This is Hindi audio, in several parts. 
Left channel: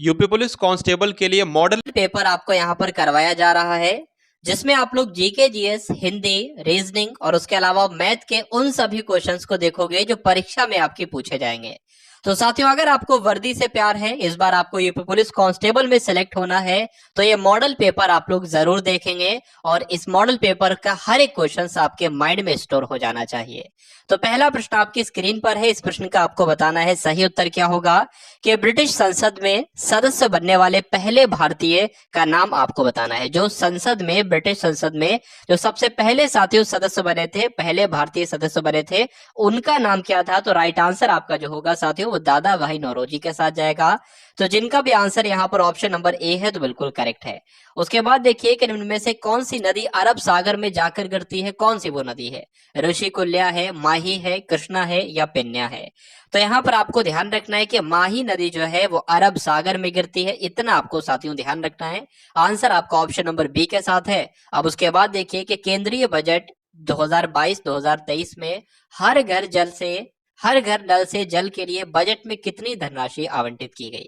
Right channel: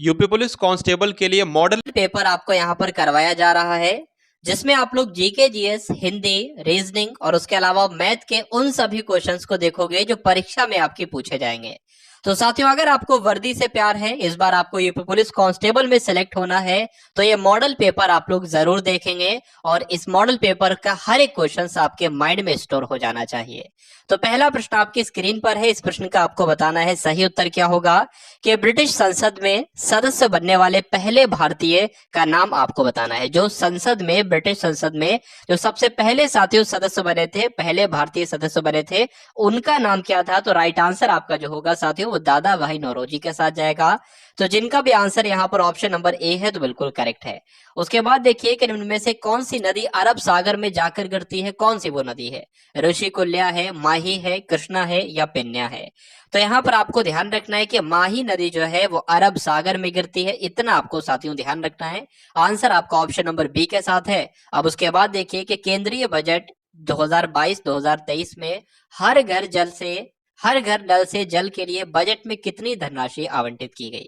यूपी पुलिस कांस्टेबल के लिए मॉडल पेपर आपको यहाँ पर करवाया जा रहा है, जिसमें आप लोग जीके, जीएस, हिंदी, रीजनिंग और उसके अलावा मैथ के उन सभी क्वेश्चंस को देखोगे जो परीक्षा में आपके पूछे जाएंगे। तो साथियों, अगर आपको वर्दी से प्यार है, इस बार आपको यूपी पुलिस कांस्टेबल में सिलेक्ट होना है, तो ये मॉडल पेपर आप लोग जरूर देखेंगे और इस मॉडल पेपर का हर एक क्वेश्चन आपके माइंड में स्टोर हो जाना चाहिए। तो पहला प्रश्न आपकी स्क्रीन पर है, इस प्रश्न का आपको बताना है सही उत्तर क्या होगा कि ब्रिटिश संसद में सदस्य बनने वाले पहले भारतीय का नाम आपको बताना है। जो संसद में, ब्रिटिश संसद में जो सबसे पहले साथियों सदस्य बने थे, पहले भारतीय सदस्य बने थे, उनका नाम क्या था? तो राइट आंसर आपका जो होगा साथियों वो दादा भाई नौरोजी के साथ जाएगा। तो जिनका भी आंसर यहाँ पर ऑप्शन नंबर ए है तो बिल्कुल करेक्ट है। उसके बाद देखिए कि निम्न में से कौन सी नदी अरब सागर में जाकर गिरती है? कौन सी वो नदी है? ऋषिकुल्या है, माही है, कृष्णा है या पेन्या है? तो यहाँ पर आपको ध्यान रखना है कि माही नदी जो है वो अरब सागर में गिरती है, इतना आपको साथियों ध्यान रखना है। आंसर आपका ऑप्शन नंबर बी के साथ है। अब उसके बाद देखिए कि केंद्रीय बजट 2022-2023 में हर घर जल से हर घर नल से जल के लिए बजट में कितनी धनराशि आवंटित की गई?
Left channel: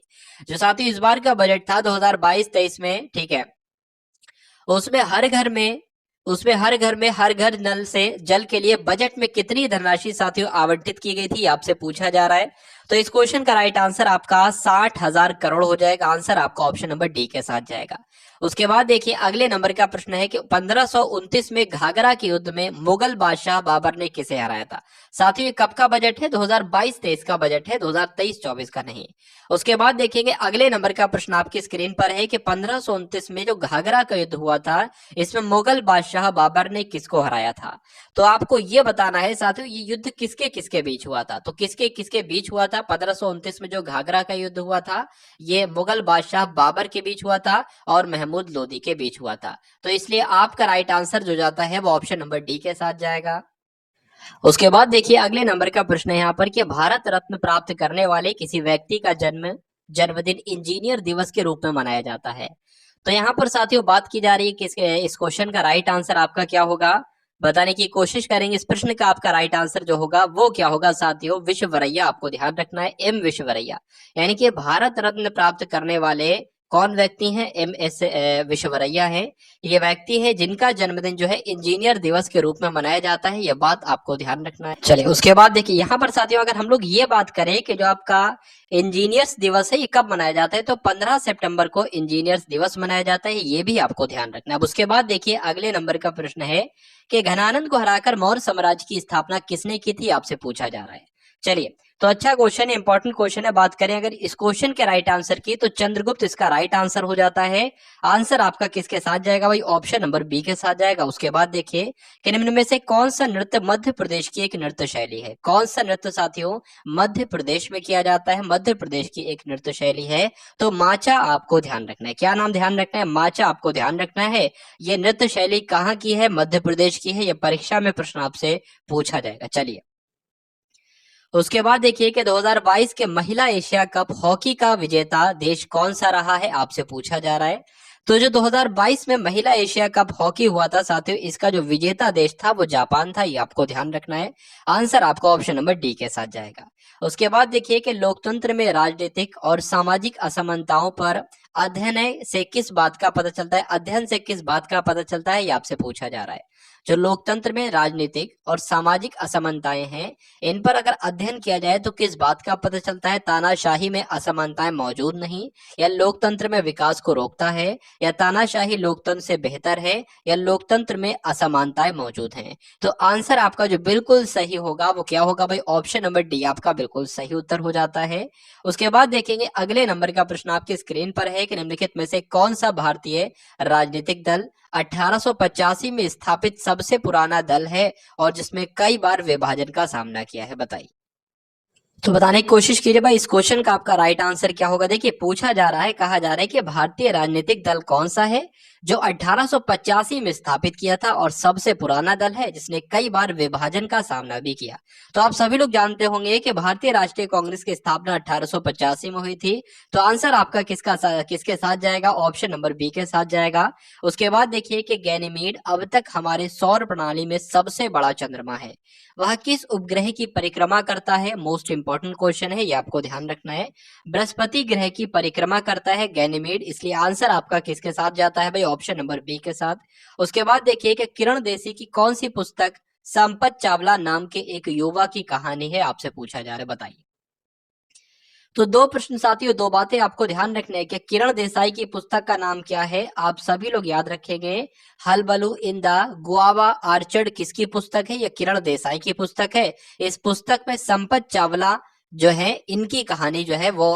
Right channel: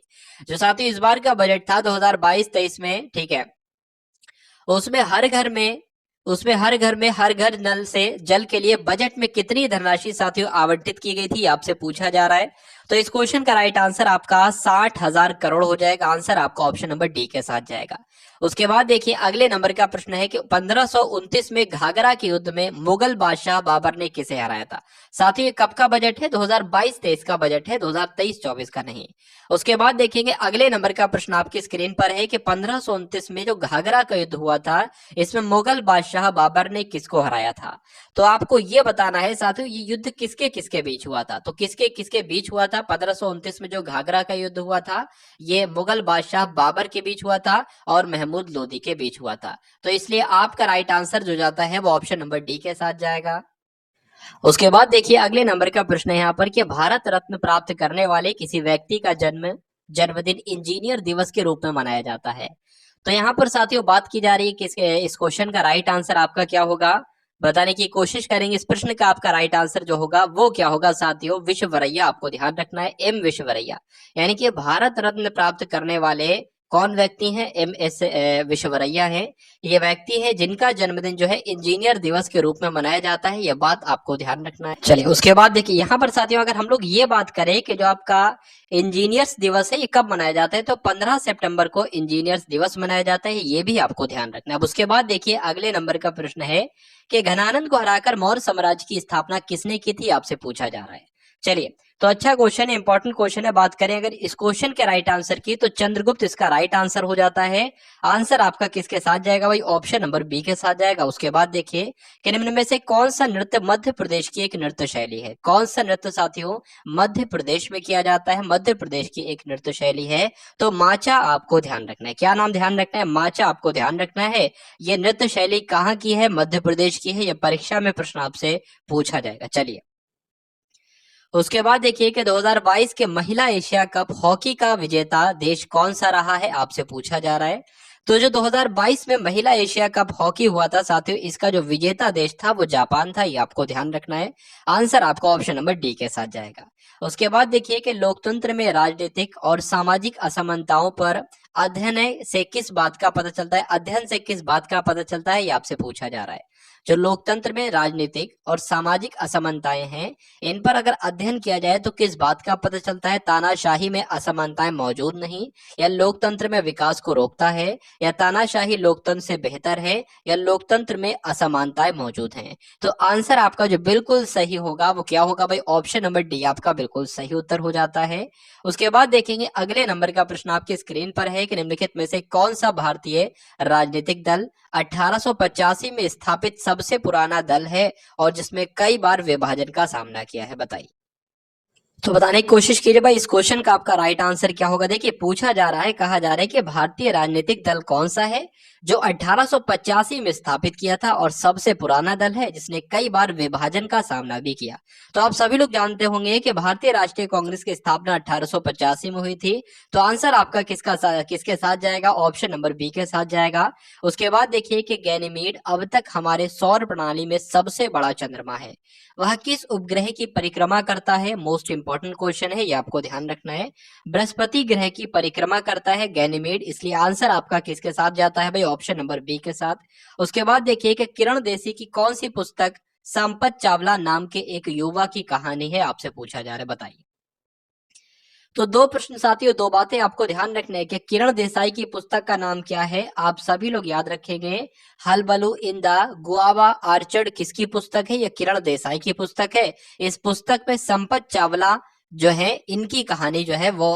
जो साथियों इस बार का बजट था 2022-23 में, ठीक है, उसमें हर घर में हर घर नल से जल के लिए बजट में कितनी धनराशि साथियों आवंटित की गई थी, आपसे पूछा जा रहा है। तो इस क्वेश्चन का राइट आंसर आपका 60,000 करोड़ हो जाएगा। आंसर आपका ऑप्शन नंबर डी के साथ जाएगा। उसके बाद देखिए अगले नंबर का प्रश्न है कि 1529 में घाघरा के युद्ध में मुगल बादशाह बाबर ने किसे हराया था? साथियों ये कब का बजट है? 2022-23 का बजट है, 2023-24 का नहीं। उसके बाद देखेंगे अगले नंबर का प्रश्न आपकी स्क्रीन पर है कि 1529 में जो घाघरा का युद्ध हुआ था, इसमें मुगल बादशाह बाबर ने किसको हराया था? तो आपको ये बताना है साथियों ये युद्ध किसके किसके बीच हुआ था। तो किसके किसके बीच हुआ था? 1529 में जो घाघरा का युद्ध हुआ था, ये मुगल बादशाह बाबर के बीच हुआ था और महमूद लोदी के बीच हुआ था। तो इसलिए आपका राइट आंसर जो जाता है वो ऑप्शन नंबर डी के साथ जाएगा। उसके बाद देखिए अगले नंबर का प्रश्न है यहाँ पर कि भारत रत्न प्राप्त करने वाले किसी व्यक्ति का जन्मदिन इंजीनियर दिवस के रूप में मनाया जाता है। तो यहाँ पर साथियों बात की जा रही है कि इस क्वेश्चन का राइट आंसर आपका क्या होगा, बताने की कोशिश करेंगे। इस प्रश्न का आपका राइट आंसर जो होगा वो क्या होगा साथियों? विश्ववरैया, आपको ध्यान रखना है, एम विश्ववरैया। यानी कि भारत रत्न प्राप्त करने वाले कौन व्यक्ति हैं? एम एस विश्ववरैया है। ये व्यक्ति है जिनका जन्मदिन जो है इंजीनियर दिवस के रूप में मनाया जाता है, यह बात आपको ध्यान रखना है। चलिए उसके बाद देखिए यहाँ पर साथियों अगर हम लोग ये बात करें कि जो आपका इंजीनियर्स दिवस है ये कब मनाया जाता है, तो 15 सितंबर को इंजीनियर्स दिवस मनाया जाता है, ये भी आपको ध्यान रखना है। अब उसके बाद देखिए अगले नंबर का प्रश्न है कि घनानंद को हराकर मौर्य साम्राज्य की स्थापना किसने की थी, आपसे पूछा जा रहा है। चलिए तो अच्छा क्वेश्चन है, इंपॉर्टेंट क्वेश्चन है। बात करें अगर इस क्वेश्चन के राइट आंसर की तो चंद्रगुप्त इसका राइट आंसर हो जाता है। आंसर आपका किसके साथ जाएगा भाई? ऑप्शन नंबर बी के साथ जाएगा। उसके बाद देखिए कि निम्न में से कौन सा नृत्य मध्य प्रदेश की एक नृत्य शैली है? कौन सा नृत्य साथियों मध्य प्रदेश में किया जाता है? मध्य प्रदेश की एक नृत्य शैली है तो माचा, आपको ध्यान रखना है। क्या नाम ध्यान रखना है? माचा आपको ध्यान रखना है। ये नृत्य शैली कहाँ की है? मध्य प्रदेश की है। ये परीक्षा में प्रश्न आपसे पूछा जाएगा। चलिए उसके बाद देखिए कि 2022 के महिला एशिया कप हॉकी का विजेता देश कौन सा रहा है, आपसे पूछा जा रहा है। तो जो 2022 में महिला एशिया कप हॉकी हुआ था साथियों, इसका जो विजेता देश था वो जापान था, ये आपको ध्यान रखना है। आंसर आपका ऑप्शन नंबर डी के साथ जाएगा। उसके बाद देखिए कि लोकतंत्र में राजनीतिक और सामाजिक असमानताओं पर अध्ययन से किस बात का पता चलता है, ये आपसे पूछा जा रहा है। जो लोकतंत्र में राजनीतिक और सामाजिक असमानताएं हैं, इन पर अगर अध्ययन किया जाए तो किस बात का पता चलता है? तानाशाही में असमानताएं मौजूद नहीं, या लोकतंत्र में विकास को रोकता है, या तानाशाही लोकतंत्र से बेहतर है, या लोकतंत्र में असमानताएं मौजूद हैं। तो आंसर आपका जो बिल्कुल सही होगा वो क्या होगा भाई? ऑप्शन नंबर डी आपका बिल्कुल सही उत्तर हो जाता है। उसके बाद देखेंगे अगले नंबर का प्रश्न आपकी स्क्रीन पर है कि निम्नलिखित में से कौन सा भारतीय राजनीतिक दल 1885 में स्थापित सबसे पुराना दल है और जिसमें कई बार विभाजन का सामना किया है, बताइए। तो बताने की कोशिश कीजिए भाई इस क्वेश्चन का आपका राइट आंसर क्या होगा। देखिए पूछा जा रहा है, कहा जा रहा है कि भारतीय राजनीतिक दल कौन सा है जो 1885 में स्थापित किया था और सबसे पुराना दल है जिसने कई बार विभाजन का सामना भी किया। तो आप सभी लोग जानते होंगे कि भारतीय राष्ट्रीय कांग्रेस की स्थापना 1885 में हुई थी। तो आंसर आपका किसके साथ जाएगा? ऑप्शन नंबर बी के साथ जाएगा। उसके बाद देखिए कि गैनीमीड अब तक हमारे सौर प्रणाली में सबसे बड़ा चंद्रमा है। वह किस उपग्रह की परिक्रमा करता है? मोस्ट इंपॉर्टेंट क्वेश्चन है, ये आपको ध्यान रखना है। बृहस्पति ग्रह की परिक्रमा करता है गैनीमेड, इसलिए आंसर आपका किसके साथ जाता है भाई? ऑप्शन नंबर बी के साथ। उसके बाद देखिए कि किरण देसी की कौन सी पुस्तक संपत चावला नाम के एक युवा की कहानी है, आपसे पूछा जा रहा है, बताइए। तो दो प्रश्न साथियों, दो बातें आपको ध्यान रखना है कि किरण देसाई की पुस्तक का नाम क्या है। आप सभी लोग याद रखेंगे, हलबलू इन द गुआवा आर्चर्ड किसकी पुस्तक है? ये किरण देसाई की पुस्तक है। इस पुस्तक में संपत चावला जो है, इनकी कहानी जो है वो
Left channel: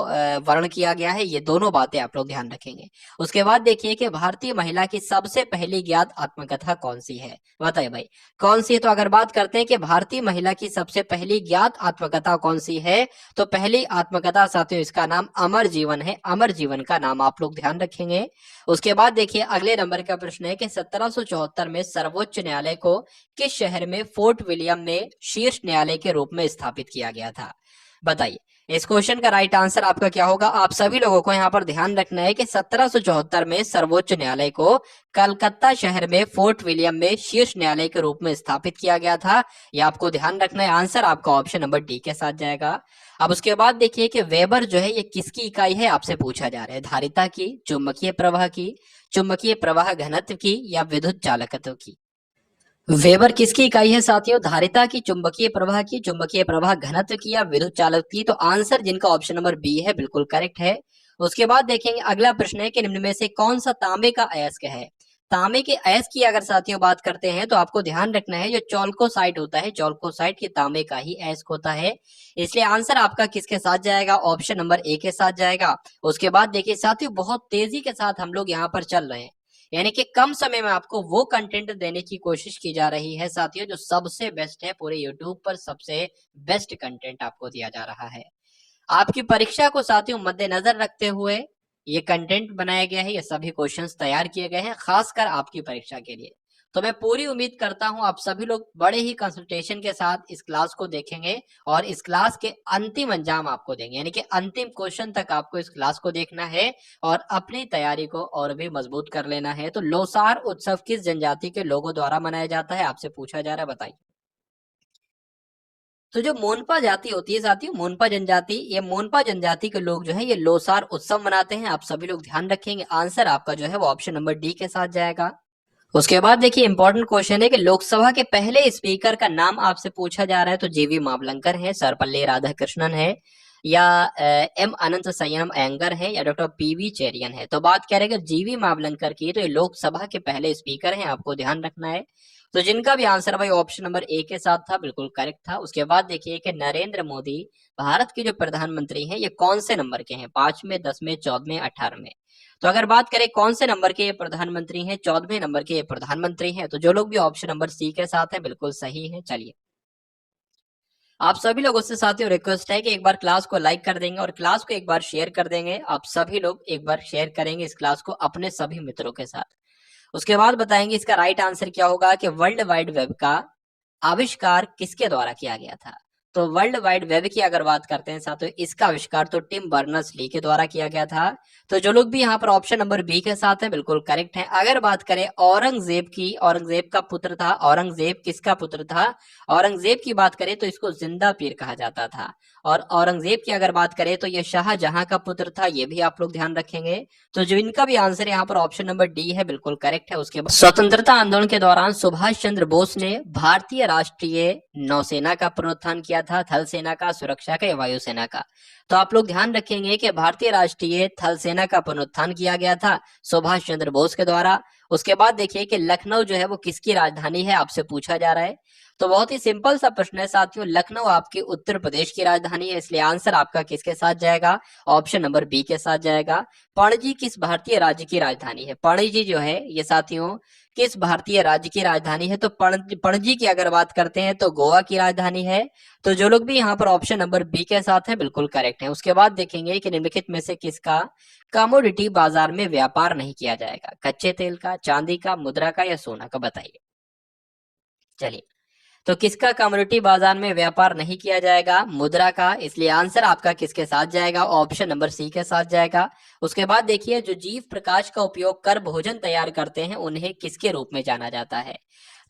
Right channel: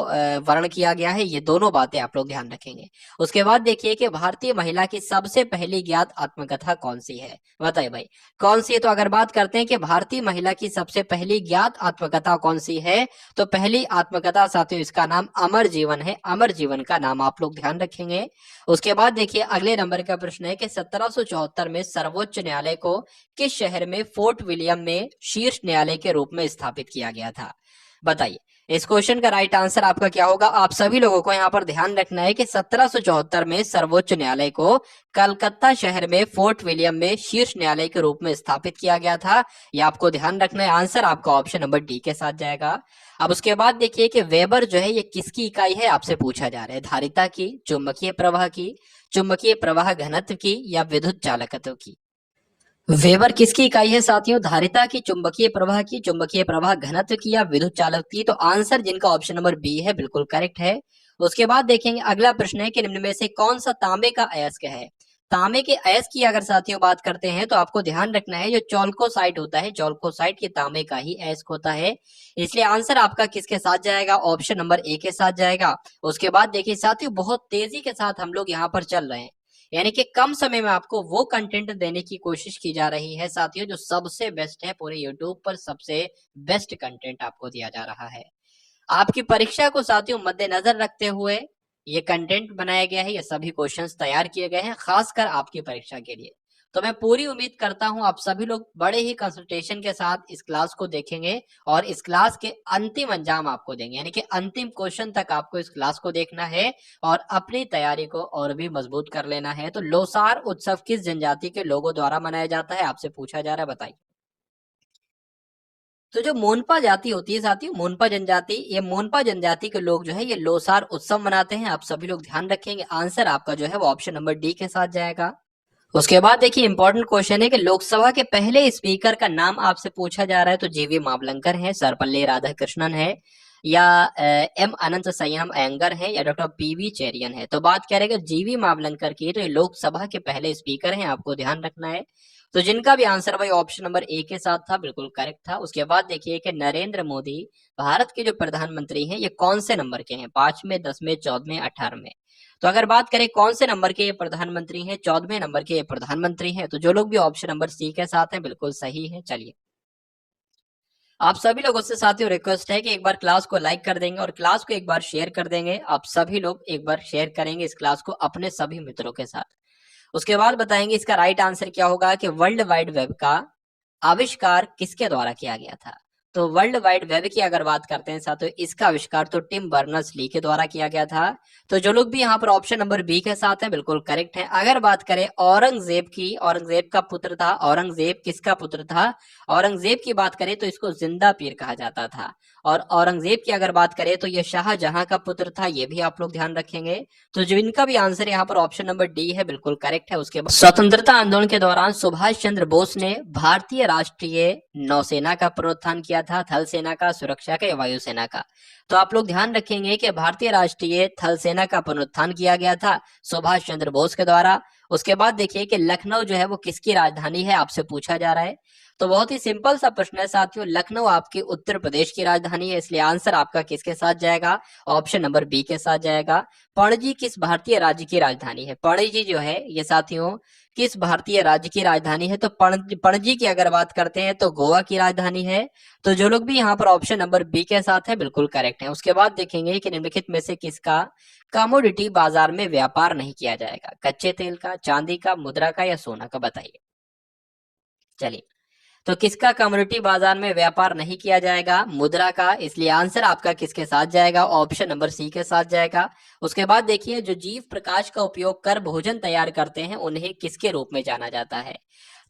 वर्ण किया गया है। ये दोनों बातें आप लोग ध्यान रखेंगे। उसके बाद देखिए कि भारतीय महिला की सबसे पहली ज्ञात आत्मकथा कौन सी है, बताइए भाई कौन सी है। तो अगर बात करते हैं कि भारतीय महिला की सबसे पहली ज्ञात आत्मकथा कौन सी है, तो पहली आत्मकथा साथियों इसका नाम अमर जीवन है। अमर जीवन का नाम आप लोग ध्यान रखेंगे। उसके बाद देखिए अगले नंबर का प्रश्न है कि 1774 में सर्वोच्च न्यायालय को किस शहर में फोर्ट विलियम में शीर्ष न्यायालय के रूप में स्थापित किया गया था, बताइए। इस क्वेश्चन का राइट आंसर आपका क्या होगा? आप सभी लोगों को यहाँ पर ध्यान रखना है कि 1774 में सर्वोच्च न्यायालय को कलकत्ता शहर में फोर्ट विलियम में शीर्ष न्यायालय के रूप में स्थापित किया गया था। ये आपको ध्यान रखना है। आंसर आपका ऑप्शन नंबर डी के साथ जाएगा। अब उसके बाद देखिए कि वेबर जो है ये किसकी इकाई है, आपसे पूछा जा रहा है। धारिता की, चुंबकीय प्रवाह की, चुंबकीय प्रवाह घनत्व की, या विद्युत चालकत्व की? वेबर किसकी इकाई है साथियों? धारिता की, चुंबकीय प्रवाह की, चुंबकीय प्रवाह घनत्व की, या विद्युत चालक की? तो आंसर जिनका ऑप्शन नंबर बी है बिल्कुल करेक्ट है। उसके बाद देखेंगे अगला प्रश्न है कि निम्न में से कौन सा तांबे का अयस्क है। तांबे के अयस्क की अगर साथियों बात करते हैं तो आपको ध्यान रखना है जो चौल्कोसाइट होता है, चौल्कोसाइट के तांबे का ही अयस्क होता है। इसलिए आंसर आपका किसके साथ जाएगा? ऑप्शन नंबर ए के साथ जाएगा। उसके बाद देखिए साथियों बहुत तेजी के साथ हम लोग यहाँ पर चल रहे हैं, यानी कि कम समय में आपको वो कंटेंट देने की कोशिश की जा रही है साथियों जो सबसे बेस्ट है। पूरे यूट्यूब पर सबसे बेस्ट कंटेंट आपको दिया जा रहा है। आपकी परीक्षा को साथियों मद्देनजर रखते हुए ये कंटेंट बनाया गया है, ये सभी क्वेश्चंस तैयार किए गए हैं खासकर आपकी परीक्षा के लिए। तो मैं पूरी उम्मीद करता हूं आप सभी लोग बड़े ही कंसंट्रेशन के साथ इस क्लास को देखेंगे और इस क्लास के अंतिम अंजाम आपको देंगे, यानी कि अंतिम क्वेश्चन तक आपको इस क्लास को देखना है और अपनी तैयारी को और भी मजबूत कर लेना है। तो लोसार उत्सव किस जनजाति के लोगों द्वारा मनाया जाता है, आपसे पूछा जा रहा है, बताइए। तो जो मोनपा जाति होती है साथियों, मोनपा जनजाति, ये मोनपा जनजाति के लोग जो है ये लोसार उत्सव मनाते हैं। आप सभी लोग ध्यान रखेंगे। आंसर आपका जो है वो ऑप्शन नंबर डी के साथ जाएगा। उसके बाद देखिए इंपॉर्टेंट क्वेश्चन है कि लोकसभा के पहले स्पीकर का नाम आपसे पूछा जा रहा है। तो जीवी मावलंकर है, सर्वपल्ली राधाकृष्णन है, या एम अनंत संयम अयंगर है, या डॉक्टर पीवी चेरियन है। तो बात करेंगे जीवी मावलंकर की, तो ये लोकसभा के पहले स्पीकर हैं, आपको ध्यान रखना है। तो जिनका भी आंसर भाई ऑप्शन नंबर ए के साथ था, बिल्कुल करेक्ट था। उसके बाद देखिए कि नरेंद्र मोदी भारत के जो प्रधानमंत्री हैं ये कौन से नंबर के हैं? 5वें, 10वें, 14वें, 18वें? तो अगर बात करें कौन से नंबर के ये प्रधानमंत्री हैं, 14वें नंबर के ये प्रधानमंत्री हैं। तो जो लोग भी ऑप्शन नंबर सी के साथ हैं बिल्कुल सही है। चलिए आप सभी लोगों से साथियों रिक्वेस्ट है कि एक बार क्लास को लाइक कर देंगे और क्लास को एक बार शेयर कर देंगे। आप सभी लोग एक बार शेयर करेंगे इस क्लास को अपने सभी मित्रों के साथ। उसके बाद बताएंगे इसका राइट आंसर क्या होगा कि वर्ल्ड वाइड वेब का आविष्कार किसके द्वारा किया गया था। तो वर्ल्ड वाइड वेब की अगर बात करते हैं साथियों, इसका आविष्कार तो टिम बर्नर्स ली के द्वारा किया गया था। तो जो लोग भी यहाँ पर ऑप्शन नंबर बी के साथ हैं बिल्कुल करेक्ट है। अगर बात करें औरंगजेब की, औरंगजेब का पुत्र था, औरंगजेब किसका पुत्र था? औरंगजेब की बात करें तो इसको जिंदा पीर कहा जाता था। और औरंगजेब की अगर बात करें तो ये शाहजहां का पुत्र था, ये भी आप लोग ध्यान रखेंगे। तो जो इनका भी आंसर यहाँ पर ऑप्शन नंबर डी है बिल्कुल करेक्ट है। उसके बाद स्वतंत्रता आंदोलन के दौरान सुभाष चंद्र बोस ने भारतीय राष्ट्रीय नौसेना का पुनरुत्थान किया था, थल सेना का, सुरक्षा का, या वायुसेना का? तो आप लोग ध्यान रखेंगे कि भारतीय राष्ट्रीय थल सेना का पुनरुत्थान किया गया था सुभाष चंद्र बोस के द्वारा। उसके बाद देखिए कि लखनऊ जो है वो किसकी राजधानी है, आपसे पूछा जा रहा है। तो बहुत ही सिंपल सा प्रश्न है साथियों, लखनऊ आपकी उत्तर प्रदेश की राजधानी है, इसलिए आंसर आपका किसके साथ जाएगा? ऑप्शन नंबर बी के साथ जाएगा। पणजी किस भारतीय राज्य की राजधानी है? पणजी जो है ये साथियों किस भारतीय राज्य की राजधानी है? तो पणजी की अगर बात करते हैं तो गोवा की राजधानी है। तो जो लोग भी यहाँ पर ऑप्शन नंबर बी के साथ है बिल्कुल करेक्ट है। उसके बाद देखेंगे कि निम्नलिखित में से किसका कमोडिटी बाजार में व्यापार नहीं किया जाएगा? कच्चे तेल का, चांदी का, मुद्रा का या सोना का? बताइए। चलिए, तो किसका कम्युनिटी बाजार में व्यापार नहीं किया जाएगा? मुद्रा का। इसलिए आंसर आपका किसके साथ जाएगा? ऑप्शन नंबर सी के साथ जाएगा। उसके बाद देखिए, जो जीव प्रकाश का उपयोग कर भोजन तैयार करते हैं उन्हें किसके रूप में जाना जाता है?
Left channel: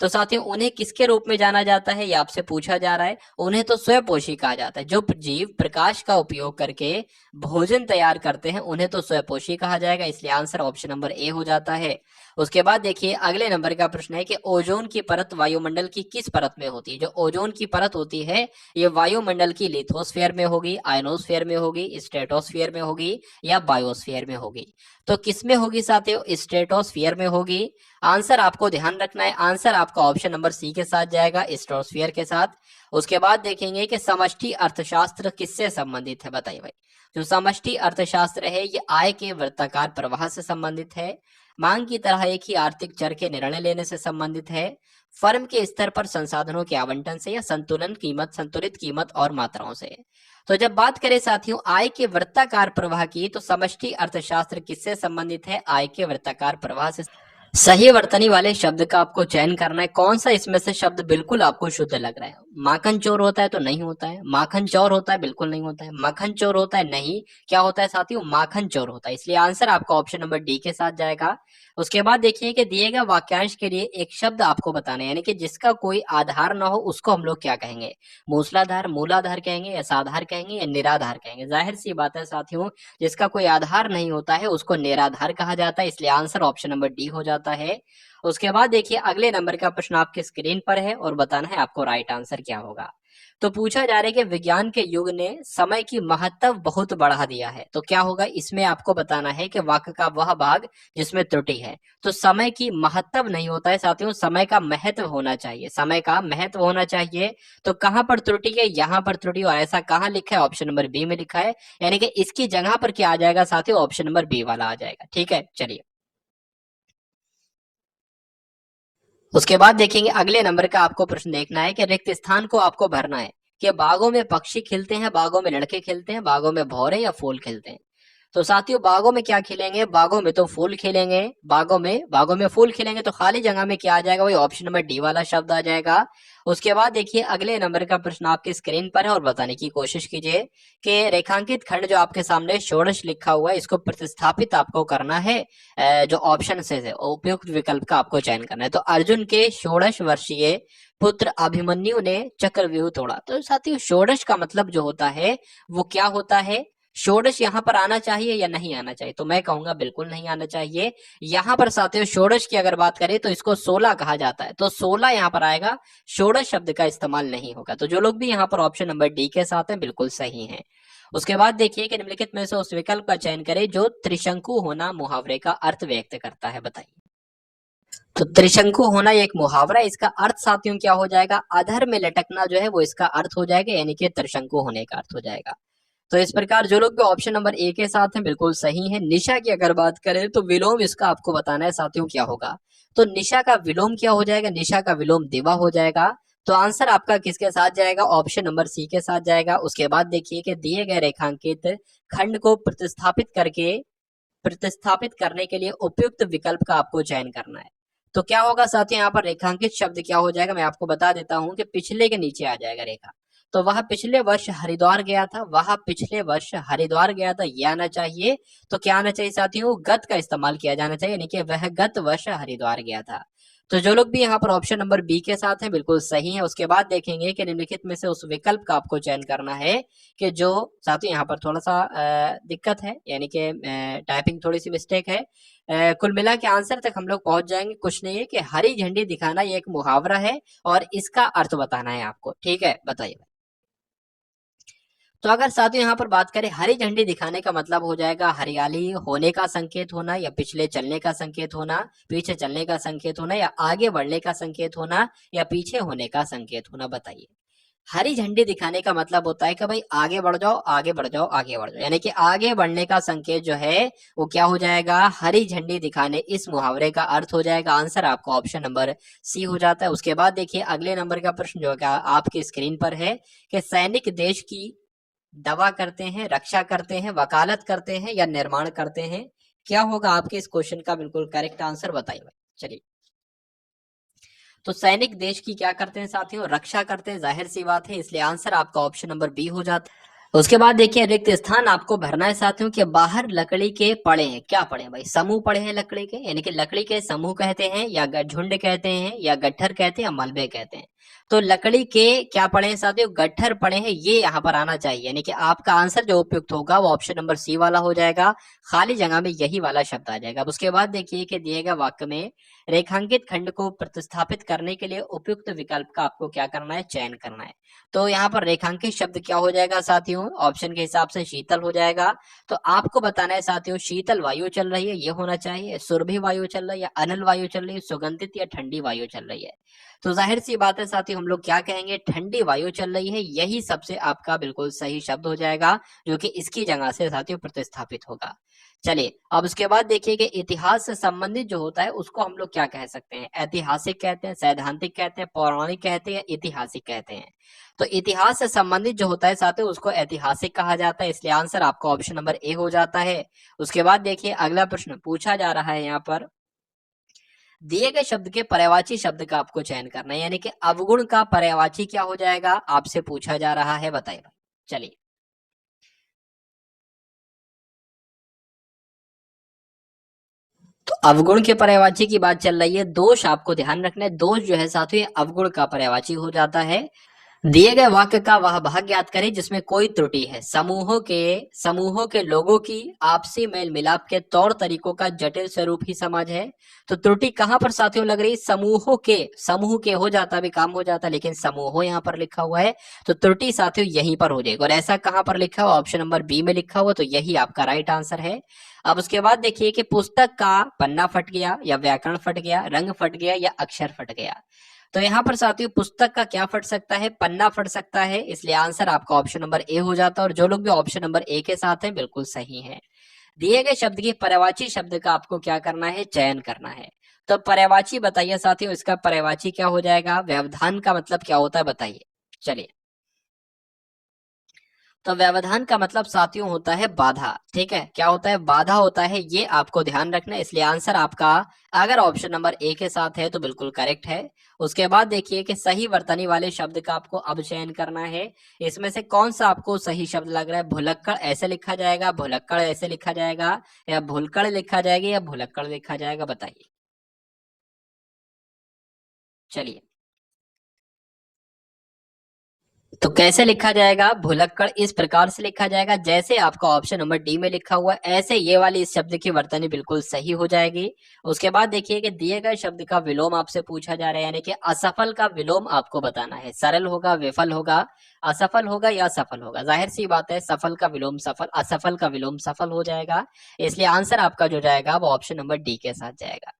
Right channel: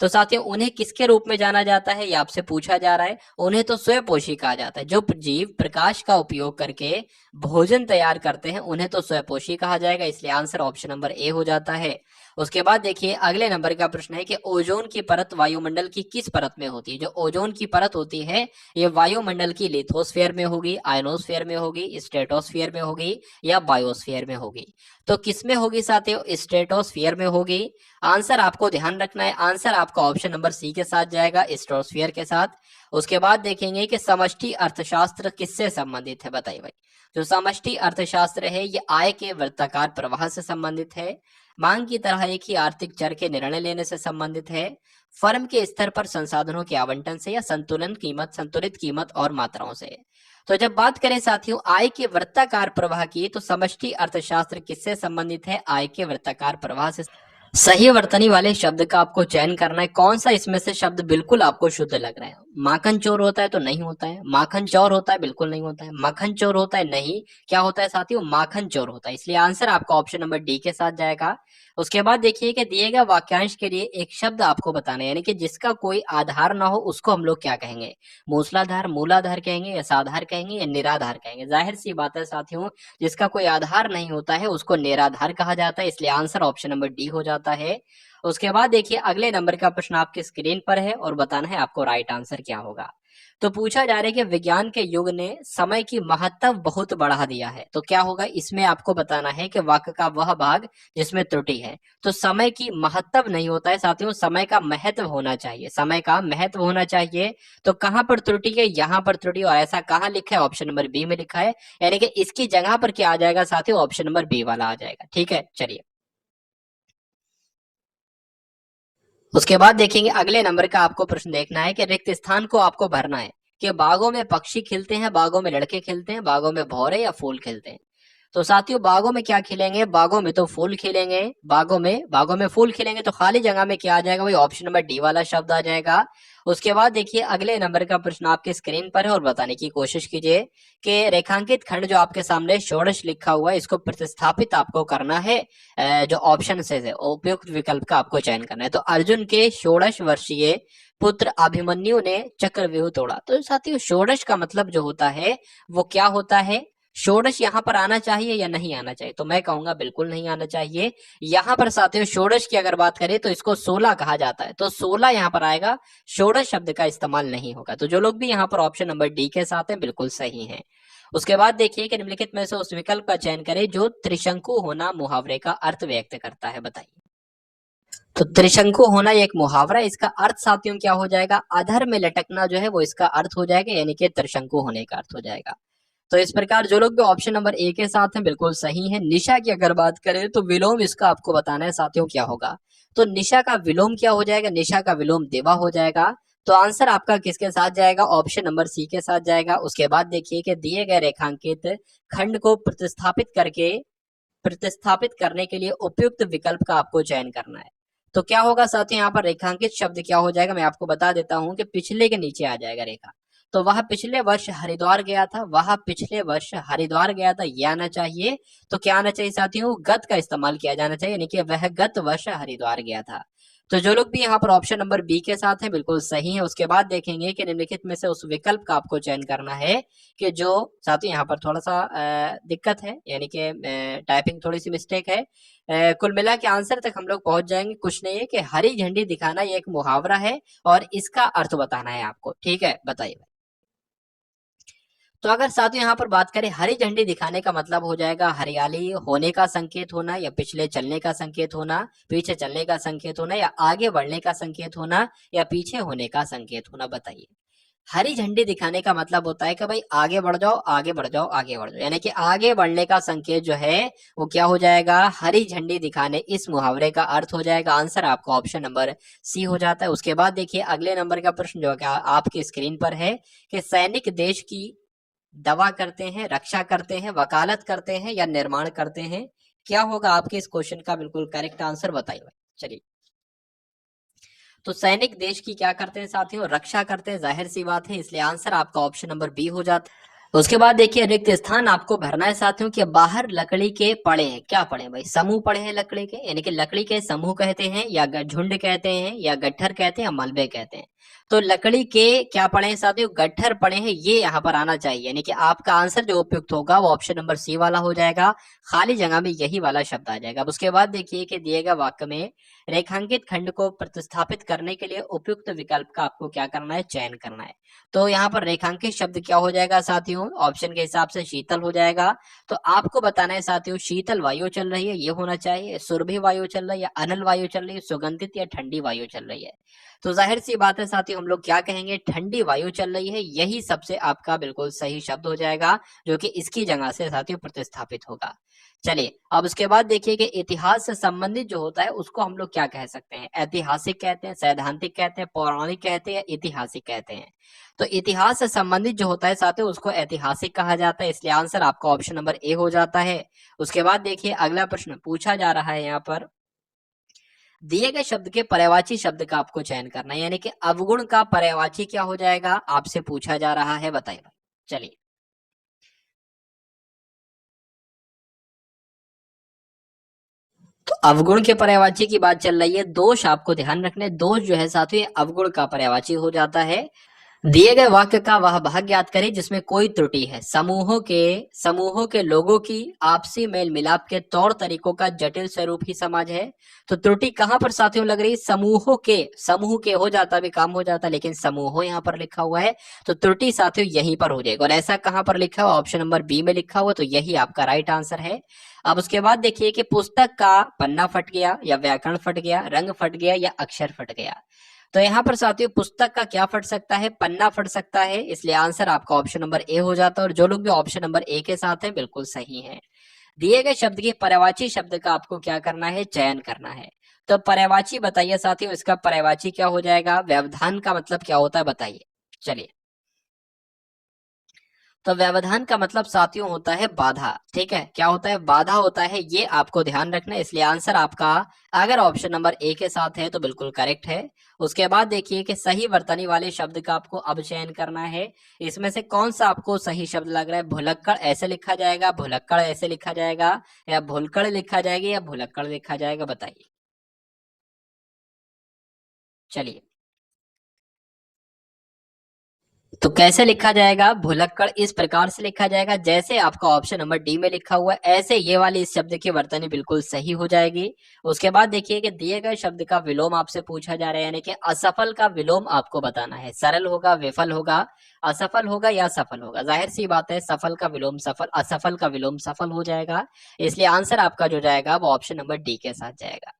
तो साथियों, उन्हें किसके रूप में जाना जाता है ये आपसे पूछा जा रहा है। उन्हें तो स्वयंपोषी कहा जाता है। जो जीव प्रकाश का उपयोग करके भोजन तैयार करते हैं उन्हें तो स्वयंपोषी कहा जाएगा। इसलिए आंसर ऑप्शन नंबर ए हो जाता है। उसके बाद देखिए, अगले नंबर का प्रश्न है कि ओजोन की परत वायुमंडल की किस परत में होती है? जो ओजोन की परत होती है ये वायुमंडल की लिथोस्फीयर में होगी, आयनोस्फीयर में होगी, स्ट्रेटोस्फीयर में होगी या बायोस्फीयर में होगी? तो किस में होगी साथियों? स्ट्रेटोस्फीयर में होगी। आंसर आपको ध्यान रखना है, आंसर आपका ऑप्शन नंबर सी के साथ जाएगा, स्ट्रेटोस्फीयर के साथ। उसके बाद देखेंगे कि समष्टि अर्थशास्त्र किससे संबंधित है? बताइए भाई। जो समष्टि अर्थशास्त्र है ये आय के वृत्ताकार प्रवाह से संबंधित है, मांग की तरह एक ही आर्थिक चर के निर्णय लेने से संबंधित है, फर्म के स्तर पर संसाधनों के आवंटन से, या संतुलित कीमत और मात्राओं से। तो जब बात करें साथियों आय के वृत्ताकार प्रवाह की, तो समष्टि अर्थशास्त्र किससे संबंधित है? आय के वृत्ताकार प्रवाह से। सही वर्तनी वाले शब्द का आपको चयन करना है। कौन सा इसमें से शब्द बिल्कुल आपको शुद्ध लग रहा है? माखन चोर होता है तो नहीं होता है, माखन चौर होता है बिल्कुल नहीं होता है, मक्खन चोर होता है नहीं, क्या होता है साथियों? माखन चोर होता है। इसलिए आंसर आपका ऑप्शन नंबर डी के साथ जाएगा। उसके बाद देखिए कि दिए गए वाक्यांश के लिए एक शब्द आपको बताना है, यानी कि जिसका कोई आधार ना हो उसको हम लोग क्या कहेंगे? मूसलाधार, मूलाधार कहेंगे या साधार कहेंगे या निराधार कहेंगे? जाहिर सी बात है साथियों, जिसका कोई आधार नहीं होता है उसको निराधार कहा जाता है। इसलिए आंसर ऑप्शन नंबर डी हो जाता है। उसके बाद देखिए, अगले नंबर का प्रश्न आपके स्क्रीन पर है और बताना है आपको राइट आंसर क्या होगा। तो पूछा जा रहा है कि विज्ञान के युग ने समय की महत्व बहुत बढ़ा दिया है, तो क्या होगा? इसमें आपको बताना है कि वाक्य का वह भाग जिसमें त्रुटि है। तो समय की महत्व नहीं होता है साथियों, समय का महत्व होना चाहिए, समय का महत्व होना चाहिए। तो कहां पर त्रुटि है? यहां पर त्रुटि, और ऐसा कहां लिखा है? ऑप्शन नंबर बी में लिखा है। यानी कि इसकी जगह पर क्या आ जाएगा साथियों? ऑप्शन नंबर बी वाला आ जाएगा। ठीक है, चलिए। उसके बाद देखेंगे, अगले नंबर का आपको प्रश्न देखना है कि रिक्त स्थान को आपको भरना है कि बागों में पक्षी खिलते हैं, बागों में लड़के खिलते हैं, बागों में भौरे या फूल खिलते हैं? तो साथियों, बागों में क्या खिलेंगे? बागों में तो फूल खिलेंगे। बागों में फूल खिलेंगे, तो खाली जगह में क्या आ जाएगा? वही ऑप्शन नंबर डी वाला शब्द आ जाएगा। उसके बाद देखिए, अगले नंबर का प्रश्न आपके स्क्रीन पर है और बताने की कोशिश कीजिए कि रेखांकित खंड जो आपके सामने षोडश लिखा हुआ है इसको प्रतिस्थापित आपको करना है। जो ऑप्शन से उपयुक्त विकल्प का आपको चयन करना है। तो अर्जुन के षोडश वर्षीय पुत्र अभिमन्यु ने चक्रव्यूह तोड़ा। तो साथियों, षोडश का मतलब जो होता है वो क्या होता है? षोडश यहाँ पर आना चाहिए या नहीं आना चाहिए? तो मैं कहूंगा बिल्कुल नहीं आना चाहिए। यहाँ पर साथियों षोडश की अगर बात करें तो इसको 16 कहा जाता है, तो 16 यहाँ पर आएगा, षोडश शब्द का इस्तेमाल नहीं होगा। तो जो लोग भी यहाँ पर ऑप्शन नंबर डी के साथ हैं बिल्कुल सही है। उसके बाद देखिए कि निम्नलिखित में से उस विकल्प का चयन करें जो त्रिशंकु होना मुहावरे का अर्थ व्यक्त करता है। बताइए। तो त्रिशंकु होना एक मुहावरा, इसका अर्थ साथियों क्या हो जाएगा? अधर में लटकना जो है वो इसका अर्थ हो जाएगा, यानी कि त्रिशंकु होने का अर्थ हो जाएगा। तो इस प्रकार जो लोग भी ऑप्शन नंबर ए के साथ हैं बिल्कुल सही है। निशा की अगर बात करें तो विलोम इसका आपको बताना है साथियों क्या होगा। तो निशा का विलोम क्या हो जाएगा? निशा का विलोम दिवा हो जाएगा। तो आंसर आपका किसके साथ जाएगा? ऑप्शन नंबर सी के साथ जाएगा। उसके बाद देखिए कि दिए गए रेखांकित खंड को प्रतिस्थापित करने के लिए उपयुक्त विकल्प का आपको चयन करना है। तो क्या होगा साथियों, यहाँ पर रेखांकित शब्द क्या हो जाएगा? मैं आपको बता देता हूं कि पिछले के नीचे आ जाएगा रेखा। तो वह पिछले वर्ष हरिद्वार गया था, वह पिछले वर्ष हरिद्वार गया था, ये आना चाहिए। तो क्या आना चाहिए साथियों? गत का इस्तेमाल किया जाना चाहिए, यानी कि वह गत वर्ष हरिद्वार गया था। तो जो लोग भी यहाँ पर ऑप्शन नंबर बी के साथ हैं बिल्कुल सही है। उसके बाद देखेंगे कि निम्नलिखित में से उस विकल्प का आपको चयन करना है कि जो साथियों यहाँ पर थोड़ा सा दिक्कत है, यानी कि टाइपिंग थोड़ी सी मिस्टेक है। कुल मिला के आंसर तक हम लोग पहुंच जाएंगे। कुछ नहीं है कि हरी झंडी दिखाना ये एक मुहावरा है और इसका अर्थ बताना है आपको। ठीक है, बताइए। तो अगर साथियों यहाँ पर बात करें, हरी झंडी दिखाने का मतलब हो जाएगा हरियाली होने का संकेत होना, या पिछले चलने का संकेत होना, पीछे चलने का संकेत होना, या आगे बढ़ने का संकेत होना, या पीछे होने का संकेत होना? बताइए। हरी झंडी दिखाने का मतलब होता है कि भाई आगे बढ़ जाओ, आगे बढ़ जाओ, आगे बढ़ जाओ, यानी कि आगे बढ़ने का संकेत जो है वो क्या हो जाएगा, हरी झंडी दिखाने, इस मुहावरे का अर्थ हो जाएगा। आंसर आपका ऑप्शन नंबर सी हो जाता है। उसके बाद देखिए अगले नंबर का प्रश्न जो है आपकी स्क्रीन पर है कि सैनिक देश की दवा करते हैं, रक्षा करते हैं, वकालत करते हैं या निर्माण करते हैं। क्या होगा आपके इस क्वेश्चन का बिल्कुल करेक्ट आंसर बताइए। चलिए, तो सैनिक देश की क्या करते हैं साथियों, रक्षा करते हैं, जाहिर सी बात है, इसलिए आंसर आपका ऑप्शन नंबर बी हो जाता है। उसके बाद देखिए रिक्त स्थान आपको भरना है साथियों कि बाहर लकड़ी के पड़े हैं, क्या पड़े हैं भाई, समूह पड़े हैं लकड़ी के, यानी कि लकड़ी के समूह कहते हैं या झुंड कहते हैं या गट्ठर कहते हैं या मलबे कहते हैं। तो लकड़ी के क्या पड़े हैं साथियों, गट्ठर पड़े हैं, ये यहाँ पर आना चाहिए, यानी कि आपका आंसर जो उपयुक्त होगा वो ऑप्शन नंबर सी वाला हो जाएगा, खाली जगह में यही वाला शब्द आ जाएगा। अब उसके बाद देखिए कि दिए गए वाक्य में रेखांकित खंड को प्रतिस्थापित करने के लिए उपयुक्त विकल्प का आपको क्या करना है, चयन करना है। तो यहाँ पर रेखांकित शब्द क्या हो जाएगा साथियों, ऑप्शन के हिसाब से शीतल हो जाएगा। तो आपको बताना है साथियों, शीतल वायु चल रही है ये होना चाहिए, सुरभि वायु चल रही है, अनल वायु चल रही है, सुगंधित या ठंडी वायु चल रही है। तो जाहिर सी बात है साथियों, हम लोग क्या कहेंगे, ठंडी वायु चल रही है, यही सबसे आपका बिल्कुल सही शब्द हो जाएगा, जो कि इसकी जगह से साथियों प्रतिस्थापित होगा। चलिए, अब उसके बाद देखिए कि इतिहास से संबंधित जो होता है उसको हम लोग क्या कह सकते हैं, ऐतिहासिक कहते हैं, सैद्धांतिक कहते हैं, पौराणिक कहते हैं या ऐतिहासिक कहते हैं। तो इतिहास से संबंधित जो होता है साथियों उसको ऐतिहासिक कहा जाता है, इसलिए आंसर आपका ऑप्शन नंबर ए हो जाता है। उसके बाद देखिए अगला प्रश्न पूछा जा रहा है यहाँ पर, दिए गए शब्द के पर्यायवाची शब्द का आपको चयन करना है, यानी कि अवगुण का पर्यायवाची क्या हो जाएगा, आपसे पूछा जा रहा है, बताइए। चलिए, तो अवगुण के पर्यायवाची की बात चल रही है, दोष आपको ध्यान रखना है, दोष जो है साथियों ये अवगुण का पर्यायवाची हो जाता है। दिए गए वाक्य का वह भाग ज्ञात करें जिसमें कोई त्रुटि है, समूहों के लोगों की आपसी मेल मिलाप के तौर तरीकों का जटिल स्वरूप ही समाज है। तो त्रुटि कहां पर साथियों लग रही है, समूह के हो जाता भी काम हो जाता, लेकिन समूहों यहाँ पर लिखा हुआ है, तो त्रुटि साथियों यहीं पर हो जाएगा। और ऐसा कहां पर लिखा हुआ, ऑप्शन नंबर बी में लिखा हुआ, तो यही आपका राइट आंसर है। अब उसके बाद देखिए कि पुस्तक का पन्ना फट गया या व्याकरण फट गया, रंग फट गया या अक्षर फट गया। तो यहाँ पर साथियों पुस्तक का क्या फट सकता है, पन्ना फट सकता है, इसलिए आंसर आपका ऑप्शन नंबर ए हो जाता है। और जो लोग भी ऑप्शन नंबर ए के साथ हैं बिल्कुल सही है। दिए गए शब्द के पर्यायवाची शब्द का आपको क्या करना है, चयन करना है। तो पर्यायवाची बताइए साथियों, इसका पर्यायवाची क्या हो जाएगा, व्यवधान का मतलब क्या होता है बताइए। चलिए, तो व्यवधान का मतलब साथियों होता है बाधा, ठीक है, क्या होता है, बाधा होता है, ये आपको ध्यान रखना है, इसलिए आंसर आपका अगर ऑप्शन नंबर ए के साथ है तो बिल्कुल करेक्ट है। उसके बाद देखिए कि सही वर्तनी वाले शब्द का आपको अब चयन करना है, इसमें से कौन सा आपको सही शब्द लग रहा है, भुलक्कड़ ऐसे लिखा जाएगा, भुलक्कड़ ऐसे लिखा जाएगा, या भुलक्कड़ लिखा जाएगा या भुलक्कड़ लिखा जाएगा, बताइए। चलिए, तो कैसे लिखा जाएगा, भुलक्कड़ इस प्रकार से लिखा जाएगा जैसे आपका ऑप्शन नंबर डी में लिखा हुआ है, ऐसे ये वाली इस शब्द की वर्तनी बिल्कुल सही हो जाएगी। उसके बाद देखिए कि दिए गए शब्द का विलोम आपसे पूछा जा रहा है, यानी कि असफल का विलोम आपको बताना है, सरल होगा, विफल होगा, असफल होगा या सफल होगा। जाहिर सी बात है सफल का विलोम सफल, असफल का विलोम सफल हो जाएगा, इसलिए आंसर आपका जो जाएगा वो ऑप्शन नंबर डी के साथ जाएगा।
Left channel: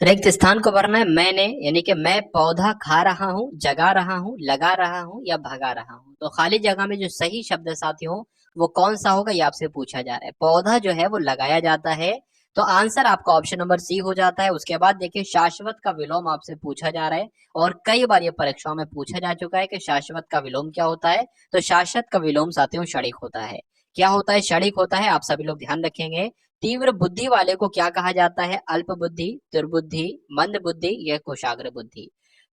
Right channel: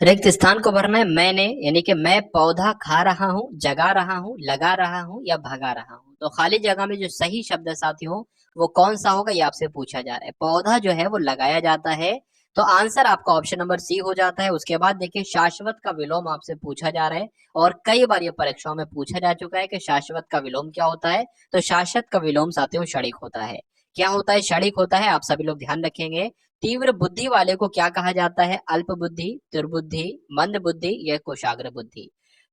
रिक्त स्थान को भरना है मैंने, यानी कि मैं पौधा खा रहा हूँ, जगा रहा हूँ, लगा रहा हूँ या भगा रहा हूँ। तो खाली जगह में जो सही शब्द है साथियों वो कौन सा होगा ये आपसे पूछा जा रहा है। पौधा जो है वो लगाया जाता है, तो आंसर आपका ऑप्शन नंबर सी हो जाता है। उसके बाद देखिए शाश्वत का विलोम आपसे पूछा जा रहा है, और कई बार ये परीक्षाओं में पूछा जा चुका है कि शाश्वत का विलोम क्या होता है। तो शाश्वत का विलोम साथियों क्षणिक होता है। क्या होता है, क्षणिक होता है, आप सभी लोग ध्यान रखेंगे। तीव्र बुद्धि वाले को क्या कहा जाता है, अल्प बुद्धि, दुर्बुद्धि, मंद बुद्धि या कुशाग्र बुद्धि।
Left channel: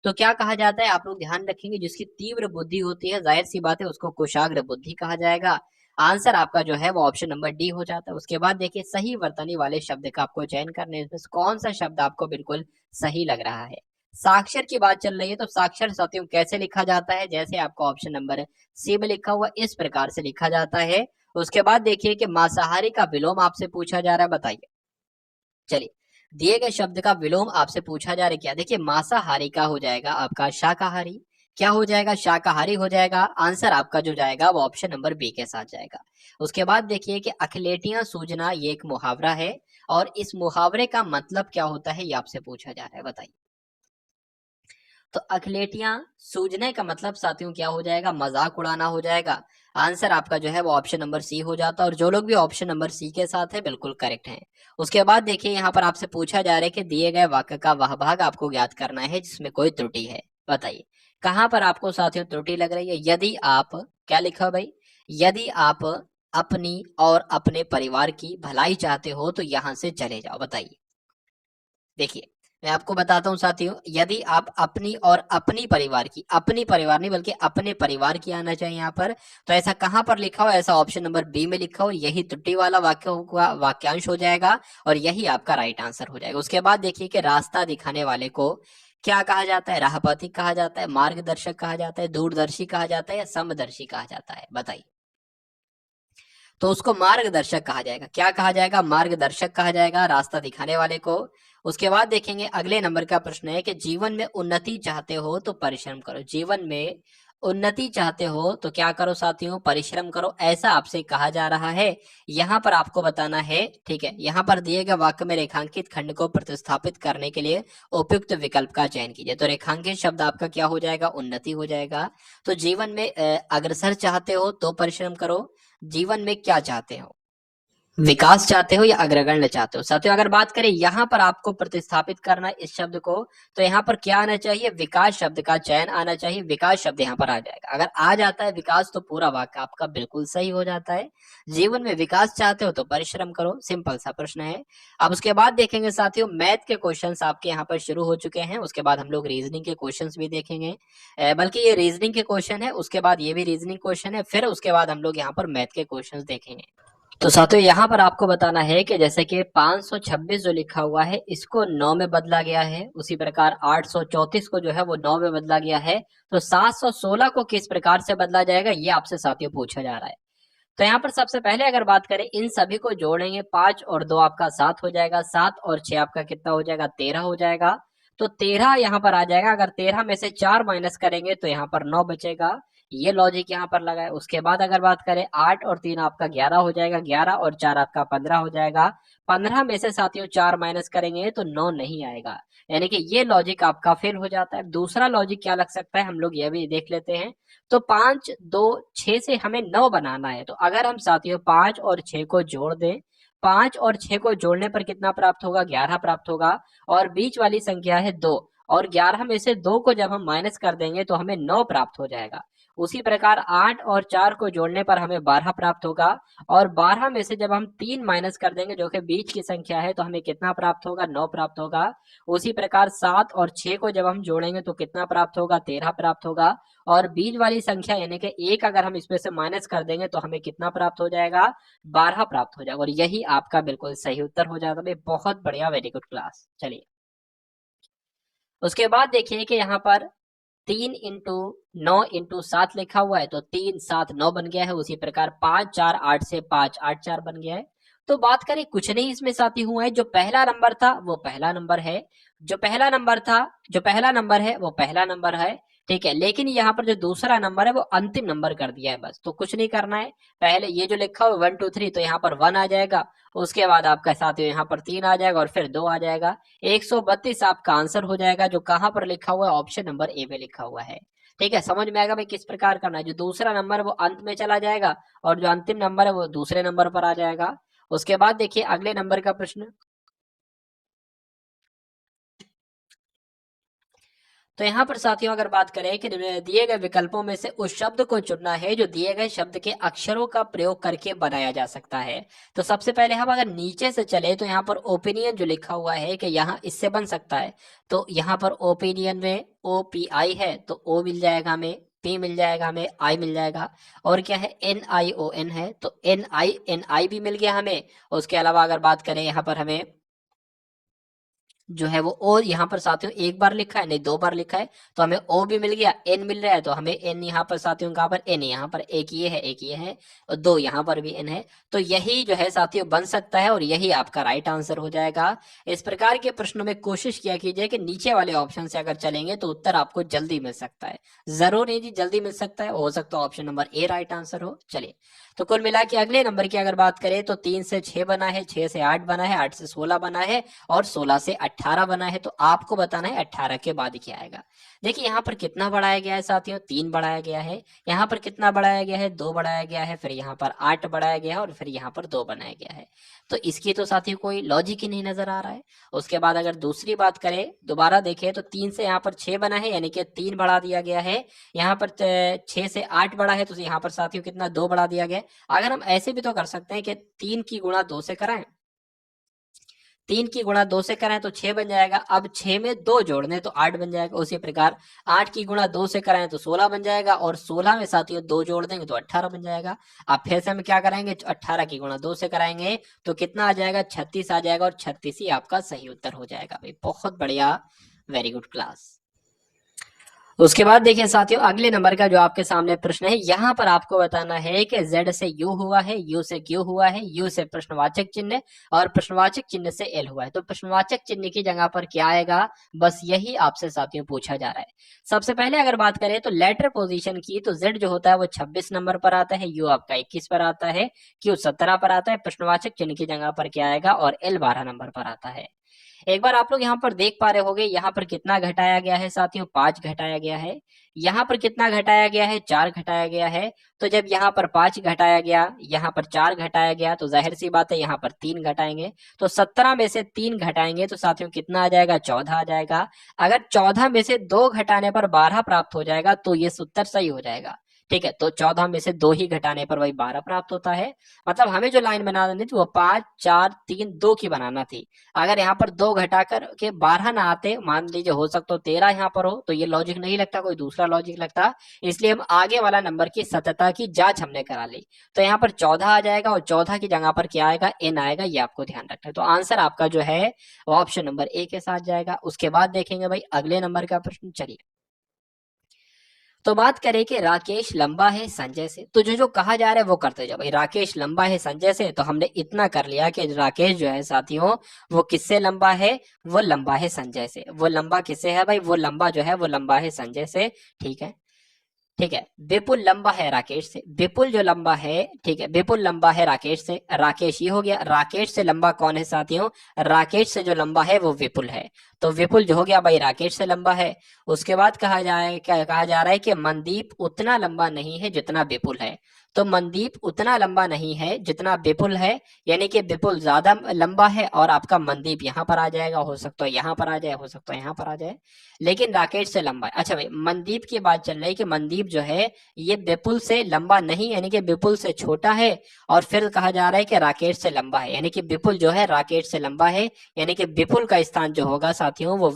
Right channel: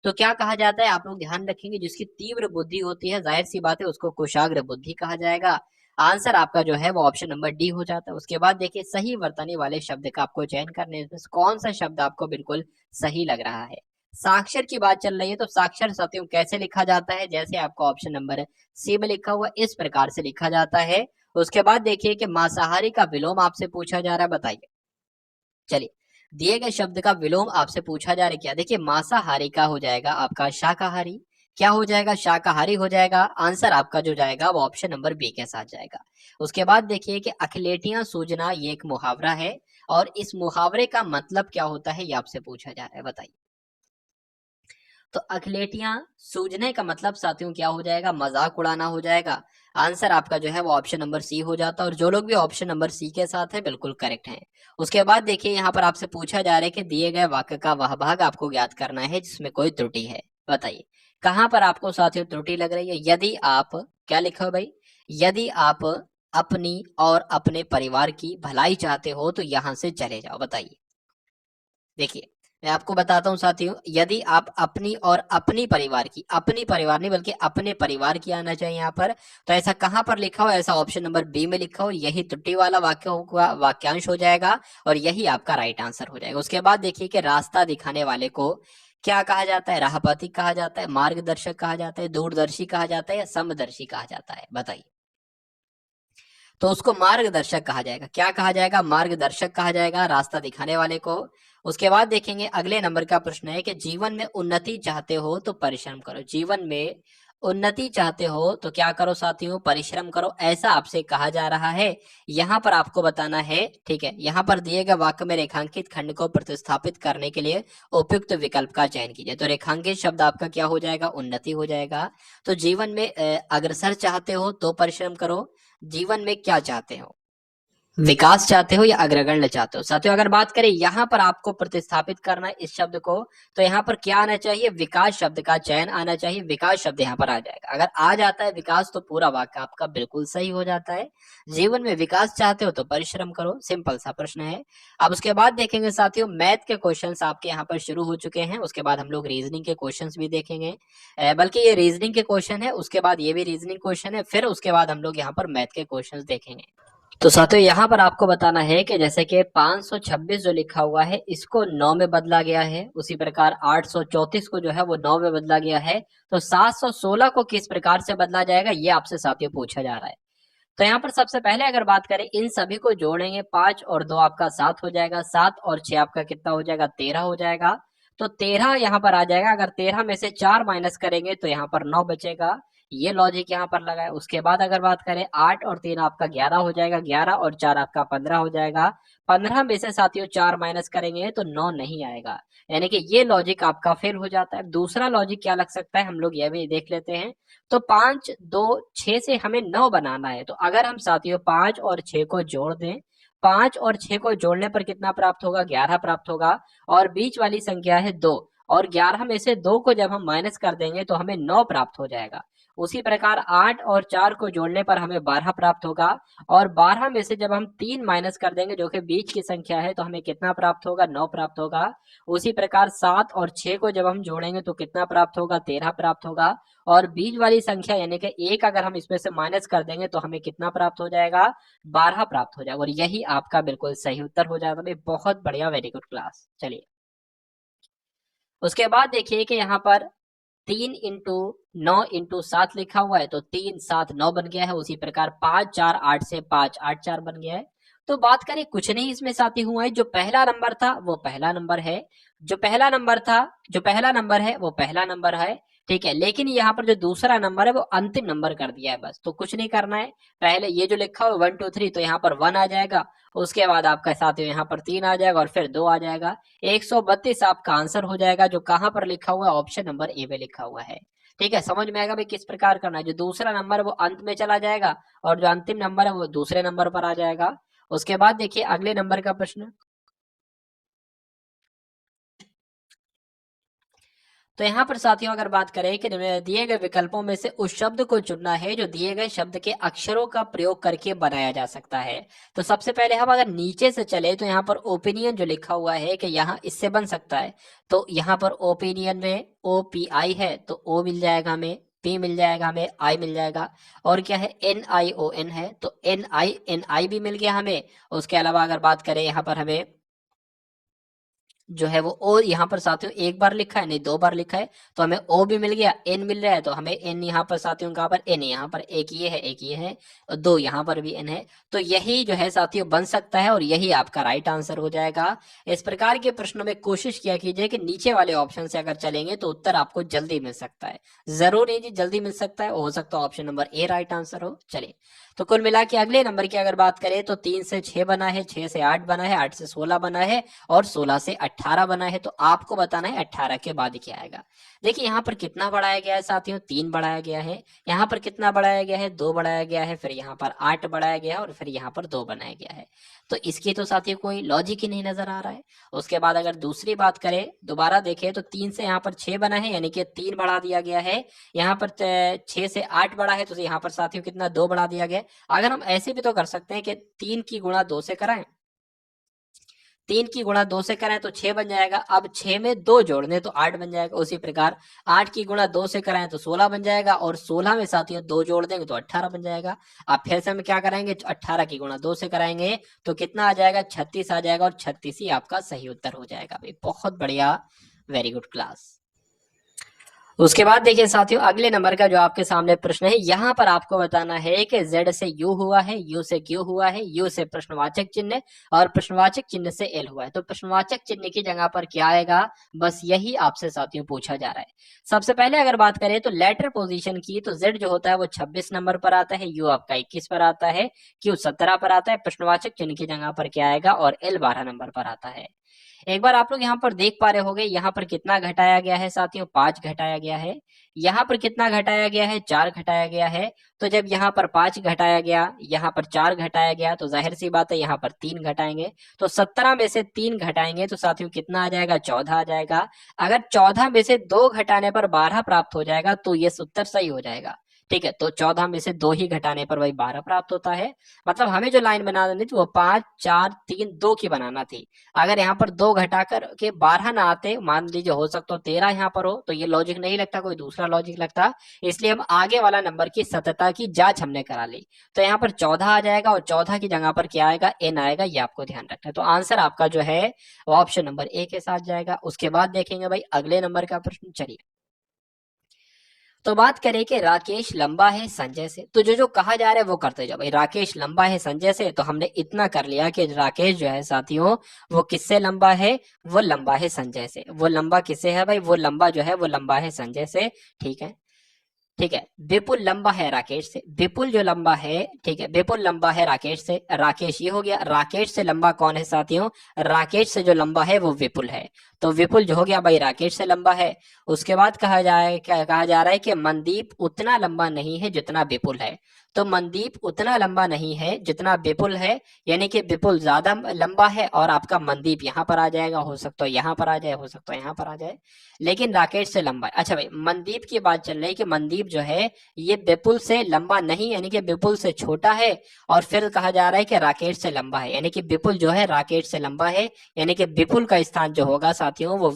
तो क्या कहा जाता है, आप लोग ध्यान रखेंगे, जिसकी तीव्र बुद्धि होती है जाहिर सी बात है उसको कुशाग्र बुद्धि कहा जाएगा। आंसर आपका जो है वो ऑप्शन नंबर डी हो जाता है। उसके बाद देखिए सही वर्तनी वाले शब्द का आपको चयन करने में कौन सा शब्द आपको बिल्कुल सही लग रहा है। साक्षर की बात चल रही है, तो साक्षर साथियों कैसे लिखा जाता है, जैसे आपका ऑप्शन नंबर सी में लिखा हुआ इस प्रकार से लिखा जाता है। उसके बाद देखिए कि मांसाहारी का विलोम आपसे पूछा जा रहा है, बताइए। चलिए, दिए गए शब्द का विलोम आपसे पूछा जा रहा है, क्या देखिए मांसाहारी का हो जाएगा आपका शाकाहारी, क्या हो जाएगा, शाकाहारी हो जाएगा। आंसर आपका जो जाएगा वो ऑप्शन नंबर बी के साथ जाएगा। उसके बाद देखिए कि अखिलेटियां सूजना ये एक मुहावरा है, और इस मुहावरे का मतलब क्या होता है ये आपसे पूछा जा रहा है, बताइए। तो अखिलेटियां सूझने का मतलब साथियों क्या हो जाएगा, मजाक उड़ाना हो जाएगा। आंसर आपका जो है वो ऑप्शन नंबर सी हो जाता है, और जो लोग भी ऑप्शन नंबर सी के साथ है बिल्कुल करेक्ट है। उसके बाद देखिए यहाँ पर आपसे पूछा जा रहा है कि दिए गए वाक्य का वह भाग आपको ज्ञात करना है जिसमें कोई त्रुटि है। बताइए कहां पर आपको साथियों त्रुटि लग रही है। यदि आप, क्या लिखा है भाई, यदि आप अपनी और अपने परिवार की भलाई चाहते हो तो यहां से चले जाओ। बताइए, देखिए मैं आपको बताता हूँ साथियों, यदि आप अपनी और अपनी परिवार की, अपनी परिवार नहीं बल्कि अपने परिवार की आना चाहिए यहाँ पर, तो ऐसा कहाँ पर लिखा हो, ऐसा ऑप्शन नंबर बी में लिखा हो, यही त्रुटि वाला वाक्य होगा, वाक्यांश हो जाएगा और यही आपका राइट आंसर हो जाएगा। उसके बाद देखिए कि रास्ता दिखाने वाले को क्या कहा जाता है, राहपति कहा जाता है, मार्गदर्शक कहा जाता है, दूरदर्शी कहा जाता है या समदर्शी कहा जाता है। बताइए, तो उसको मार्गदर्शक कहा जाएगा। क्या कहा जाएगा, मार्गदर्शक कहा जाएगा रास्ता दिखाने वाले को। उसके बाद देखेंगे अगले नंबर का प्रश्न है कि जीवन में उन्नति चाहते हो तो परिश्रम करो। जीवन में उन्नति चाहते हो तो क्या करो साथियों, परिश्रम करो, ऐसा आपसे कहा जा रहा है। यहाँ पर आपको बताना है, ठीक है, यहाँ पर दिए गए वाक्य में रेखांकित खंड को प्रतिस्थापित करने के लिए उपयुक्त विकल्प का चयन कीजिए। तो रेखांकित शब्द आपका क्या हो जाएगा, उन्नति हो जाएगा। तो जीवन में अग्रसर चाहते हो तो परिश्रम करो। जीवन में क्या चाहते हो, विकास चाहते हो या अग्रगण्य चाहते हो। साथियों अगर बात करें यहाँ पर आपको प्रतिस्थापित करना है इस शब्द को, तो यहाँ पर क्या आना चाहिए, विकास शब्द का चयन आना चाहिए। विकास शब्द यहाँ पर आ जाएगा। अगर आ जाता है विकास तो पूरा वाक्य आपका बिल्कुल सही हो जाता है। जीवन में विकास चाहते हो तो परिश्रम करो, सिंपल सा प्रश्न है। अब उसके बाद देखेंगे साथियों, मैथ के क्वेश्चंस आपके यहाँ पर शुरू हो चुके हैं। उसके बाद हम लोग रीजनिंग के क्वेश्चंस भी देखेंगे, बल्कि ये रीजनिंग के क्वेश्चन है, उसके बाद ये भी रीजनिंग क्वेश्चन है, फिर उसके बाद हम लोग यहाँ पर मैथ के क्वेश्चंस देखेंगे। तो साथियों यहाँ पर आपको बताना है कि जैसे कि 526 जो लिखा हुआ है इसको 9 में बदला गया है, उसी प्रकार 834 को जो है वो 9 में बदला गया है, तो 716 को किस प्रकार से बदला जाएगा ये आपसे साथियों पूछा जा रहा है। तो यहाँ पर सबसे पहले अगर बात करें, इन सभी को जोड़ेंगे, 5 और 2 आपका 7 हो जाएगा, 7 और 6 आपका कितना हो जाएगा, 13 हो जाएगा। तो 13 यहाँ पर आ जाएगा। अगर 13 में से 4 माइनस करेंगे तो यहाँ पर 9 बचेगा। ये लॉजिक यहाँ पर लगा है। उसके बाद अगर बात करें, 8 और 3 आपका 11 हो जाएगा, 11 और 4 आपका 15 हो जाएगा। 15 में से साथियों 4 माइनस करेंगे तो 9 नहीं आएगा, यानी कि ये लॉजिक आपका फेल हो जाता है। दूसरा लॉजिक क्या लग सकता है, हम लोग ये भी देख लेते हैं। तो 5 2 6 से हमें 9 बनाना है, तो अगर हम साथियों 5 और 6 को जोड़ दें, 5 और 6 को जोड़ने पर कितना प्राप्त होगा, 11 प्राप्त होगा। और बीच वाली संख्या है 2, और 11 में से 2 को जब हम माइनस कर देंगे तो हमें 9 प्राप्त हो जाएगा। उसी प्रकार 8 और 4 को जोड़ने पर हमें 12 प्राप्त होगा, और 12 में से जब हम 3 माइनस कर देंगे जो कि बीच की संख्या है तो हमें कितना प्राप्त होगा, 9 प्राप्त होगा। उसी प्रकार 7 और 6 को जब हम जोड़ेंगे तो कितना प्राप्त होगा, 13 प्राप्त होगा। और बीच वाली संख्या यानी कि 1 अगर हम इसमें से माइनस कर देंगे तो हमें कितना प्राप्त हो जाएगा, 12 प्राप्त हो जाएगा। और यही आपका बिल्कुल सही उत्तर हो जाएगा। भाई बहुत बढ़िया, वेरी गुड क्लास। चलिए उसके बाद देखिए कि यहाँ पर 3 × 9 × 7 लिखा हुआ है, तो 3 7 9 बन गया है। उसी प्रकार 5 4 8 से 5 8 4 बन गया है। तो बात करें, कुछ नहीं इसमें साथी हुआ है। जो पहला नंबर था वो पहला नंबर है, जो पहला नंबर था, जो पहला नंबर है वो पहला नंबर है, ठीक है। लेकिन यहाँ पर जो दूसरा नंबर है वो अंतिम नंबर कर दिया है, बस। तो कुछ नहीं करना है। पहले ये जो लिखा हुआ 1 2 3, तो यहाँ पर 1 आ जाएगा। उसके बाद आपका साथियों यहाँ पर 3 आ जाएगा और फिर 2 आ जाएगा। 132 आपका आंसर हो जाएगा, जो कहां पर लिखा हुआ है, ऑप्शन नंबर ए में लिखा हुआ है। ठीक है, समझ में आएगा भाई किस प्रकार करना है। जो दूसरा नंबर है वो अंत में चला जाएगा और जो अंतिम नंबर है वो दूसरे नंबर पर आ जाएगा। उसके बाद देखिए अगले नंबर का प्रश्न। तो यहाँ पर साथियों अगर बात करें कि दिए गए विकल्पों में से उस शब्द को चुनना है जो दिए गए शब्द के अक्षरों का प्रयोग करके बनाया जा सकता है। तो सबसे पहले हम अगर नीचे से चले तो यहाँ पर ओपिनियन जो लिखा हुआ है कि यहाँ इससे बन सकता है, तो यहाँ पर ओपिनियन में OPI है तो O मिल जाएगा हमें, P मिल जाएगा हमें, I मिल जाएगा। और क्या है, NION है तो NI भी मिल गया हमें। उसके अलावा अगर बात करें यहाँ पर हमें जो है वो, और यहाँ पर साथियों एक बार लिखा है, नहीं 2 बार लिखा है, तो हमें ओ भी मिल गया, एन मिल रहा है, तो हमें एन यहाँ पर साथियों कहाँ पर एन, यहाँ पर एक ये है, एक ये है, और 2 यहाँ पर भी एन है। तो यही जो है साथियों बन सकता है और यही आपका राइट आंसर हो जाएगा। इस प्रकार के प्रश्नों में कोशिश किया कीजिए कि नीचे वाले ऑप्शन से अगर चलेंगे तो उत्तर आपको जल्दी मिल सकता है। जरूर नहीं जी, जल्दी मिल सकता है, हो सकता है option number A right answer हो। चलिए तो कुल मिला के अगले नंबर की अगर बात करें तो 3 से 6 बना है, 6 से 8 बना है, 8 से 16 बना है और 16 से 18 बना है, तो आपको बताना है 18 के बाद क्या आएगा। देखिए यहाँ पर कितना बढ़ाया गया है साथियों, 3 बढ़ाया गया है। यहाँ पर कितना बढ़ाया गया है, 2 बढ़ाया गया है। फिर यहाँ पर 8 बढ़ाया गया है और फिर यहाँ पर 2 बनाया गया है। तो इसकी तो साथियों कोई लॉजिक ही नहीं नजर आ रहा है। उसके बाद अगर दूसरी बात करें, दोबारा देखें, तो 3 से यहाँ पर 6 बना है, यानी कि 3 बढ़ा दिया गया है। यहाँ पर 6 से 8 बढ़ा है, तो यहाँ पर साथियों कितना, 2 बढ़ा दिया गया है। अगर हम ऐसे भी तो कर सकते हैं कि 3 की गुणा 2 से कराएं, 3 की गुणा 2 से कराएं तो 6 बन जाएगा। अब 6 में 2 जोड़ दें तो 8 बन जाएगा। उसी प्रकार 8 की गुणा 2 से कराएं तो 16 बन जाएगा, और 16 में साथियों 2 जोड़ देंगे तो 18 बन जाएगा। अब फिर से हम क्या करेंगे, 18 की गुणा 2 से कराएंगे तो कितना आ जाएगा, 36 आ जाएगा, और 36 ही आपका सही उत्तर हो जाएगा। भाई बहुत बढ़िया, वेरी गुड क्लास। उसके बाद देखिए साथियों, अगले नंबर का जो आपके सामने प्रश्न है, यहाँ पर आपको बताना है कि Z से U हुआ है, U से Q हुआ है, U से प्रश्नवाचक चिन्ह और प्रश्नवाचक चिन्ह से L हुआ है। तो प्रश्नवाचक चिन्ह की जगह पर क्या आएगा, बस यही आपसे साथियों पूछा जा रहा है। सबसे पहले अगर बात करें तो लेटर पोजीशन की, तो Z जो होता है वो 26 नंबर पर आता है, U आपका 21 पर आता है, Q 17 पर आता है। प्रश्नवाचक चिन्ह की जगह पर क्या आएगा, और L 12 नंबर पर आता है। एक बार आप लोग यहाँ पर देख पा रहे होंगे, यहाँ पर कितना घटाया गया है साथियों, 5 घटाया गया है। यहाँ पर कितना घटाया गया है, 4 घटाया गया है। तो जब यहाँ पर 5 घटाया गया, यहाँ पर 4 घटाया गया, तो जाहिर सी बात है यहाँ पर 3 घटाएंगे। तो 17 में से 3 घटाएंगे तो साथियों कितना आ जाएगा, 14 आ जाएगा। अगर 14 में से 2 घटाने पर 12 प्राप्त हो जाएगा तो ये उत्तर सही हो जाएगा। ठीक है, तो 14 में से 2 ही घटाने पर वही 12 प्राप्त होता है। मतलब हमें जो लाइन बनानी थी वो 5 4 3 2 की बनाना थी। अगर यहाँ पर 2 घटाकर के 12 ना आते, मान लीजिए हो सकता हो 13 यहाँ पर हो, तो ये लॉजिक नहीं लगता, कोई दूसरा लॉजिक लगता। इसलिए हम आगे वाला नंबर की सत्यता की जांच हमने करा ली। तो यहाँ पर 14 आ जाएगा, और 14 की जगह पर क्या आएगा, n आएगा। ये आपको ध्यान रखना है। तो आंसर आपका जो है वो ऑप्शन नंबर ए के साथ जाएगा। उसके बाद देखेंगे भाई अगले नंबर का प्रश्न। चलिए, तो बात करें कि राकेश लंबा है संजय से, तो जो जो कहा जा रहा है वो करते जाओ भाई। राकेश लंबा है संजय से, तो हमने इतना कर लिया कि राकेश जो है साथियों वो किससे लंबा है, वो लंबा है संजय से। वो लंबा किससे है भाई, वो लंबा जो है वो लंबा है संजय से। ठीक है, ठीक है। विपुल लंबा है राकेश से, विपुल जो लंबा है, ठीक है, विपुल लंबा है राकेश से। राकेश ये हो गया, राकेश से लंबा कौन है साथियों, राकेश से जो लंबा है वो विपुल है। तो विपुल जो हो गया भाई राकेश से लंबा है। उसके बाद कहा जाए, क्या कहा जा रहा है कि मनदीप उतना लंबा नहीं है जितना विपुल है। तो मनदीप उतना लंबा नहीं है जितना विपुल है, यानी कि विपुल ज्यादा लंबा है, और आपका मनदीप यहाँ पर आ जाएगा। हो सकता है यहाँ पर आ जाए, हो सकता है यहाँ पर आ जाए, लेकिन राकेश से लंबा है। अच्छा भाई, मनदीप की बात चल रही है कि मनदीप जो है ये विपुल से लंबा नहीं, यानी कि विपुल से छोटा है। और फिर कहा जा रहा है कि राकेश से लंबा है, यानी कि विपुल जो है राकेश से लंबा है। यानी कि विपुल का स्थान जो होगा साथियों वो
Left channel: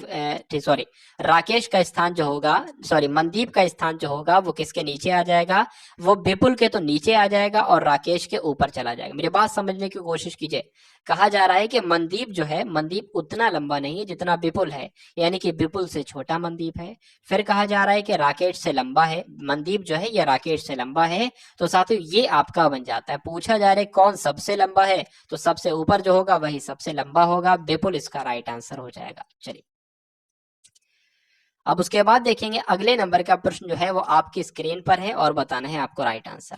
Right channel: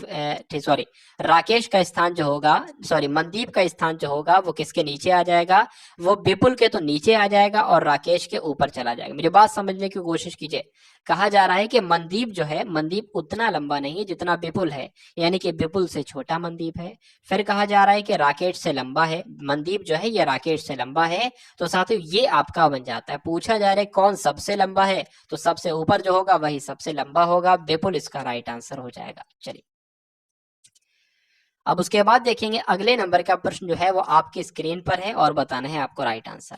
सॉरी, राकेश का स्थान जो होगा, सॉरी, मनदीप का स्थान जो होगा वो किसके नीचे आ जाएगा, वो विपुल के तो नीचे आ जाएगा और राकेश के ऊपर चला जाएगा। मेरी बात समझने की कोशिश कीजिए। कहा जा रहा है कि मनदीप जो है, मनदीप उतना लंबा नहीं है जितना विपुल है, यानी कि विपुल से छोटा मनदीप है। फिर कहा जा रहा है कि राकेश से लंबा है, मनदीप जो है ये राकेश से लंबा है। तो साथियों ये आपका बन जाता है। पूछा जा रहा है कौन सबसे लंबा है, तो सबसे ऊपर जो होगा वही सबसे लंबा होगा, विपुल इसका राइट आंसर हो जाएगा। चलिए, अब उसके बाद देखेंगे अगले नंबर का प्रश्न जो है वो आपकी स्क्रीन पर है, और बताना है आपको राइट आंसर।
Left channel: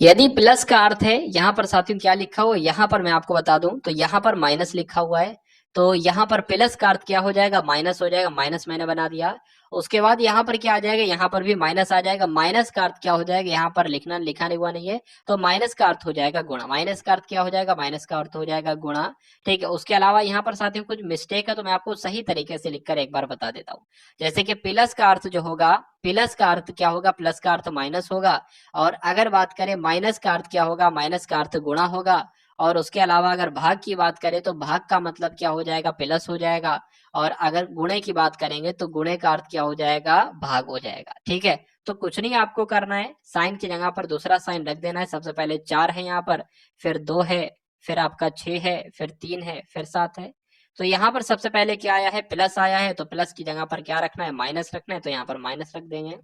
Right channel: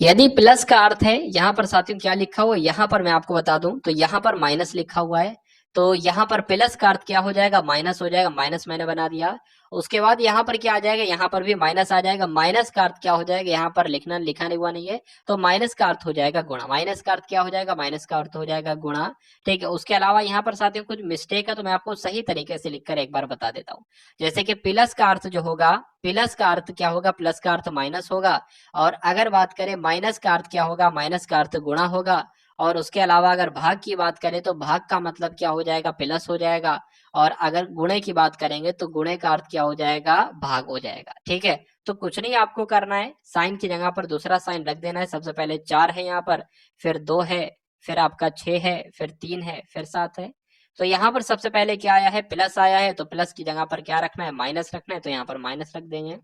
यदि प्लस का अर्थ है, यहाँ पर साथियों क्या लिखा हुआ है, यहाँ पर मैं आपको बता दूं तो यहाँ पर माइनस लिखा हुआ है। तो यहाँ पर प्लस का अर्थ क्या हो जाएगा, माइनस हो जाएगा। माइनस मैंने बना दिया। उसके बाद यहाँ पर क्या आ जाएगा, यहाँ पर भी माइनस आ जाएगा। माइनस का अर्थ क्या हो जाएगा, यहाँ पर लिखा नहीं हुआ नहीं है, तो माइनस का अर्थ हो जाएगा गुणा। माइनस का अर्थ क्या हो जाएगा, माइनस का अर्थ हो जाएगा गुणा। ठीक है, उसके अलावा यहाँ पर साथियों कुछ मिस्टेक है, तो मैं आपको सही तरीके से लिखकर एक बार बता देता हूँ। जैसे कि प्लस का अर्थ जो होगा, प्लस का अर्थ क्या होगा, प्लस का अर्थ माइनस होगा। और अगर बात करें माइनस का अर्थ क्या होगा, माइनस का अर्थ गुणा होगा। और उसके अलावा अगर भाग की बात करें तो भाग का मतलब क्या हो जाएगा, प्लस हो जाएगा। और अगर गुणे की बात करेंगे तो गुणे का अर्थ क्या हो जाएगा, भाग हो जाएगा। ठीक है, तो कुछ नहीं आपको करना है, साइन की जगह पर दूसरा साइन रख देना है। सबसे पहले 4 है यहाँ पर, फिर 2 है, फिर आपका 6 है, फिर 3 है, फिर 7 है। तो यहाँ पर सबसे पहले क्या आया है, प्लस आया है, तो प्लस की जगह पर क्या रखना है, माइनस रखना है, तो यहाँ पर माइनस रख देंगे।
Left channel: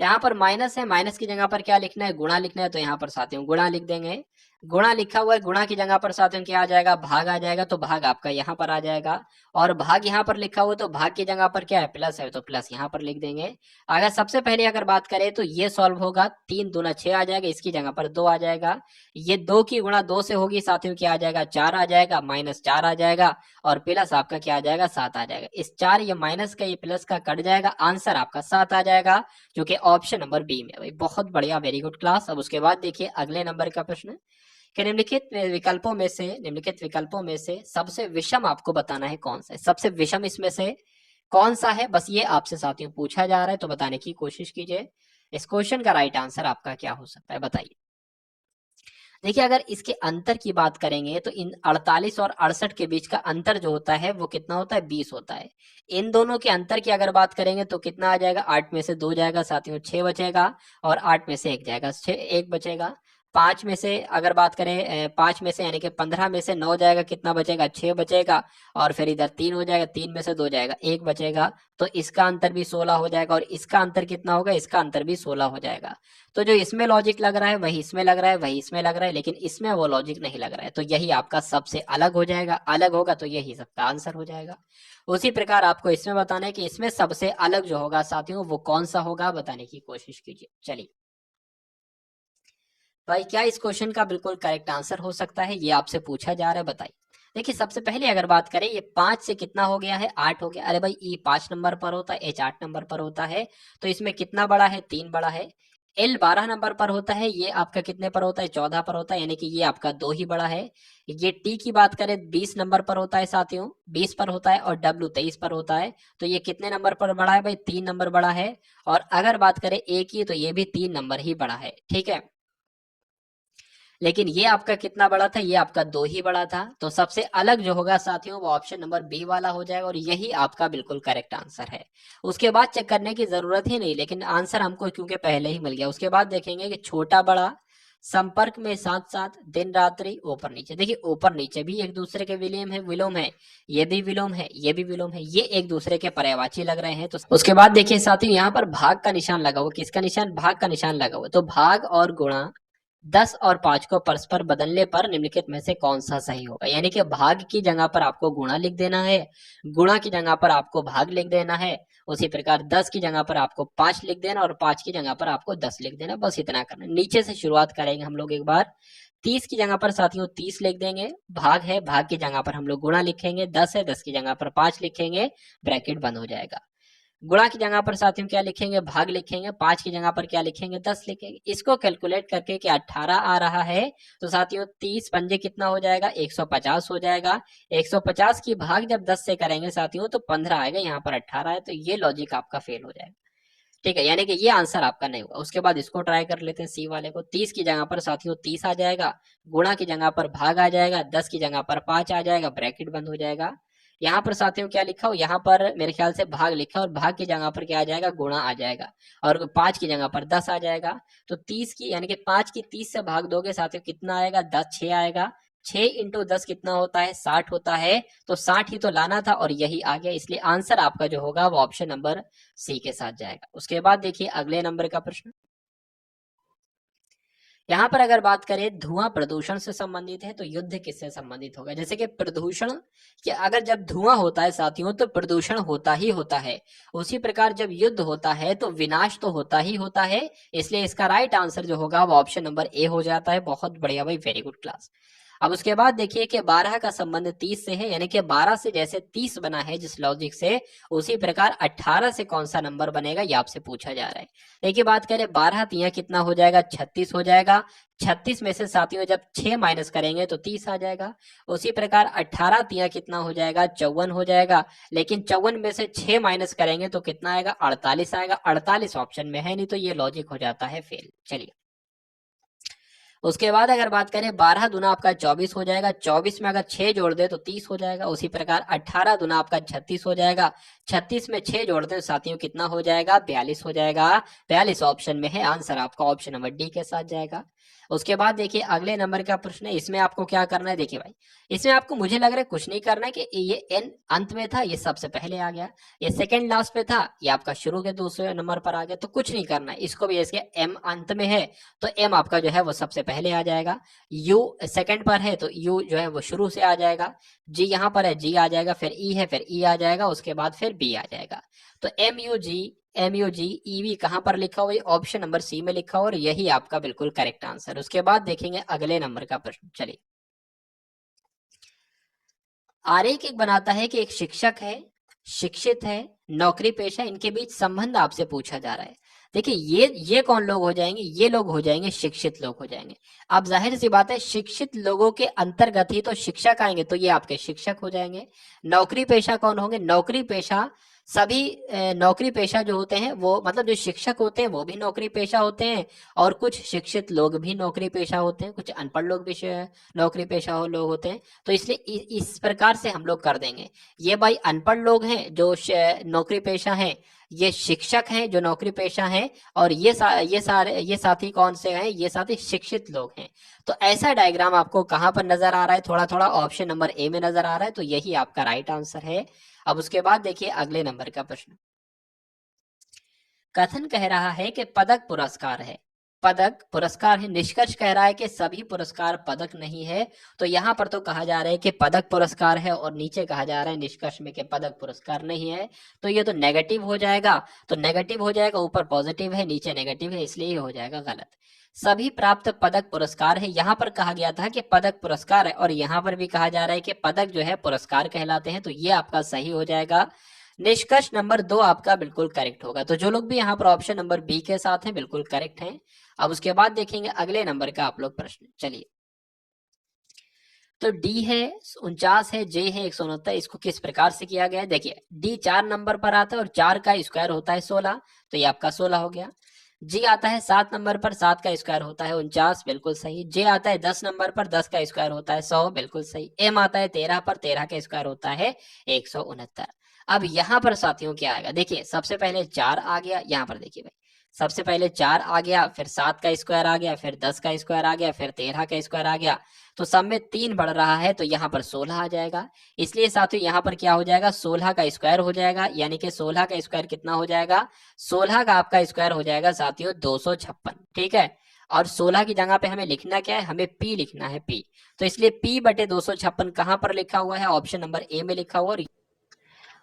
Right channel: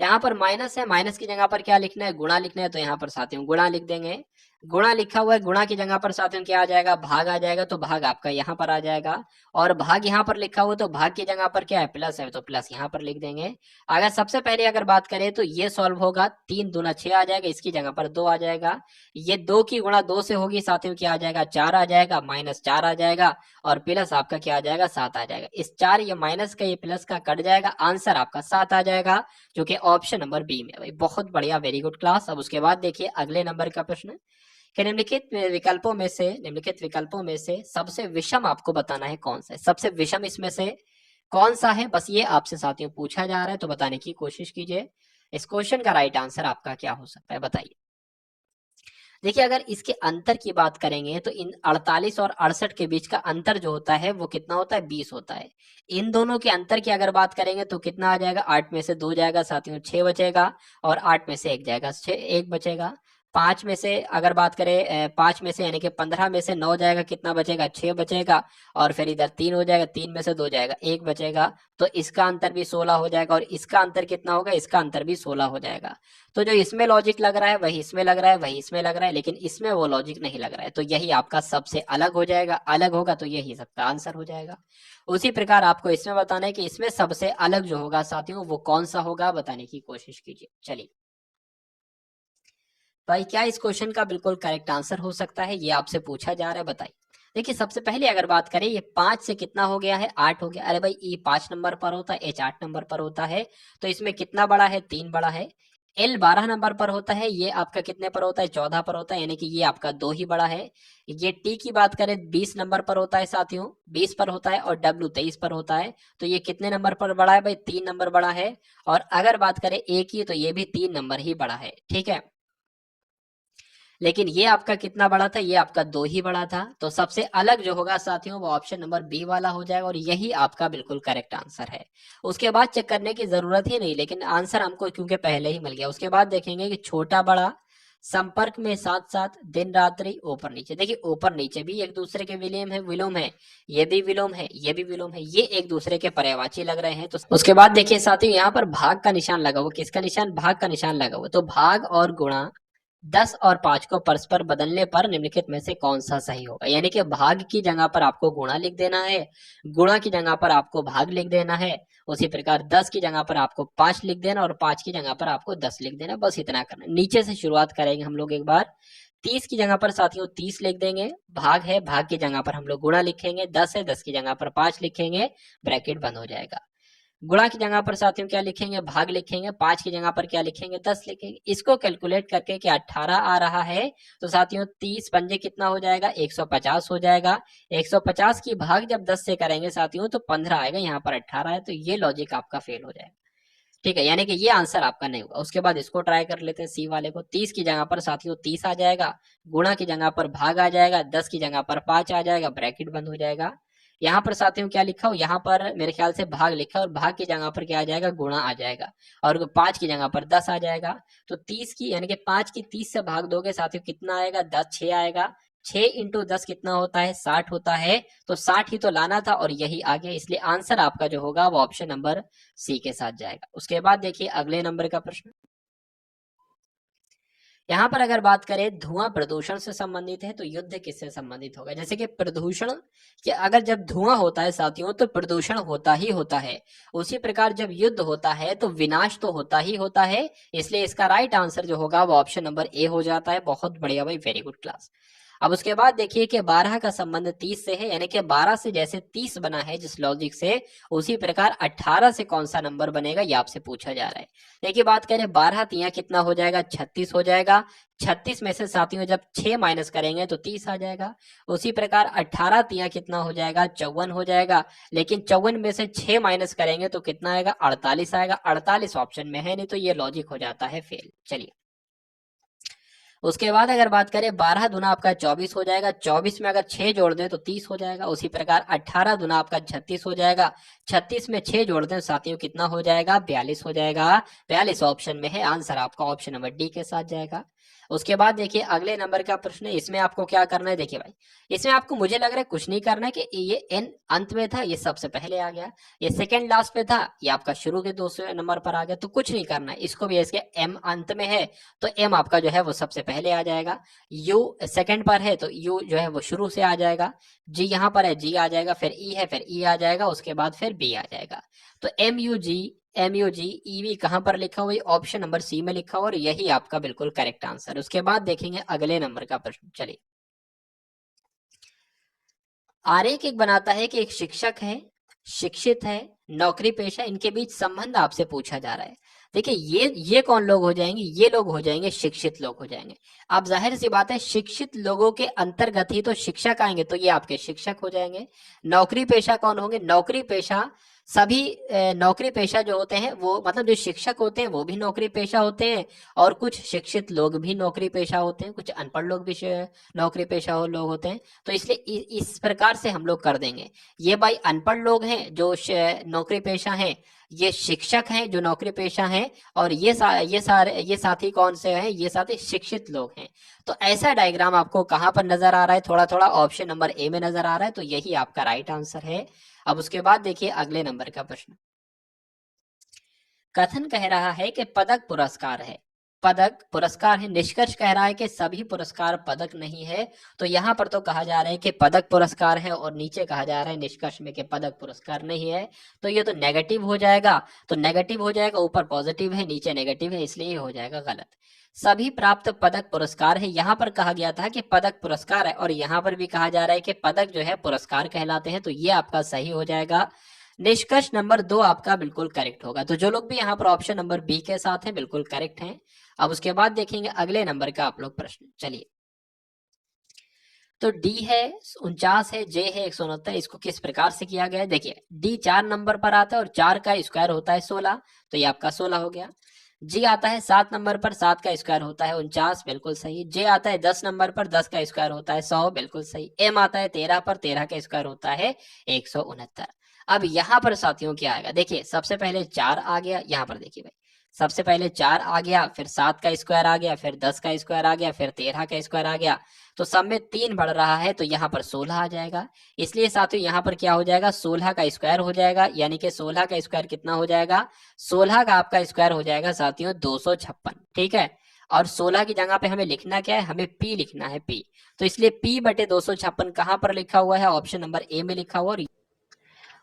यहाँ पर माइनस है, माइनस की जगह पर क्या लिखना है, गुणा लिखना है, तो यहाँ पर साथियों गुणा लिख देंगे। गुणा लिखा हुआ है, गुणा की जगह पर साथियों क्या आ जाएगा, भाग आ जाएगा, तो भाग आपका यहाँ पर आ जाएगा। और भाग यहाँ पर लिखा हुआ है, तो भाग की जगह पर क्या है, प्लस है, तो प्लस यहाँ पर लिख देंगे। अगर सबसे पहले अगर बात करें तो ये सॉल्व होगा, 3 दूना 6 आ जाएगा, इसकी जगह पर 2 आ जाएगा। ये 2 की गुणा 2 से होगी साथियों, क्या आ जाएगा, 4 आ जाएगा, माइनस 4 आ जाएगा, और प्लस आपका क्या आ जाएगा, 7 आ जाएगा। इस 4 ये माइनस का ये प्लस का कट जाएगा, आंसर आपका 7 आ जाएगा, जो कि ऑप्शन नंबर बी में है। भाई बहुत बढ़िया, वेरी गुड क्लास। अब उसके बाद देखिए अगले नंबर का प्रश्न कि निम्नलिखित विकल्पों में से सबसे विषम आपको बताना है कौन सा है। सबसे विषम इसमें से कौन सा है, बस ये आपसे साथियों पूछा जा रहा है, तो बताने की कोशिश कीजिए। इस क्वेश्चन का राइट आंसर आपका क्या हो सकता है, बताइए। देखिए अगर इसके अंतर की बात करेंगे तो इन 48 और 68 के बीच का अंतर जो होता है वो कितना होता है, 20 होता है। इन दोनों के अंतर की अगर बात करेंगे तो कितना आ जाएगा, 8 में से 2 जाएगा साथियों, 6 बचेगा, और 8 में से 1 जाएगा, 6 1 बचेगा। 5 में से अगर बात करें 5 में से यानी कि 15 में से 9 जाएगा, कितना बचेगा, 6 बचेगा, और फिर इधर 3 हो जाएगा, 3 में से 2 जाएगा, 1 बचेगा, तो इसका अंतर भी 16 हो जाएगा, और इसका अंतर कितना होगा, इसका अंतर भी 16 हो जाएगा। तो जो इसमें लॉजिक लग रहा है वही इसमें लग रहा है, वही इसमें लग रहा है, लेकिन इसमें वो लॉजिक नहीं लग रहा है, तो यही आपका सबसे अलग हो जाएगा। अलग होगा तो यही सबका आंसर हो जाएगा। उसी प्रकार आपको इसमें बताना है कि इसमें सबसे अलग जो होगा साथियों वो कौन सा होगा, बताने की कोशिश कीजिए। चलिए भाई, क्या इस क्वेश्चन का बिल्कुल करेक्ट आंसर हो सकता है, ये आपसे पूछा जा रहा है, बताइए। देखिए सबसे पहले अगर बात करें, ये 5 से कितना हो गया है, 8 हो गया। अरे भाई ई 5 नंबर पर होता है, एच 8 नंबर पर होता है, तो इसमें कितना बड़ा है, 3 बड़ा है। एल 12 नंबर पर होता है, ये आपका कितने पर होता है, 14 पर होता है, यानी कि ये आपका 2 ही बड़ा है। ये टी की बात करें 20 नंबर पर होता है साथियों, 20 पर होता है, और डब्ल्यू 23 पर होता है, तो ये कितने नंबर पर बड़ा है भाई, 3 नंबर बड़ा है। और अगर बात करें ए की, तो ये भी 3 नंबर ही बड़ा है, ठीक है। लेकिन ये आपका कितना बड़ा था, ये आपका 2 ही बड़ा था, तो सबसे अलग जो होगा साथियों वो ऑप्शन नंबर बी वाला हो जाएगा, और यही आपका बिल्कुल करेक्ट आंसर है। उसके बाद चेक करने की जरूरत ही नहीं, लेकिन आंसर हमको क्योंकि पहले ही मिल गया। उसके बाद देखेंगे कि छोटा बड़ा, संपर्क में साथ साथ, दिन रात्रि, ऊपर नीचे। देखिए ऊपर नीचे भी एक दूसरे के विलोम है, ये भी विलोम है, ये भी विलोम है, ये एक दूसरे के पर्यायवाची लग रहे हैं। तो उसके बाद देखिए साथियों यहाँ पर भाग का निशान लगा हुआ, किसका निशान, भाग का निशान लगा हुआ, तो भाग और गुणा 10 और 5 को परस्पर बदलने पर निम्नलिखित में से कौन सा सही होगा। यानी कि भाग की जगह पर आपको गुणा लिख देना है, गुणा की जगह पर आपको भाग लिख देना है। उसी प्रकार 10 की जगह पर आपको 5 लिख देना, और 5 की जगह पर आपको 10 लिख देना, बस इतना करना। नीचे से शुरुआत करेंगे हम लोग एक बार। 30 की जगह पर साथियों 30 लिख देंगे, भाग है, भाग की जगह पर हम लोग गुणा लिखेंगे, 10 है, 10 की जगह पर 5 लिखेंगे, ब्रैकेट बंद हो जाएगा। गुणा की जगह पर साथियों क्या लिखेंगे, भाग लिखेंगे, 5 की जगह पर क्या लिखेंगे, 10 लिखेंगे। इसको कैलकुलेट करके क्या 18 आ रहा है, तो साथियों 30 पंजे कितना हो जाएगा, 150 हो जाएगा। 150 की भाग जब 10 से करेंगे साथियों तो 15 आएगा, यहाँ पर 18 है, तो ये लॉजिक आपका फेल हो जाएगा, ठीक है, यानी कि ये आंसर आपका नहीं हुआ। उसके बाद इसको ट्राई कर लेते हैं, सी वाले को। 30 की जगह पर साथियों 30 आ जाएगा, गुणा की जगह पर भाग आ जाएगा, 10 की जगह पर 5 आ जाएगा, ब्रैकेट बंद हो जाएगा। यहाँ पर साथियों क्या लिखा हो, यहाँ पर मेरे ख्याल से भाग लिखा, और भाग की जगह पर क्या आ जाएगा, गुणा आ जाएगा, और 5 की जगह पर 10 आ जाएगा। तो 30 की यानी कि 5 की 30 से भाग दोगे साथियों कितना आएगा, 10 6 आएगा। 6 इंटू 10 कितना होता है, 60 होता है, तो 60 ही तो लाना था, और यही आ गया, इसलिए आंसर आपका जो होगा वो ऑप्शन नंबर सी के साथ जाएगा। उसके बाद देखिए अगले नंबर का प्रश्न। यहाँ पर अगर बात करें धुआं प्रदूषण से संबंधित है, तो युद्ध किससे संबंधित होगा। जैसे कि प्रदूषण कि अगर जब धुआं होता है साथियों तो प्रदूषण होता ही होता है, उसी प्रकार जब युद्ध होता है तो विनाश तो होता ही होता है, इसलिए इसका राइट आंसर जो होगा वो ऑप्शन नंबर ए हो जाता है। बहुत बढ़िया भाई, वेरी गुड क्लास। अब उसके बाद देखिए कि 12 का संबंध 30 से है, यानी कि 12 से जैसे 30 बना है जिस लॉजिक से, उसी प्रकार 18 से कौन सा नंबर बनेगा ये आपसे पूछा जा रहा है। देखिए बात करें 12 तिया कितना हो जाएगा, 36 हो जाएगा। 36 में से साथियों जब 6 माइनस करेंगे तो 30 आ जाएगा। उसी प्रकार 18 तिया कितना हो जाएगा, 54 हो जाएगा। लेकिन 54 में से 6 माइनस करेंगे तो कितना आएगा, 48 आएगा। 48 ऑप्शन में है नहीं, तो ये लॉजिक हो जाता है फेल। चलिए उसके बाद अगर बात करें 12 दुना आपका 24 हो जाएगा, 24 में अगर 6 जोड़ दें तो 30 हो जाएगा। उसी प्रकार 18 दुना आपका 36 हो जाएगा, 36 में 6 जोड़ दें साथियों कितना हो जाएगा, 42 हो जाएगा। 42 ऑप्शन में है, आंसर आपका ऑप्शन नंबर डी के साथ जाएगा। उसके बाद देखिए अगले नंबर का प्रश्न है, इसमें आपको क्या करना है, देखिए भाई इसमें आपको मुझे लग रहा है कुछ नहीं करना है कि ये n अंत में था, ये सबसे पहले आ गया, ये सेकंड लास्ट पे था, ये आपका शुरू के दूसरे नंबर पर आ गया, तो कुछ नहीं करना है, इसको भी इसके m अंत में है तो m आपका जो है वो सबसे पहले आ जाएगा, u सेकंड पर है तो u जो है वो शुरू से आ जाएगा, g यहाँ पर है g आ जाएगा, फिर e है फिर e आ जाएगा, उसके बाद फिर b आ जाएगा। तो MUG EV कहाँ पर लिखा हुआ है, ऑप्शन नंबर सी में लिखा हुआ और यही आपका बिल्कुल करेक्ट आंसर। उसके बाद देखेंगे अगले नंबर का प्रश्न। चलिए, आरेख एक बनाता है कि एक शिक्षक है, शिक्षित है, नौकरी पेशा, इनके बीच संबंध आपसे पूछा जा रहा है। देखिए ये कौन लोग हो जाएंगे, ये लोग हो जाएंगे शिक्षित लोग हो जाएंगे। अब जाहिर सी बात है शिक्षित लोगों के अंतर्गत ही तो शिक्षक आएंगे, तो ये आपके शिक्षक हो जाएंगे। नौकरी पेशा कौन होंगे, नौकरी पेशा सभी नौकरी पेशा जो होते हैं वो मतलब जो शिक्षक होते हैं वो भी नौकरी पेशा होते हैं, और कुछ शिक्षित लोग भी नौकरी पेशा होते हैं, कुछ अनपढ़ लोग भी नौकरी पेशा लोग होते हैं। तो इसलिए इस प्रकार से हम लोग कर देंगे। ये भाई अनपढ़ लोग हैं जो नौकरी पेशा हैं, ये शिक्षक हैं जो नौकरी पेशा हैं, और ये साथी कौन से हैं, ये साथी शिक्षित लोग हैं। तो ऐसा डायग्राम आपको कहाँ पर नजर आ रहा है, थोड़ा थोड़ा ऑप्शन नंबर ए में नजर आ रहा है, तो यही आपका राइट आंसर है। अब उसके बाद देखिए अगले नंबर का प्रश्न। कथन कह रहा है कि पदक पुरस्कार है, पदक पुरस्कार है, निष्कर्ष कह रहा है कि सभी पुरस्कार पदक नहीं है। तो यहाँ पर तो कहा जा रहा है कि पदक पुरस्कार है और नीचे कहा जा रहा है निष्कर्ष में कि पदक पुरस्कार नहीं है, तो ये तो नेगेटिव हो जाएगा, तो नेगेटिव हो जाएगा, ऊपर पॉजिटिव है नीचे नेगेटिव है, इसलिए ये हो जाएगा गलत। सभी प्राप्त पदक पुरस्कार है, यहाँ पर कहा गया था कि पदक पुरस्कार है और यहाँ पर भी कहा जा रहा है कि पदक जो है पुरस्कार कहलाते हैं, तो ये आपका सही हो जाएगा। निष्कर्ष नंबर 2 आपका बिल्कुल करेक्ट होगा। तो जो लोग भी यहाँ पर ऑप्शन नंबर बी के साथ हैं बिल्कुल करेक्ट हैं। अब उसके बाद देखेंगे अगले नंबर का आप लोग प्रश्न। चलिए, तो डी है 49 है, जे है 169, इसको किस प्रकार से किया गया है, देखिए डी 4 नंबर पर आता है और 4 का स्क्वायर होता है 16, तो ये आपका 16 हो गया। जी आता है 7 नंबर पर, 7 का स्क्वायर होता है 49, बिल्कुल सही। जे आता है 10 नंबर पर, 10 का स्क्वायर होता है 100, बिल्कुल सही। एम आता है 13 पर, 13 का स्क्वायर होता है 169। अब यहाँ पर साथियों क्या आएगा, देखिए सबसे पहले 4 आ गया, यहाँ पर देखिए भाई सबसे पहले 4 आ गया, फिर 7 का स्क्वायर आ गया, फिर 10 का स्क्वायर आ गया, फिर 13 का स्क्वायर आ गया, तो सब में 3 बढ़ रहा है, तो यहाँ पर 16 आ जाएगा। इसलिए साथियों यहाँ पर क्या हो जाएगा, 16 का स्क्वायर हो जाएगा, यानी कि 16 का स्क्वायर कितना हो जाएगा, 16 का आपका स्क्वायर हो जाएगा साथियों 256, ठीक है। और 16 की जगह पे हमें लिखना क्या है, हमें पी लिखना है, पी। तो इसलिए पी बटे 256 कहाँ पर लिखा हुआ है, ऑप्शन नंबर ए में लिखा हुआ।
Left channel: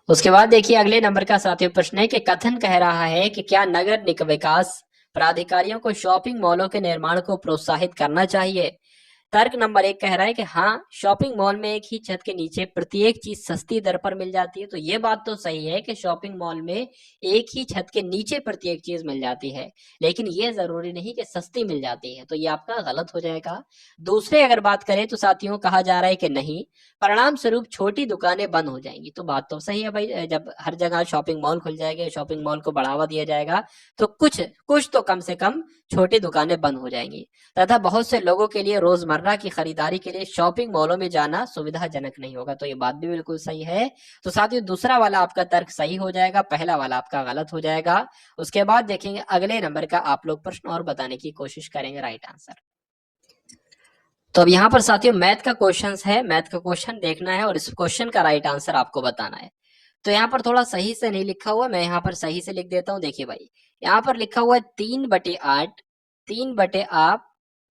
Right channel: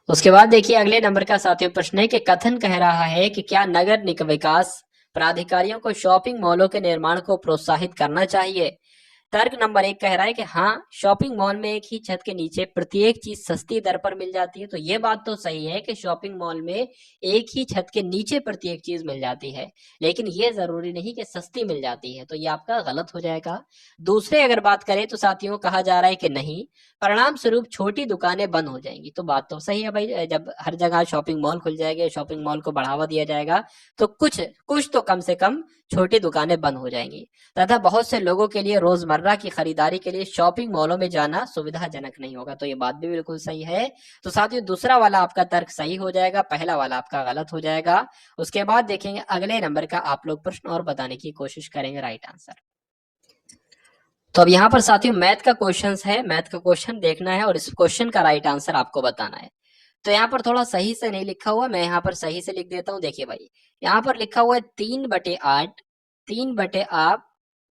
उसके बाद देखिए अगले नंबर का साथियों प्रश्न है कि कथन कह रहा है कि क्या नगर निगम विकास प्राधिकारियों को शॉपिंग मॉलों के निर्माण को प्रोत्साहित करना चाहिए। तर्क नंबर 1 कह रहा है कि हाँ, शॉपिंग मॉल में एक ही छत के नीचे प्रत्येक चीज सस्ती दर पर मिल जाती है, तो ये बात तो सही है कि शॉपिंग मॉल में एक ही छत के नीचे प्रत्येक चीज मिल जाती है, लेकिन ये जरूरी नहीं कि सस्ती मिल जाती है, तो ये आपका गलत हो जाएगा। दूसरे अगर बात करें तो साथियों कहा जा रहा है कि नहीं, परिणाम स्वरूप छोटी दुकानें बंद हो जाएंगी, तो बात तो सही है भाई, जब हर जगह शॉपिंग मॉल खुल जाएंगे, शॉपिंग मॉल को बढ़ावा दिया जाएगा, तो कुछ कुछ तो कम से कम छोटी दुकानें बंद हो जाएंगी, तथा बहुत से लोगों के लिए रोजमर्रा की खरीदारी के लिए शॉपिंग मॉलों में जाना सुविधाजनक नहीं होगा, तो ये बात भी बिल्कुल सही है। तो साथियों दूसरा वाला आपका तर्क सही हो जाएगा, पहला वाला आपका गलत हो जाएगा। उसके बाद देखेंगे अगले नंबर का आप लोग प्रश्न और बताने की कोशिश करेंगे राइट आंसर। तो अब यहाँ पर साथियों मैथ का क्वेश्चन है, मैथ का क्वेश्चन देखना है और इस क्वेश्चन का राइट आंसर आपको बताना है। तो यहाँ पर थोड़ा सही से नहीं लिखा हुआ, मैं यहाँ पर सही से लिख देता हूँ। देखिए भाई यहाँ पर लिखा हुआ है 3/8,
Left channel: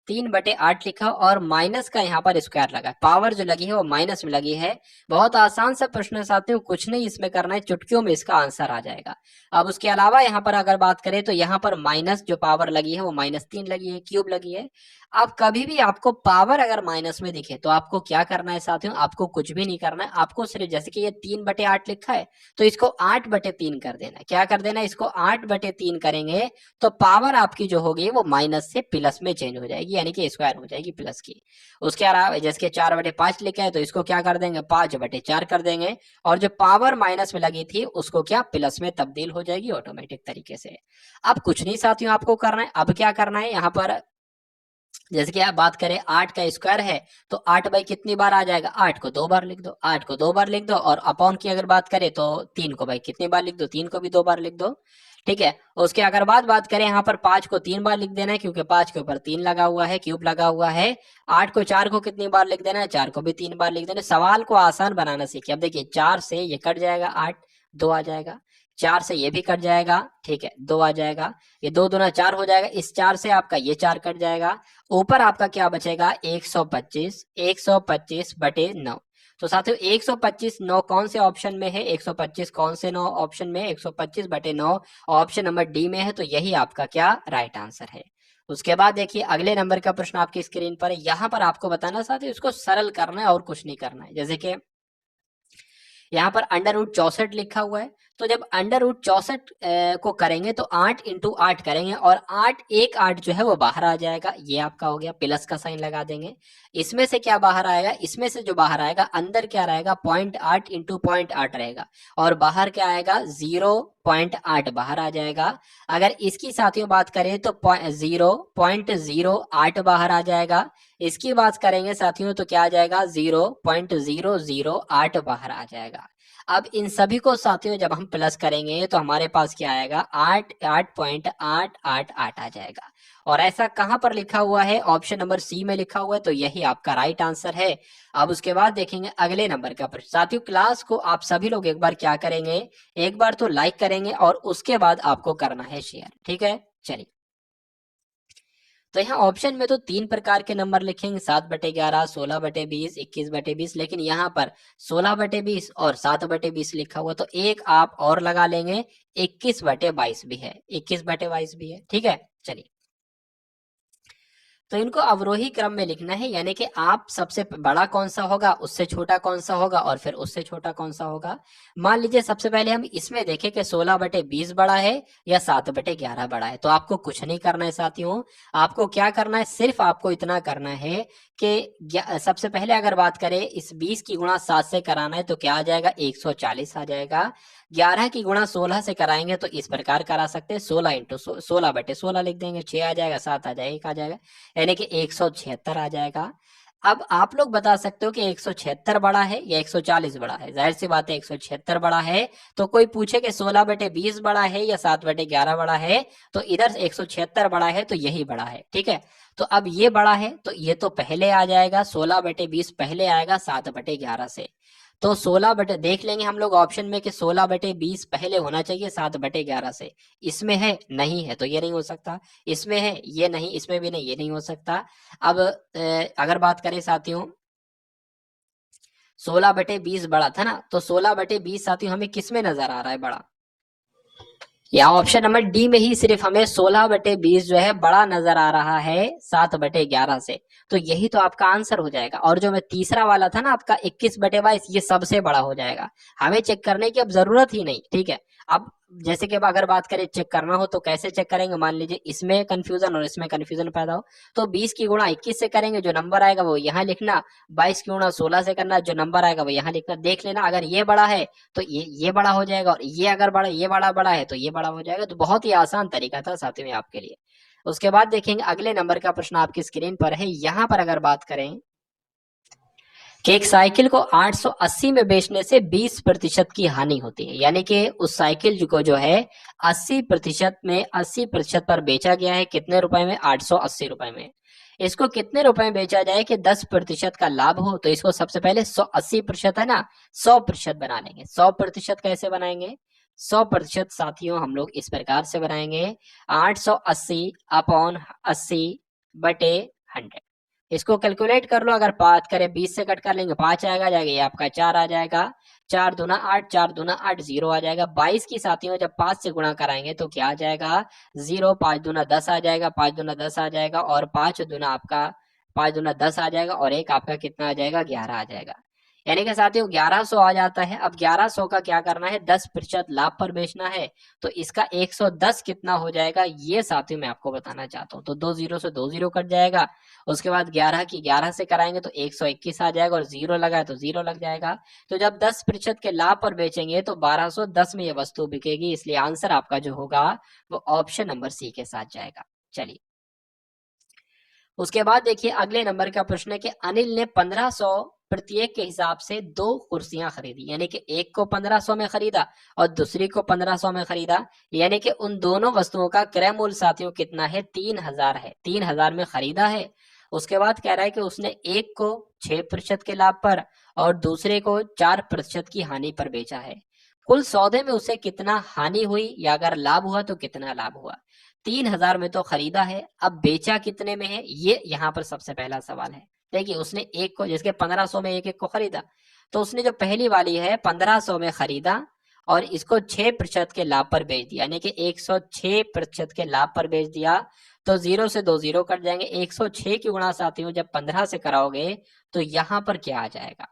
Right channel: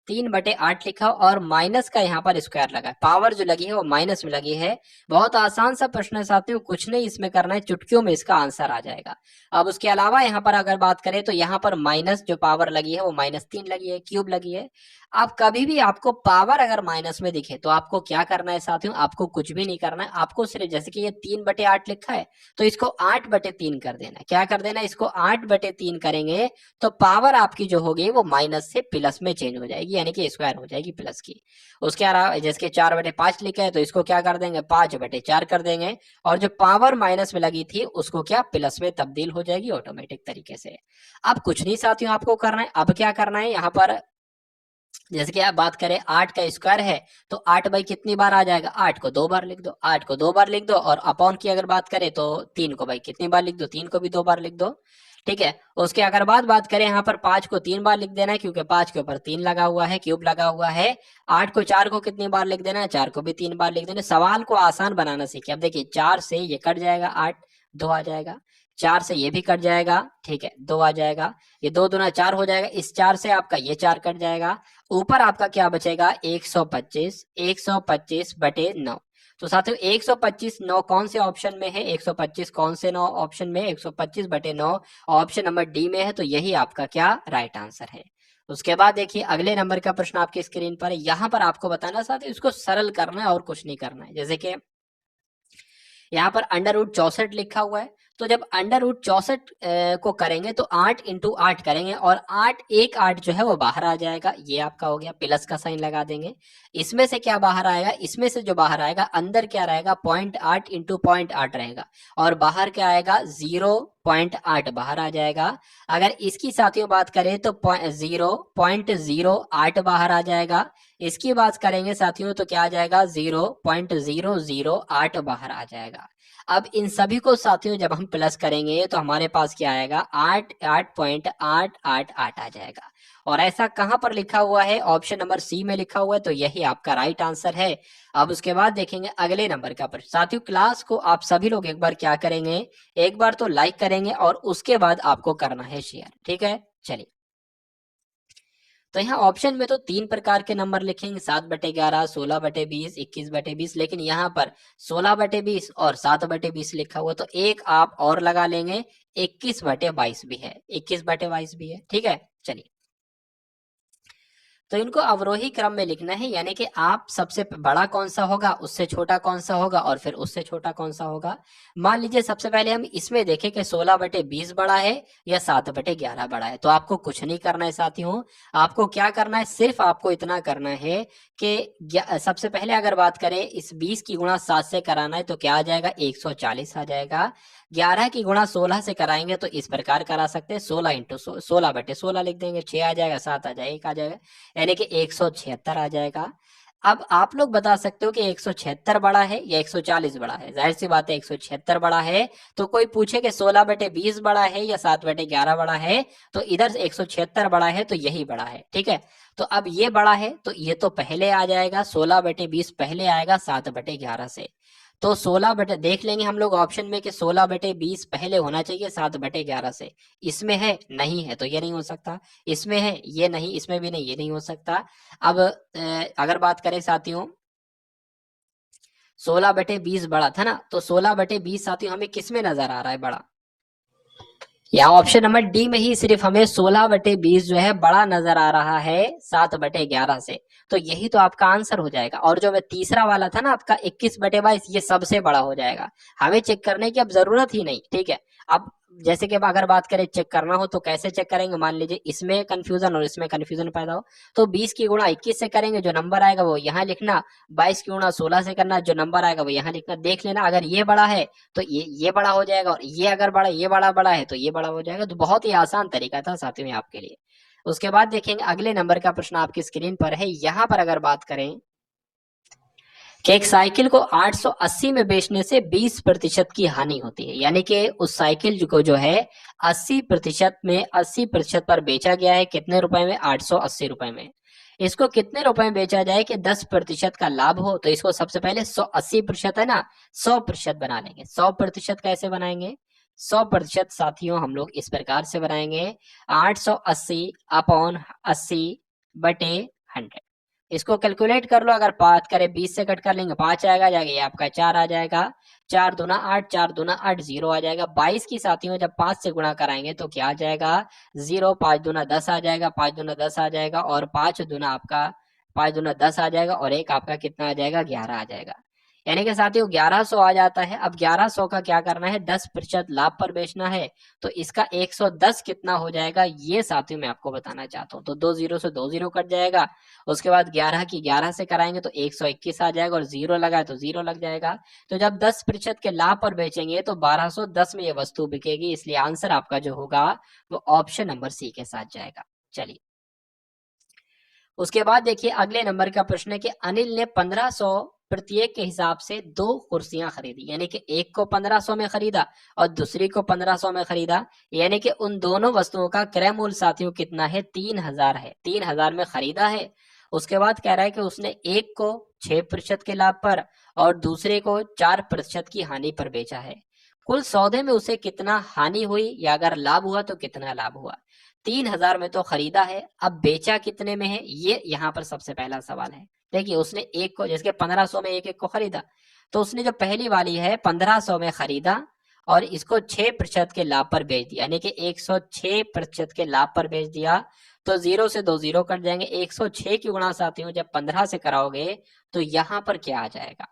3/8 लिखा और माइनस का यहाँ पर स्क्वायर लगा है, पावर जो लगी है वो माइनस में लगी है। बहुत आसान सा प्रश्न है साथियों, कुछ नहीं इसमें करना है, चुटकियों में इसका आंसर आ जाएगा। अब उसके अलावा यहाँ पर अगर बात करें तो यहाँ पर माइनस जो पावर लगी है वो -3 लगी है, क्यूब लगी है। आप कभी भी आपको पावर अगर माइनस में दिखे तो आपको क्या करना है साथियों, आपको कुछ भी नहीं करना है, आपको सिर्फ जैसे कि ये 3/8 लिखा है तो इसको 8/3 कर देना है। क्या कर देना है, इसको 8/3 करेंगे तो पावर आपकी जो होगी वो माइनस से प्लस में चेंज हो जाएगी, यानी कि स्क्वायर हो जाएगी प्लस की। उसके अलावा जैसे 4/5 लिखा है तो इसको क्या कर देंगे, 5/4 कर देंगे, और जो पावर माइनस में लगी थी उसको क्या प्लस में तब्दील हो जाएगी ऑटोमेटिक तरीके से। अब कुछ नहीं साथियों आपको करना है, अब क्या करना है यहाँ पर जैसे कि आप बात करें 8 का स्क्वायर है तो 8 बाई कितनी बार आ जाएगा, 8 को 2 बार लिख दो, 8 को 2 बार लिख दो, और अपॉन की अगर बात करें तो 3 को भाई कितनी बार लिख दो, 3 को भी 2 बार लिख दो। ठीक है। उसके अगर बात करें यहाँ पर 5 को 3 बार लिख देना है क्योंकि 5 के ऊपर 3 लगा हुआ है, क्यूब लगा हुआ है। 8 को 4 को कितनी बार लिख देना है, 4 को भी 3 बार लिख देना है। सवाल को आसान बनाना सीखिए। अब देखिए 4 से ये कट जाएगा 8, 2 आ जाएगा। 4 से ये भी कट जाएगा, ठीक है, 2 आ जाएगा। ये 2 दूना 4 हो जाएगा। इस 4 से आपका ये 4 कट जाएगा। ऊपर आपका क्या बचेगा, 125, 125 बटे 9। तो साथियों 125 9 कौन से ऑप्शन में है, 125 कौन से 9 ऑप्शन में है, 125 बटे 9 ऑप्शन नंबर डी में है। तो यही आपका क्या राइट आंसर है। उसके बाद देखिए अगले नंबर का प्रश्न आपकी स्क्रीन पर, यहाँ पर आपको बताना साथियों इसको सरल करना है और कुछ नहीं करना है। जैसे कि यहाँ पर √64 लिखा हुआ है। तो जब √64 को करेंगे तो 8 इंटू 8 करेंगे और 8 एक 8 जो है वो बाहर आ जाएगा। ये आपका हो गया, प्लस का साइन लगा देंगे। इसमें से क्या बाहर आएगा, इसमें से जो बाहर आएगा अंदर क्या रहेगा, 0.8 इंटू 0.8 रहेगा और बाहर क्या आएगा, 0.8 बाहर आ जाएगा। अगर इसकी साथियों बात करें तो 0.08 बाहर आ जाएगा। इसकी बात करेंगे साथियों तो क्या आ जाएगा, 0.008 बाहर आ जाएगा। अब इन सभी को साथियों जब हम प्लस करेंगे तो हमारे पास क्या आएगा, 8.888 आ जाएगा। और ऐसा कहां पर लिखा हुआ है, ऑप्शन नंबर सी में लिखा हुआ है। तो यही आपका राइट आंसर है। अब उसके बाद देखेंगे अगले नंबर का प्रश्न। साथियों क्लास को आप सभी लोग एक बार क्या करेंगे, एक बार तो लाइक करेंगे और उसके बाद आपको करना है शेयर, ठीक है। चलिए तो यहाँ ऑप्शन में तो 3 प्रकार के नंबर लिखेंगे, 7/11, 16/20, 21/20, लेकिन यहाँ पर 16/20 और 7/20 लिखा हुआ। तो एक आप और लगा लेंगे, 21/22 भी है, 21/22 भी है, ठीक है। चलिए तो इनको अवरोही क्रम में लिखना है, यानी कि आप सबसे बड़ा कौन सा होगा, उससे छोटा कौन सा होगा और फिर उससे छोटा कौन सा होगा। मान लीजिए सबसे पहले हम इसमें देखें कि 16/20 बड़ा है या 7/11 बड़ा है। तो आपको कुछ नहीं करना है साथियों, आपको क्या करना है, सिर्फ आपको इतना करना है कि सबसे पहले अगर बात करें इस 20 की गुणा 7 से कराना है तो क्या आ जाएगा, 140 आ जाएगा। 11 की गुणा 16 से कराएंगे तो इस प्रकार करा सकते हैं, 16 इंटू 16/16 लिख देंगे, 6 आ जाएगा, 7 आ जाएगा, 1 आ जाएगा, यानी कि 176 आ जाएगा। अब आप लोग बता सकते हो कि 176 बड़ा है या 140 बड़ा है। जाहिर सी बात है 176 बड़ा है। तो कोई पूछे कि 16/20 बड़ा है या 7/11 बड़ा है, तो इधर 176 बड़ा है तो यही बड़ा है, ठीक है। तो अब ये बड़ा है तो ये तो पहले आ जाएगा, 16/20 पहले आएगा 7/11 से। तो 16 बटे देख लेंगे हम लोग ऑप्शन में कि 16/20 पहले होना चाहिए 7/11 से। इसमें है, नहीं है, तो ये नहीं हो सकता। इसमें है, ये नहीं, इसमें भी नहीं, ये नहीं हो सकता। अब अगर बात करें साथियों 16/20 बड़ा था ना, तो 16/20 साथियों हमें किस में नजर आ रहा है बड़ा, यहाँ ऑप्शन नंबर डी में ही सिर्फ हमें 16/20 जो है बड़ा नजर आ रहा है 7/11 से। तो यही तो आपका आंसर हो जाएगा। और जो मैं तीसरा वाला था ना आपका 21/22, ये सबसे बड़ा हो जाएगा। हमें चेक करने की अब जरूरत ही नहीं, ठीक है। अब जैसे कि अब अगर बात करें चेक करना हो तो कैसे चेक करेंगे, मान लीजिए इसमें कंफ्यूजन और इसमें कंफ्यूजन पैदा हो तो 20 की गुणा 21 से करेंगे, जो नंबर आएगा वो यहाँ लिखना। 22 की गुणा 16 से करना, जो नंबर आएगा वो यहाँ लिखना। देख लेना अगर ये बड़ा है तो ये बड़ा हो जाएगा, और ये अगर बड़ा, ये बड़ा है तो ये बड़ा हो जाएगा। तो बहुत ही आसान तरीका था साथियों में आपके लिए। उसके बाद देखेंगे अगले नंबर का प्रश्न आपकी स्क्रीन पर है। यहाँ पर अगर बात करें कि एक साइकिल को 880 में बेचने से 20% की हानि होती है, यानी कि उस साइकिल को जो है 80% में 80% पर बेचा गया है, कितने रुपए में, 880 रुपए में। इसको कितने रुपए में बेचा जाए कि 10% का लाभ हो। तो इसको सबसे पहले 80% है ना, 100% बना लेंगे। 100% कैसे बनाएंगे, 100% साथियों हम लोग इस प्रकार से बनाएंगे, 880 अपॉन 80/100। इसको कैलकुलेट कर लो, अगर बात करें 20 से कट कर लेंगे 5 आएगा, जाएगा ये आपका 4 आ जाएगा। 4 दूना 8, 4 दूना 8, 0 आ जाएगा। 22 की साथियों जब 5 से गुणा कराएंगे तो क्या आ जाएगा, 0, 5 दूना 10 आ जाएगा, 5 दूना 10 आ जाएगा, और 5 दूना आपका 5 दूना 10 आ जाएगा, और एक आपका कितना आ जाएगा, 11 आ जाएगा। यानी कि साथियों 1100 आ जाता है। अब 1100 का क्या करना है, 10% लाभ पर बेचना है। तो इसका 110 कितना हो जाएगा, ये साथियों मैं आपको बताना चाहता हूँ। तो 2 0 से 2 0 कट जाएगा। उसके बाद 11 की 11 से कराएंगे तो 121 आ जाएगा, और 0 लगा तो 0 लग जाएगा। तो जब 10% के लाभ पर बेचेंगे तो 1210 में ये वस्तु बिकेगी। इसलिए आंसर आपका जो होगा वो ऑप्शन नंबर सी के साथ जाएगा। चलिए उसके बाद देखिए अगले नंबर का प्रश्न है कि अनिल ने 1500 प्रत्येक के हिसाब से 2 कुर्सियां खरीदी, यानी कि एक को 1500 में खरीदा और दूसरी को 1500 में खरीदा, यानी कि उन दोनों वस्तुओं का क्रय मूल्य साथियों कितना है, 3000 है। 3000 में खरीदा है। उसके बाद कह रहा है कि उसने एक को 6% के लाभ पर और दूसरे को 4% की हानि पर बेचा है। कुल सौदे में उसे कितना हानि हुई या अगर लाभ हुआ तो कितना लाभ हुआ। 3000 में तो खरीदा है, अब बेचा कितने में है, ये यहाँ पर सबसे पहला सवाल है। देखिए उसने एक को, जैसे 1500 में एक को खरीदा, तो उसने जो पहली वाली है 1500 में खरीदा और इसको 6% के लाभ पर बेच दिया, यानी कि 106% के लाभ पर बेच दिया। तो 0 से 2 0 कट जाएंगे। 106 की गुणा साथियों जब 15 से कराओगे तो यहाँ पर क्या आ जाएगा,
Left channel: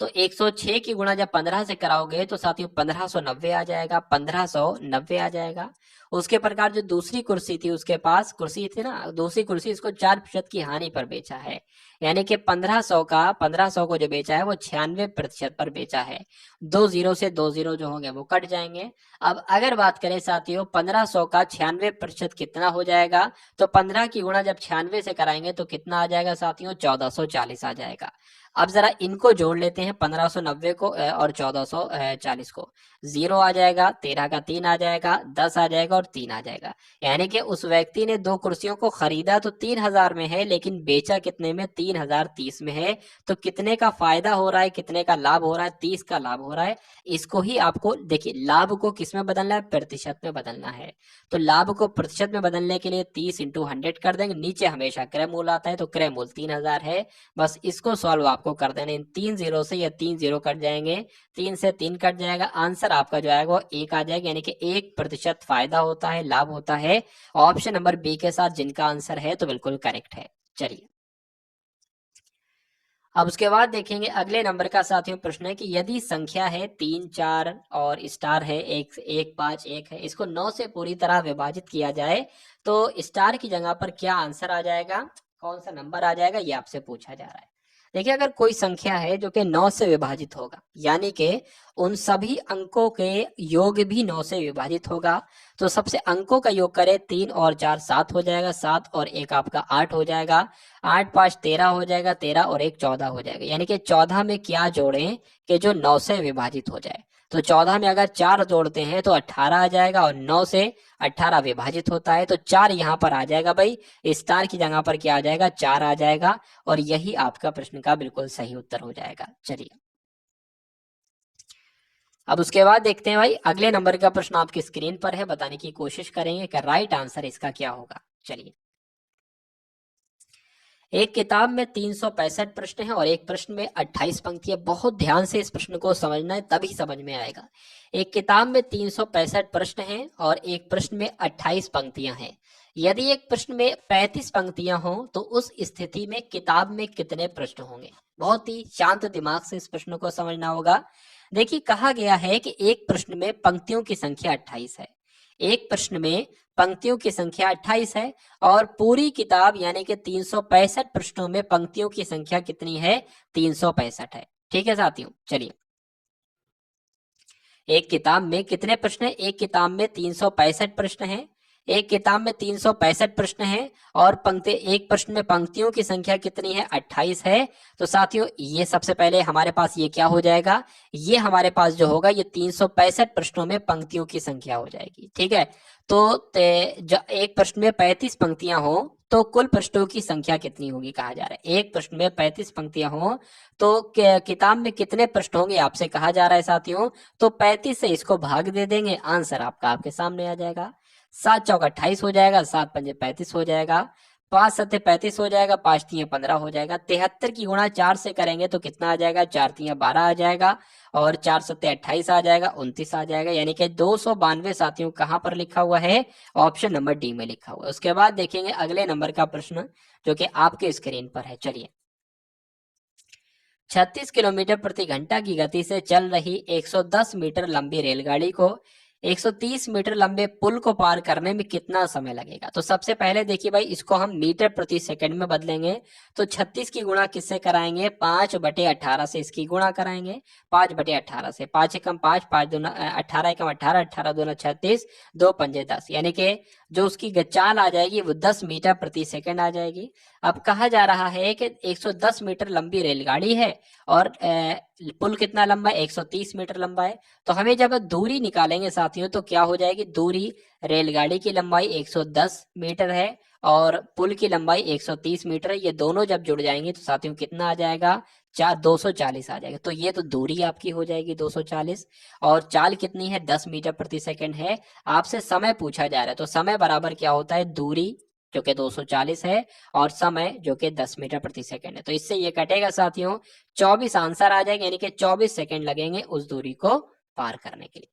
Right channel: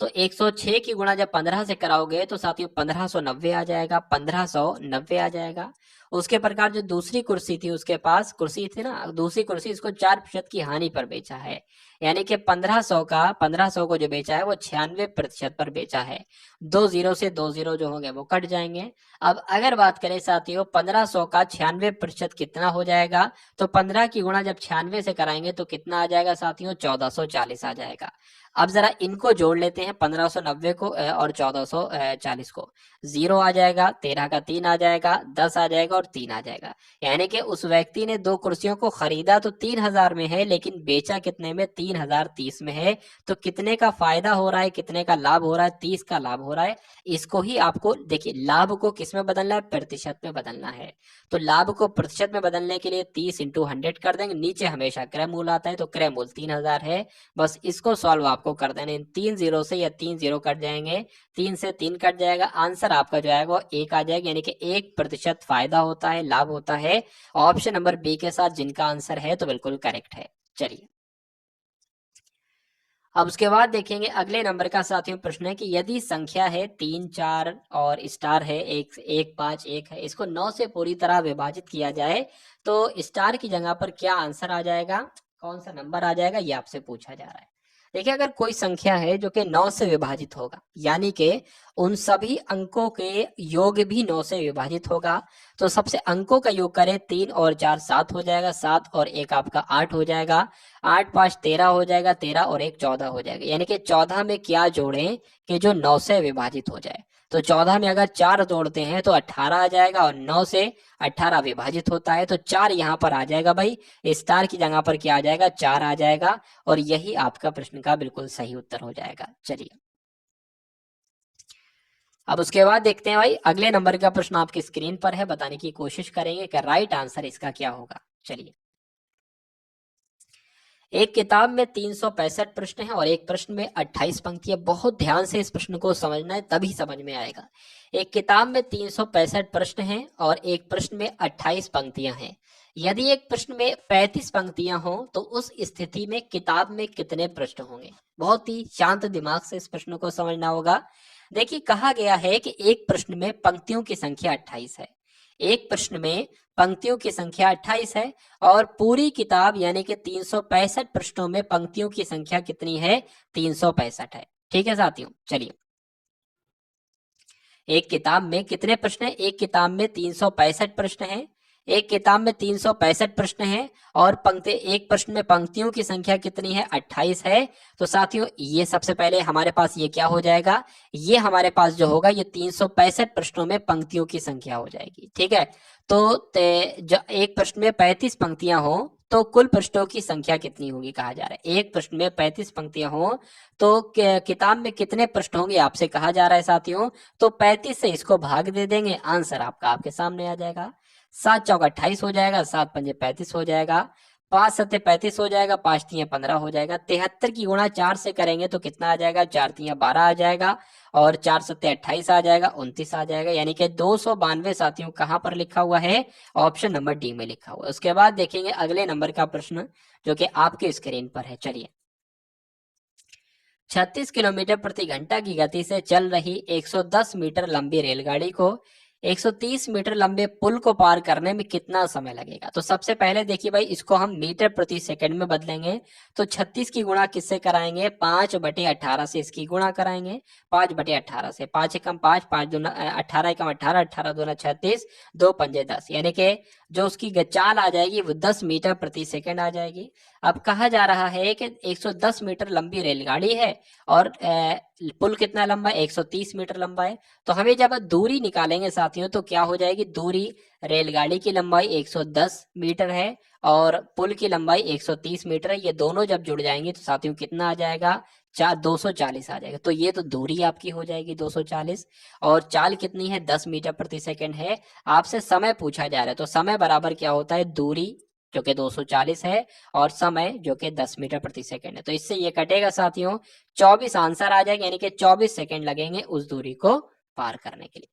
तो 106 की गुणा जब 15 से कराओगे तो साथियों 1590 आ जाएगा, 1590 आ जाएगा। उसके प्रकार जो दूसरी कुर्सी थी, उसके पास कुर्सी थी ना, दूसरी कुर्सी इसको 4% की हानि पर बेचा है, यानी कि 1500 को जो बेचा है वो 96% पर बेचा है। 2 0 से 2 0 जो हो गया वो कट जाएंगे। अब अगर बात करें साथियों 1500 का 96% कितना हो जाएगा, तो 15 की गुणा जब 96 से कराएंगे तो कितना आ जाएगा साथियों, 1440 आ जाएगा। अब जरा इनको जोड़ लेते हैं, 1590 को और 1440 को। 0 आ जाएगा, 13 का 3 आ जाएगा, 10 आ जाएगा और 3 आ जाएगा। यानी कि उस व्यक्ति ने 2 कुर्सियों को खरीदा तो 3000 में है, लेकिन बेचा कितने में, 3030 में है। तो कितने का फायदा हो रहा है, कितने का लाभ हो रहा है, 30 का लाभ हो रहा है। इसको ही आपको देखिए, लाभ को किस में बदलना है, प्रतिशत में बदलना है। तो लाभ को प्रतिशत में बदलने के लिए 30 × 100 कर देंगे। नीचे हमेशा क्रय मूल्य आता है, तो क्रय मूल्य 3000 है। बस इसको सॉल्व आपको कर देना। इन 3 0 से, या 3 0 कट जाएंगे, 3 से 3 कट जाएगा, आंसर आपका जो आएगा वो 1 आ जाएगा, यानी कि 1% फायदा होता है, लाभ होता है। ऑप्शन नंबर बी के साथ जिनका आंसर है तो बिल्कुल करेक्ट है। चलिए अब उसके बाद देखेंगे अगले नंबर का साथियों प्रश्न है कि यदि संख्या है 3 4 और स्टार है 1 1 5 1 है, इसको 9 से पूरी तरह विभाजित किया जाए तो स्टार की जगह पर क्या आंसर आ जाएगा, कौन सा नंबर आ जाएगा, ये आपसे पूछा जा रहा है। देखिए अगर कोई संख्या है जो कि 9 से विभाजित होगा, यानी कि उन सभी अंकों के योग भी 9 से विभाजित होगा, तो सबसे अंकों का योग करें, 3 और 4 7 हो जाएगा, 7 और 1 आपका 8 हो जाएगा, 8 5 13 हो जाएगा, 13 और 1 14 हो जाएगा। यानी कि 14 में क्या जोड़ें कि जो 9 से विभाजित हो जाए। तो 14 में अगर 4 जोड़ते हैं तो 18 आ जाएगा और 9 से 18 विभाजित होता है तो 4 यहाँ पर आ जाएगा भाई। स्टार की जगह पर क्या आ जाएगा, 4 आ जाएगा और यही आपका प्रश्न का बिल्कुल सही उत्तर हो जाएगा। चलिए अब उसके बाद देखते हैं भाई अगले नंबर का प्रश्न आपकी स्क्रीन पर है, बताने की कोशिश करेंगे कि राइट आंसर इसका क्या होगा। चलिए एक किताब में 365 प्रश्न है और एक प्रश्न में 28 पंक्तियां। बहुत ध्यान से इस प्रश्न को समझना है, तभी समझ में आएगा। एक किताब में 365 प्रश्न हैं और एक प्रश्न में 28 पंक्तियां हैं। यदि एक प्रश्न में 35 पंक्तियां हों तो उस स्थिति में किताब में कितने प्रश्न होंगे। बहुत ही शांत दिमाग से इस प्रश्न को समझना होगा। देखिए कहा गया है कि एक प्रश्न में पंक्तियों की संख्या 28 है, एक प्रश्न में पंक्तियों की संख्या 28 है और पूरी किताब यानी कि 365 पृष्ठों में पंक्तियों की संख्या कितनी है, 365 है। ठीक है साथियों, चलिए एक किताब में कितने प्रश्न है, एक किताब में 365 प्रश्न है, एक किताब में 365 प्रश्न है और पंक्ति एक प्रश्न में पंक्तियों की संख्या कितनी है, 28 है। तो साथियों ये सबसे पहले हमारे पास ये क्या हो जाएगा, ये हमारे पास जो होगा ये 365 प्रश्नों में पंक्तियों की संख्या हो जाएगी। ठीक है, तो एक प्रश्न में 35 पंक्तियां हो तो कुल पृष्ठों की संख्या कितनी होगी कहा जा रहा है। एक प्रश्न में 35 पंक्तियां हो तो किताब में कितने प्रश्न होंगे आपसे कहा जा रहा है साथियों। तो 35 से इसको भाग दे देंगे, आंसर आपका आपके सामने आ जाएगा। 7 चौक 28 हो जाएगा, 7 पंजे 35 हो जाएगा, 5 सत्ते 35 हो जाएगा, 5 तियां 15 हो जाएगा। 73 की गुणा 4 से करेंगे तो कितना आ जाएगा, 4 तियां 12 आ जाएगा और 4 सत्ते 28 आ जाएगा, 29 आ जाएगा। यानी कि 292 साथियों कहाँ पर लिखा हुआ है, ऑप्शन नंबर डी में लिखा हुआ है। उसके बाद देखेंगे अगले नंबर का प्रश्न जो कि आपके स्क्रीन पर है। चलिए 36 किलोमीटर प्रति घंटा की गति से चल रही 110 मीटर लंबी रेलगाड़ी को 130 मीटर लंबे पुल को पार करने में कितना समय लगेगा। तो सबसे पहले देखिए भाई इसको हम मीटर प्रति सेकंड में बदलेंगे। तो 36 की गुणा किससे कराएंगे, 5/18 से इसकी गुणा कराएंगे। 5/18 से 5 एकम 5, 5 दूना 18 एकम 18, 18 दूना 36, 2 पंजे 10, यानी कि जो उसकी चाल आ जाएगी वो 10 मीटर प्रति सेकंड आ जाएगी। अब कहा जा रहा है कि 110 मीटर लंबी रेलगाड़ी है और पुल कितना लंबा है, 130 मीटर लंबा है। तो हमें जब दूरी निकालेंगे साथियों तो क्या हो जाएगी, दूरी रेलगाड़ी की लंबाई 110 मीटर है और पुल की लंबाई 130 मीटर है। ये दोनों जब जुड़ जाएंगे तो साथियों कितना आ जाएगा, 240 आ जाएगा। तो ये तो दूरी आपकी हो जाएगी 240 और चाल कितनी है, 10 मीटर प्रति सेकंड है। आपसे समय पूछा जा रहा है तो समय बराबर क्या होता है, दूरी जो कि 240 है और समय जो कि 10 मीटर प्रति सेकंड है। तो इससे ये कटेगा साथियों, 24 आंसर आ जाएगा, यानी कि 24 सेकंड लगेंगे उस दूरी को पार करने के लिए।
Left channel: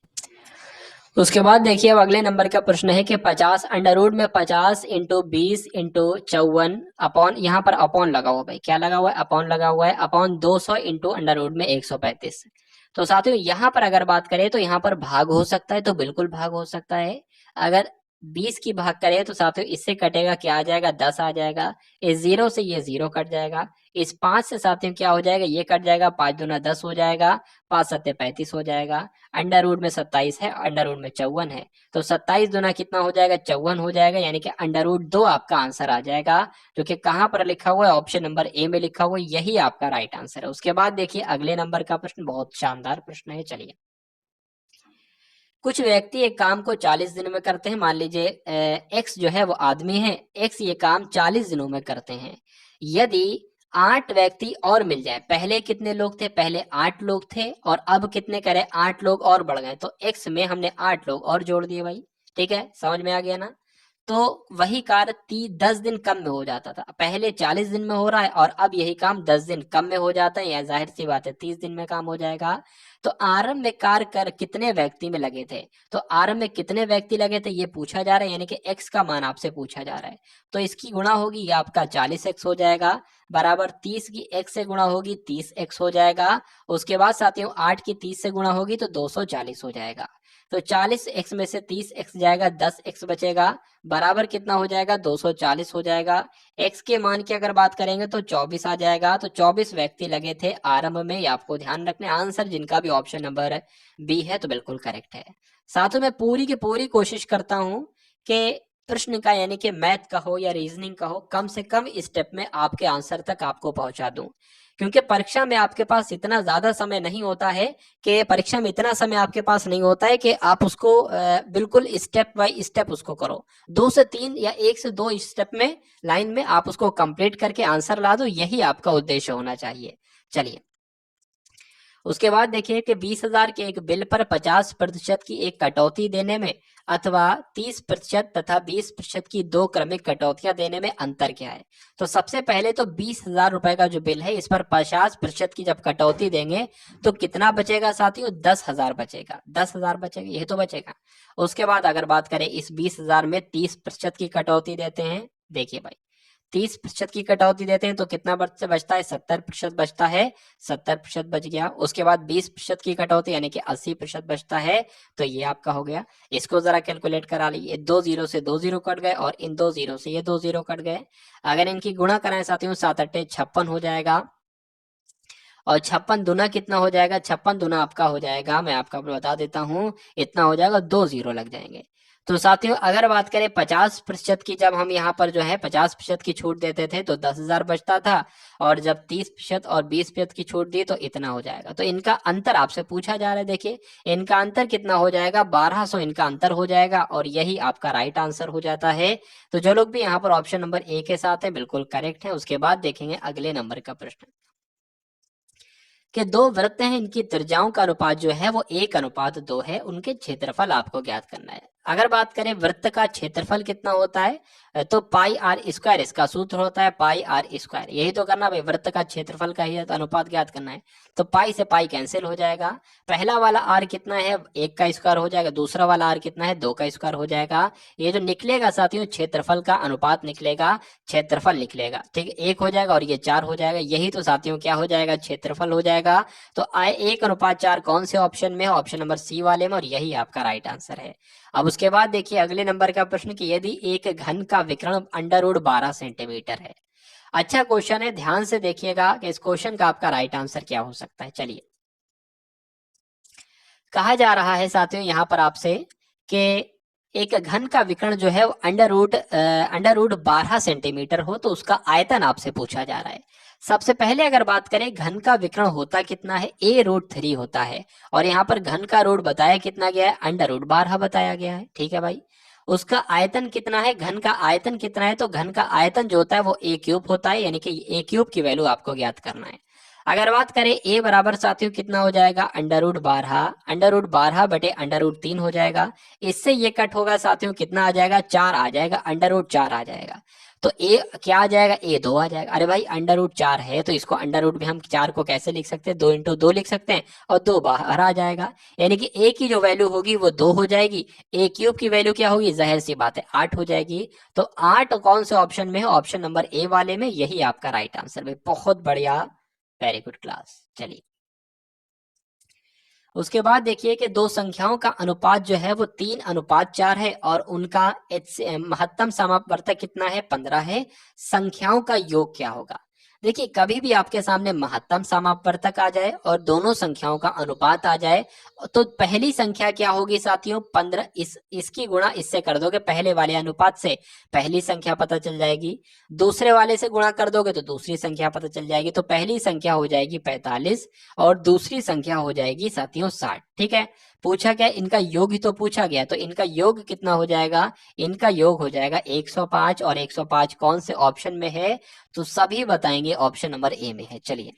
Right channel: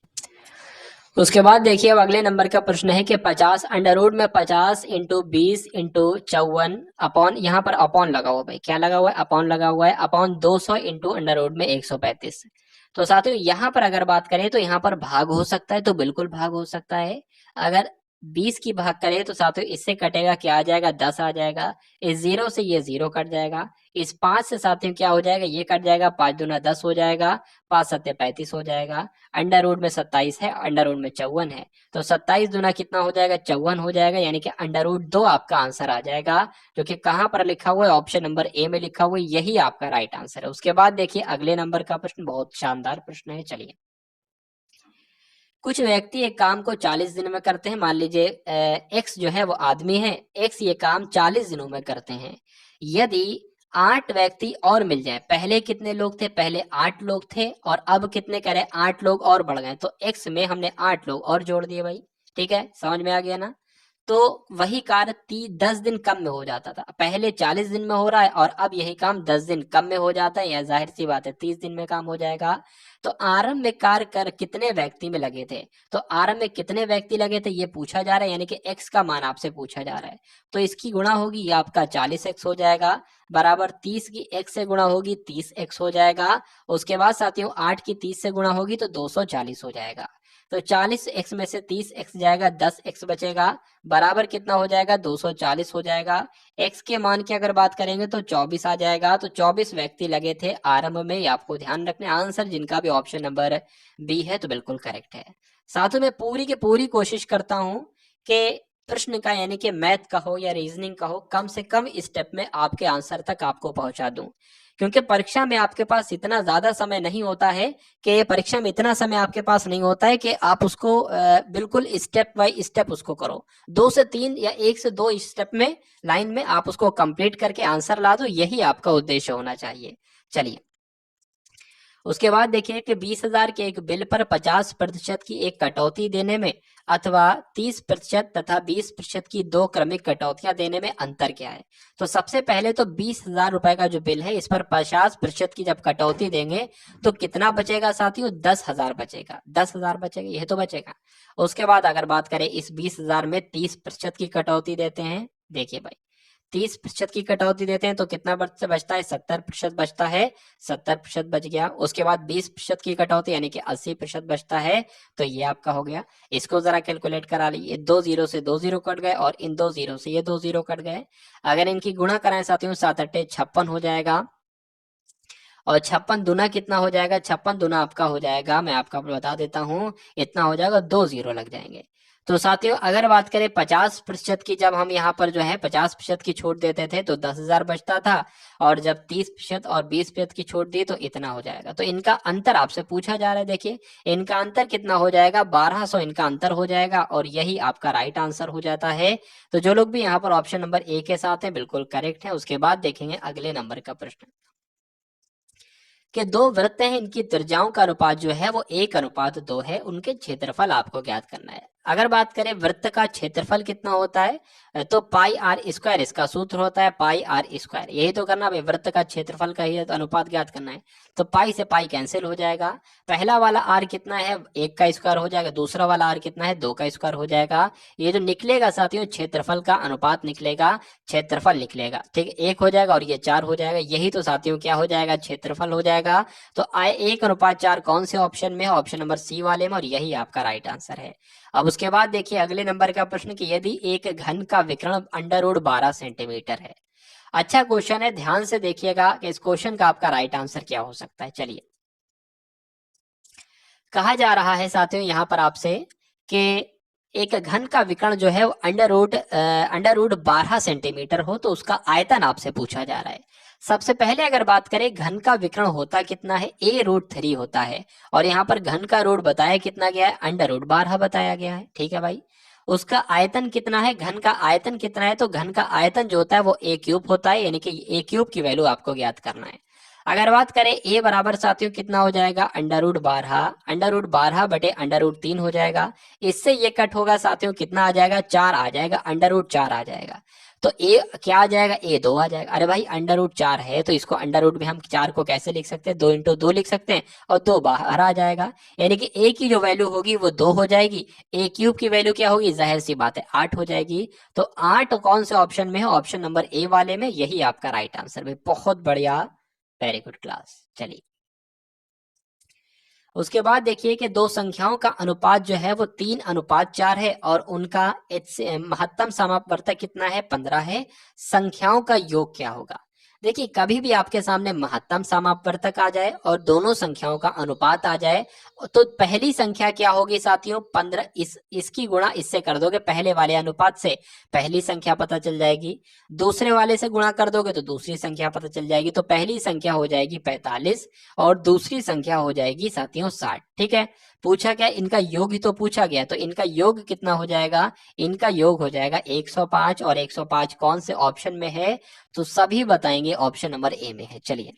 उसके बाद देखिए अब अगले नंबर का प्रश्न है कि 50 अंडर रूट में 50 इंटू 20 इंटू 54 अपॉन, यहाँ पर अपॉन लगा हुआ, भाई क्या लगा हुआ है, अपॉन लगा हुआ है, अपॉन 200 इंटू अंडर रूट में 135। तो साथियों यहाँ पर अगर बात करें तो यहाँ पर भाग हो सकता है, तो बिल्कुल भाग हो सकता है। अगर 20 की भाग करें तो साथियों इससे कटेगा, क्या आ जाएगा, 10 आ जाएगा। इस 0 से ये 0 कट जाएगा। इस 5 से साथियों क्या हो जाएगा, ये कट जाएगा, 5 दूना 10 हो जाएगा, 5 सत्ते 35 हो जाएगा। अंडर रूट में 27 है, अंडर रूट में 54 है, तो 27 दूना कितना हो जाएगा, 54 हो जाएगा, यानी कि अंडर रूट 2 आपका आंसर आ जाएगा, जो कि कहां पर लिखा हुआ है, ऑप्शन नंबर ए में लिखा हुआ है, यही आपका राइट आंसर है। उसके बाद देखिए अगले नंबर का प्रश्न बहुत शानदार प्रश्न है। चलिए, कुछ व्यक्ति एक काम को 40 दिन में करते हैं। मान लीजिए एक्स जो है वो आदमी है, एक्स ये काम 40 दिनों में करते हैं। यदि 8 व्यक्ति और मिल जाए, पहले कितने लोग थे, पहले 8 लोग थे और अब कितने करे, 8 लोग और बढ़ गए, तो एक्स में हमने 8 लोग और जोड़ दिए भाई। ठीक है, समझ में आ गया ना। तो वही कार्य 10 दिन कम में हो जाता था, पहले 40 दिन में हो रहा है और अब यही काम 10 दिन कम में हो जाता है, या जाहिर सी बात है 30 दिन में काम हो जाएगा। तो आरंभ में कार्य कर कितने व्यक्ति में लगे थे, तो आरंभ में कितने व्यक्ति लगे थे ये पूछा जा रहा है, यानी कि एक्स का मान आपसे पूछा जा रहा है। तो इसकी गुणा होगी, ये आपका 40x हो जाएगा, बराबर 30 की x से गुणा होगी 30x हो जाएगा। उसके बाद साथियों 8 की 30 से गुणा होगी तो 240 हो जाएगा। तो 40x में से 30x जाएगा, 10x बचेगा, बराबर कितना हो जाएगा, 240 हो जाएगा। x के मान की अगर बात करेंगे तो 24 आ जाएगा। तो 24 व्यक्ति लगे थे आरंभ में, ये आपको ध्यान रखना। आंसर जिनका भी ऑप्शन नंबर बी है तो बिल्कुल करेक्ट है। साथ में पूरी की पूरी कोशिश करता हूं कि प्रश्न का, यानी कि मैथ का हो या रीजनिंग का हो, कम से कम स्टेप में आपके आंसर तक आपको पहुंचा दूं, क्योंकि परीक्षा में आपके पास इतना ज्यादा समय नहीं होता है, कि परीक्षा में इतना समय आपके पास नहीं होता है कि आप उसको बिल्कुल स्टेप बाय स्टेप उसको करो। 2 से 3 या 1 से 2 स्टेप में, लाइन में आप उसको कंप्लीट करके आंसर ला दो, यही आपका उद्देश्य होना चाहिए। चलिए, उसके बाद देखिए कि 20,000 के एक बिल पर 50% की एक कटौती देने में अथवा 30% तथा 20% की 2 क्रमिक कटौतियां देने में अंतर क्या है। तो सबसे पहले तो 20,000 रुपए का जो बिल है, इस पर 50% की जब कटौती देंगे तो कितना बचेगा साथियों, 10,000 बचेगा, 10,000 बचेगा, यह तो बचेगा। उसके बाद अगर बात करें इस 20,000 में 30% की कटौती देते हैं, देखिए भाई 30% की कटौती देते हैं तो कितना बचता है, 70% बचता है, 70% बच गया। उसके बाद 20% की कटौती यानी कि 80% बचता है, तो ये आपका हो गया। इसको जरा कैलकुलेट करा लीजिए, 2 जीरो से 2 जीरो कट गए और इन 2 जीरो से ये 2 जीरो कट गए। अगर इनकी गुणा कराएं साथियों, 7 अट्ठे 56 हो जाएगा और 56 दुना कितना हो जाएगा, 56 दुना आपका हो जाएगा, मैं आपका बता देता हूं, इतना हो जाएगा, 2 जीरो लग जाएंगे। तो साथियों अगर बात करें 50% की, जब हम यहाँ पर जो है 50% की छूट देते थे तो 10,000 बचता था, और जब 30% और 20% की छूट दी तो इतना हो जाएगा। तो इनका अंतर आपसे पूछा जा रहा है, देखिए इनका अंतर कितना हो जाएगा, 1200 इनका अंतर हो जाएगा, और यही आपका राइट आंसर हो जाता है। तो जो लोग भी यहाँ पर ऑप्शन नंबर ए के साथ है बिल्कुल करेक्ट है। उसके बाद देखेंगे अगले नंबर का प्रश्न कि 2 वृत्त हैं, इनकी त्रिज्याओं का अनुपात जो है वो 1:2 है, उनके क्षेत्रफल आपको ज्ञात करना है। अगर बात करें वृत्त का क्षेत्रफल कितना होता है, तो पाई आर स्क्वायर इसका सूत्र होता है, पाई आर स्क्वायर, यही तो करना भाई, वृत्त का क्षेत्रफल का ही अनुपात ज्ञात करना है। तो पाई से पाई कैंसिल हो जाएगा, पहला वाला आर कितना है, 1 का स्क्वायर हो जाएगा, दूसरा वाला आर कितना है, 2 का स्क्वायर हो जाएगा। ये जो निकलेगा साथियों क्षेत्रफल का अनुपात निकलेगा, क्षेत्रफल निकलेगा, ठीक है, 1 हो जाएगा और ये 4 हो जाएगा, यही तो साथियों क्या हो जाएगा, क्षेत्रफल हो जाएगा। तो आए 1:4 कौन से ऑप्शन में है, ऑप्शन नंबर सी वाले में, और यही आपका राइट आंसर है। अब उसके बाद देखिए अगले नंबर का प्रश्न कि यदि एक घन का विकर्ण अंडर रूट 12 सेंटीमीटर है। अच्छा क्वेश्चन है, ध्यान से देखिएगा कि इस क्वेश्चन का आपका राइट आंसर क्या हो सकता है। चलिए, कहा जा रहा है साथियों यहाँ पर आपसे कि एक घन का विकर्ण जो है वो अंडर रूट 12 सेंटीमीटर हो तो उसका आयतन आपसे पूछा जा रहा है। सबसे पहले अगर बात करें घन का विकर्ण होता कितना है, a√3 होता है, और यहाँ पर घन का रूट बताया कितना गया है, अंडर रूट 12 बताया गया है। ठीक है भाई। उसका आयतन कितना है, घन का आयतन कितना है, तो घन का आयतन जो होता है वो a³ होता है, यानी कि a³ की वैल्यू आपको ज्ञात करना है। अगर बात करें a बराबर साथियों कितना हो जाएगा, अंडर रूट 12 हो जाएगा। इससे ये कट होगा साथियों, कितना आ जाएगा, 4 आ जाएगा, अंडर रूट 4 आ जाएगा। तो ए क्या आ जाएगा, a 2 आ जाएगा। अरे भाई अंडर रूट 4 है तो इसको अंडर रूट में हम 4 को कैसे लिख सकते हैं, 2 × 2 लिख सकते हैं, और 2 बाहर आ जाएगा, यानी कि a की जो वैल्यू होगी वो 2 हो जाएगी, a³ की वैल्यू क्या होगी, जाहिर सी बात है 8 हो जाएगी। तो 8 कौन से ऑप्शन में है, ऑप्शन नंबर ए वाले में, यही आपका राइट आंसर है। बहुत बढ़िया, वेरी गुड क्लास। चलिए उसके बाद देखिए कि दो संख्याओं का अनुपात जो है वो 3:4 है और उनका महत्तम समापवर्तक कितना है, 15 है। संख्याओं का योग क्या होगा। देखिए कभी भी आपके सामने महत्तम समापवर्तक आ जाए और दोनों संख्याओं का अनुपात आ जाए तो पहली संख्या क्या होगी साथियों, 15, इसकी गुणा इससे कर दोगे पहले वाले अनुपात से, पहली संख्या पता चल जाएगी। दूसरे वाले से गुणा कर दोगे तो दूसरी संख्या पता चल जाएगी। तो पहली संख्या हो जाएगी 45 और दूसरी संख्या हो जाएगी साथियों 60। ठीक है। पूछा क्या, इनका योग ही तो पूछा गया, तो इनका योग कितना हो जाएगा, इनका योग हो जाएगा 105, और 105 कौन से ऑप्शन में है, तो सभी बताएंगे ऑप्शन नंबर ए में है। चलिए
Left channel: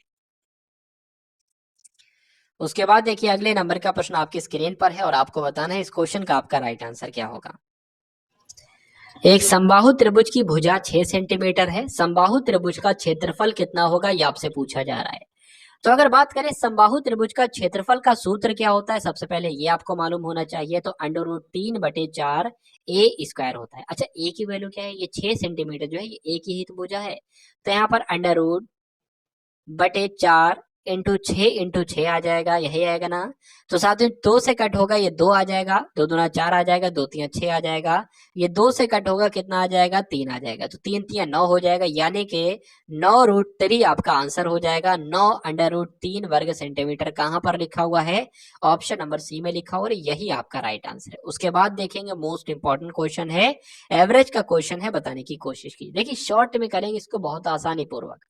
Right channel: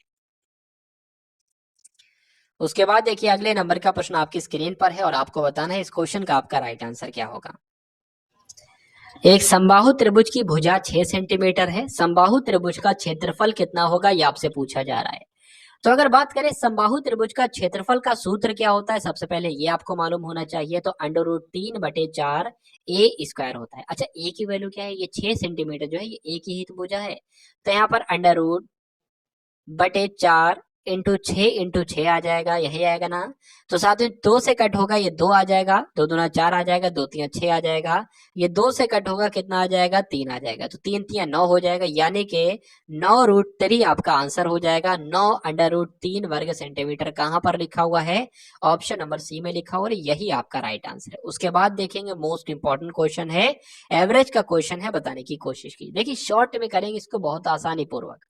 उसके बाद देखिए अगले नंबर का प्रश्न आपकी स्क्रीन पर है और आपको बताना है इस क्वेश्चन का आपका राइट आंसर क्या होगा। एक समबाहु त्रिभुज की भुजा 6 सेंटीमीटर है, समबाहु त्रिभुज का क्षेत्रफल कितना होगा, ये आपसे पूछा जा रहा है। तो अगर बात करें समबाहु त्रिभुज का क्षेत्रफल का सूत्र क्या होता है, सबसे पहले ये आपको मालूम होना चाहिए। तो अंडर रूट 3/4 a² होता है। अच्छा a की वैल्यू क्या है, ये 6 सेंटीमीटर जो है ये a की ही तो भुजा है, तो यहाँ पर अंडर रूट 4 × 6 आ जाएगा, यही आएगा ना। तो साथ में 2 से कट होगा, ये 2 आ जाएगा, 2×2 = 4 आ जाएगा, 2×3 = 6 आ जाएगा। ये 2 से कट होगा, कितना आ जाएगा, 3 आ जाएगा, तो 3×3 = 9 हो जाएगा, यानी कि 9√3 आपका आंसर हो जाएगा। 9 अंडर रूट 3 वर्ग सेंटीमीटर कहाँ पर लिखा हुआ है, ऑप्शन नंबर सी में लिखा हुआ है, यही आपका राइट आंसर है। उसके बाद देखेंगे मोस्ट इंपॉर्टेंट क्वेश्चन है, एवरेज का क्वेश्चन है, बताने की कोशिश की। देखिए शॉर्ट में करेंगे इसको बहुत आसानी पूर्वक।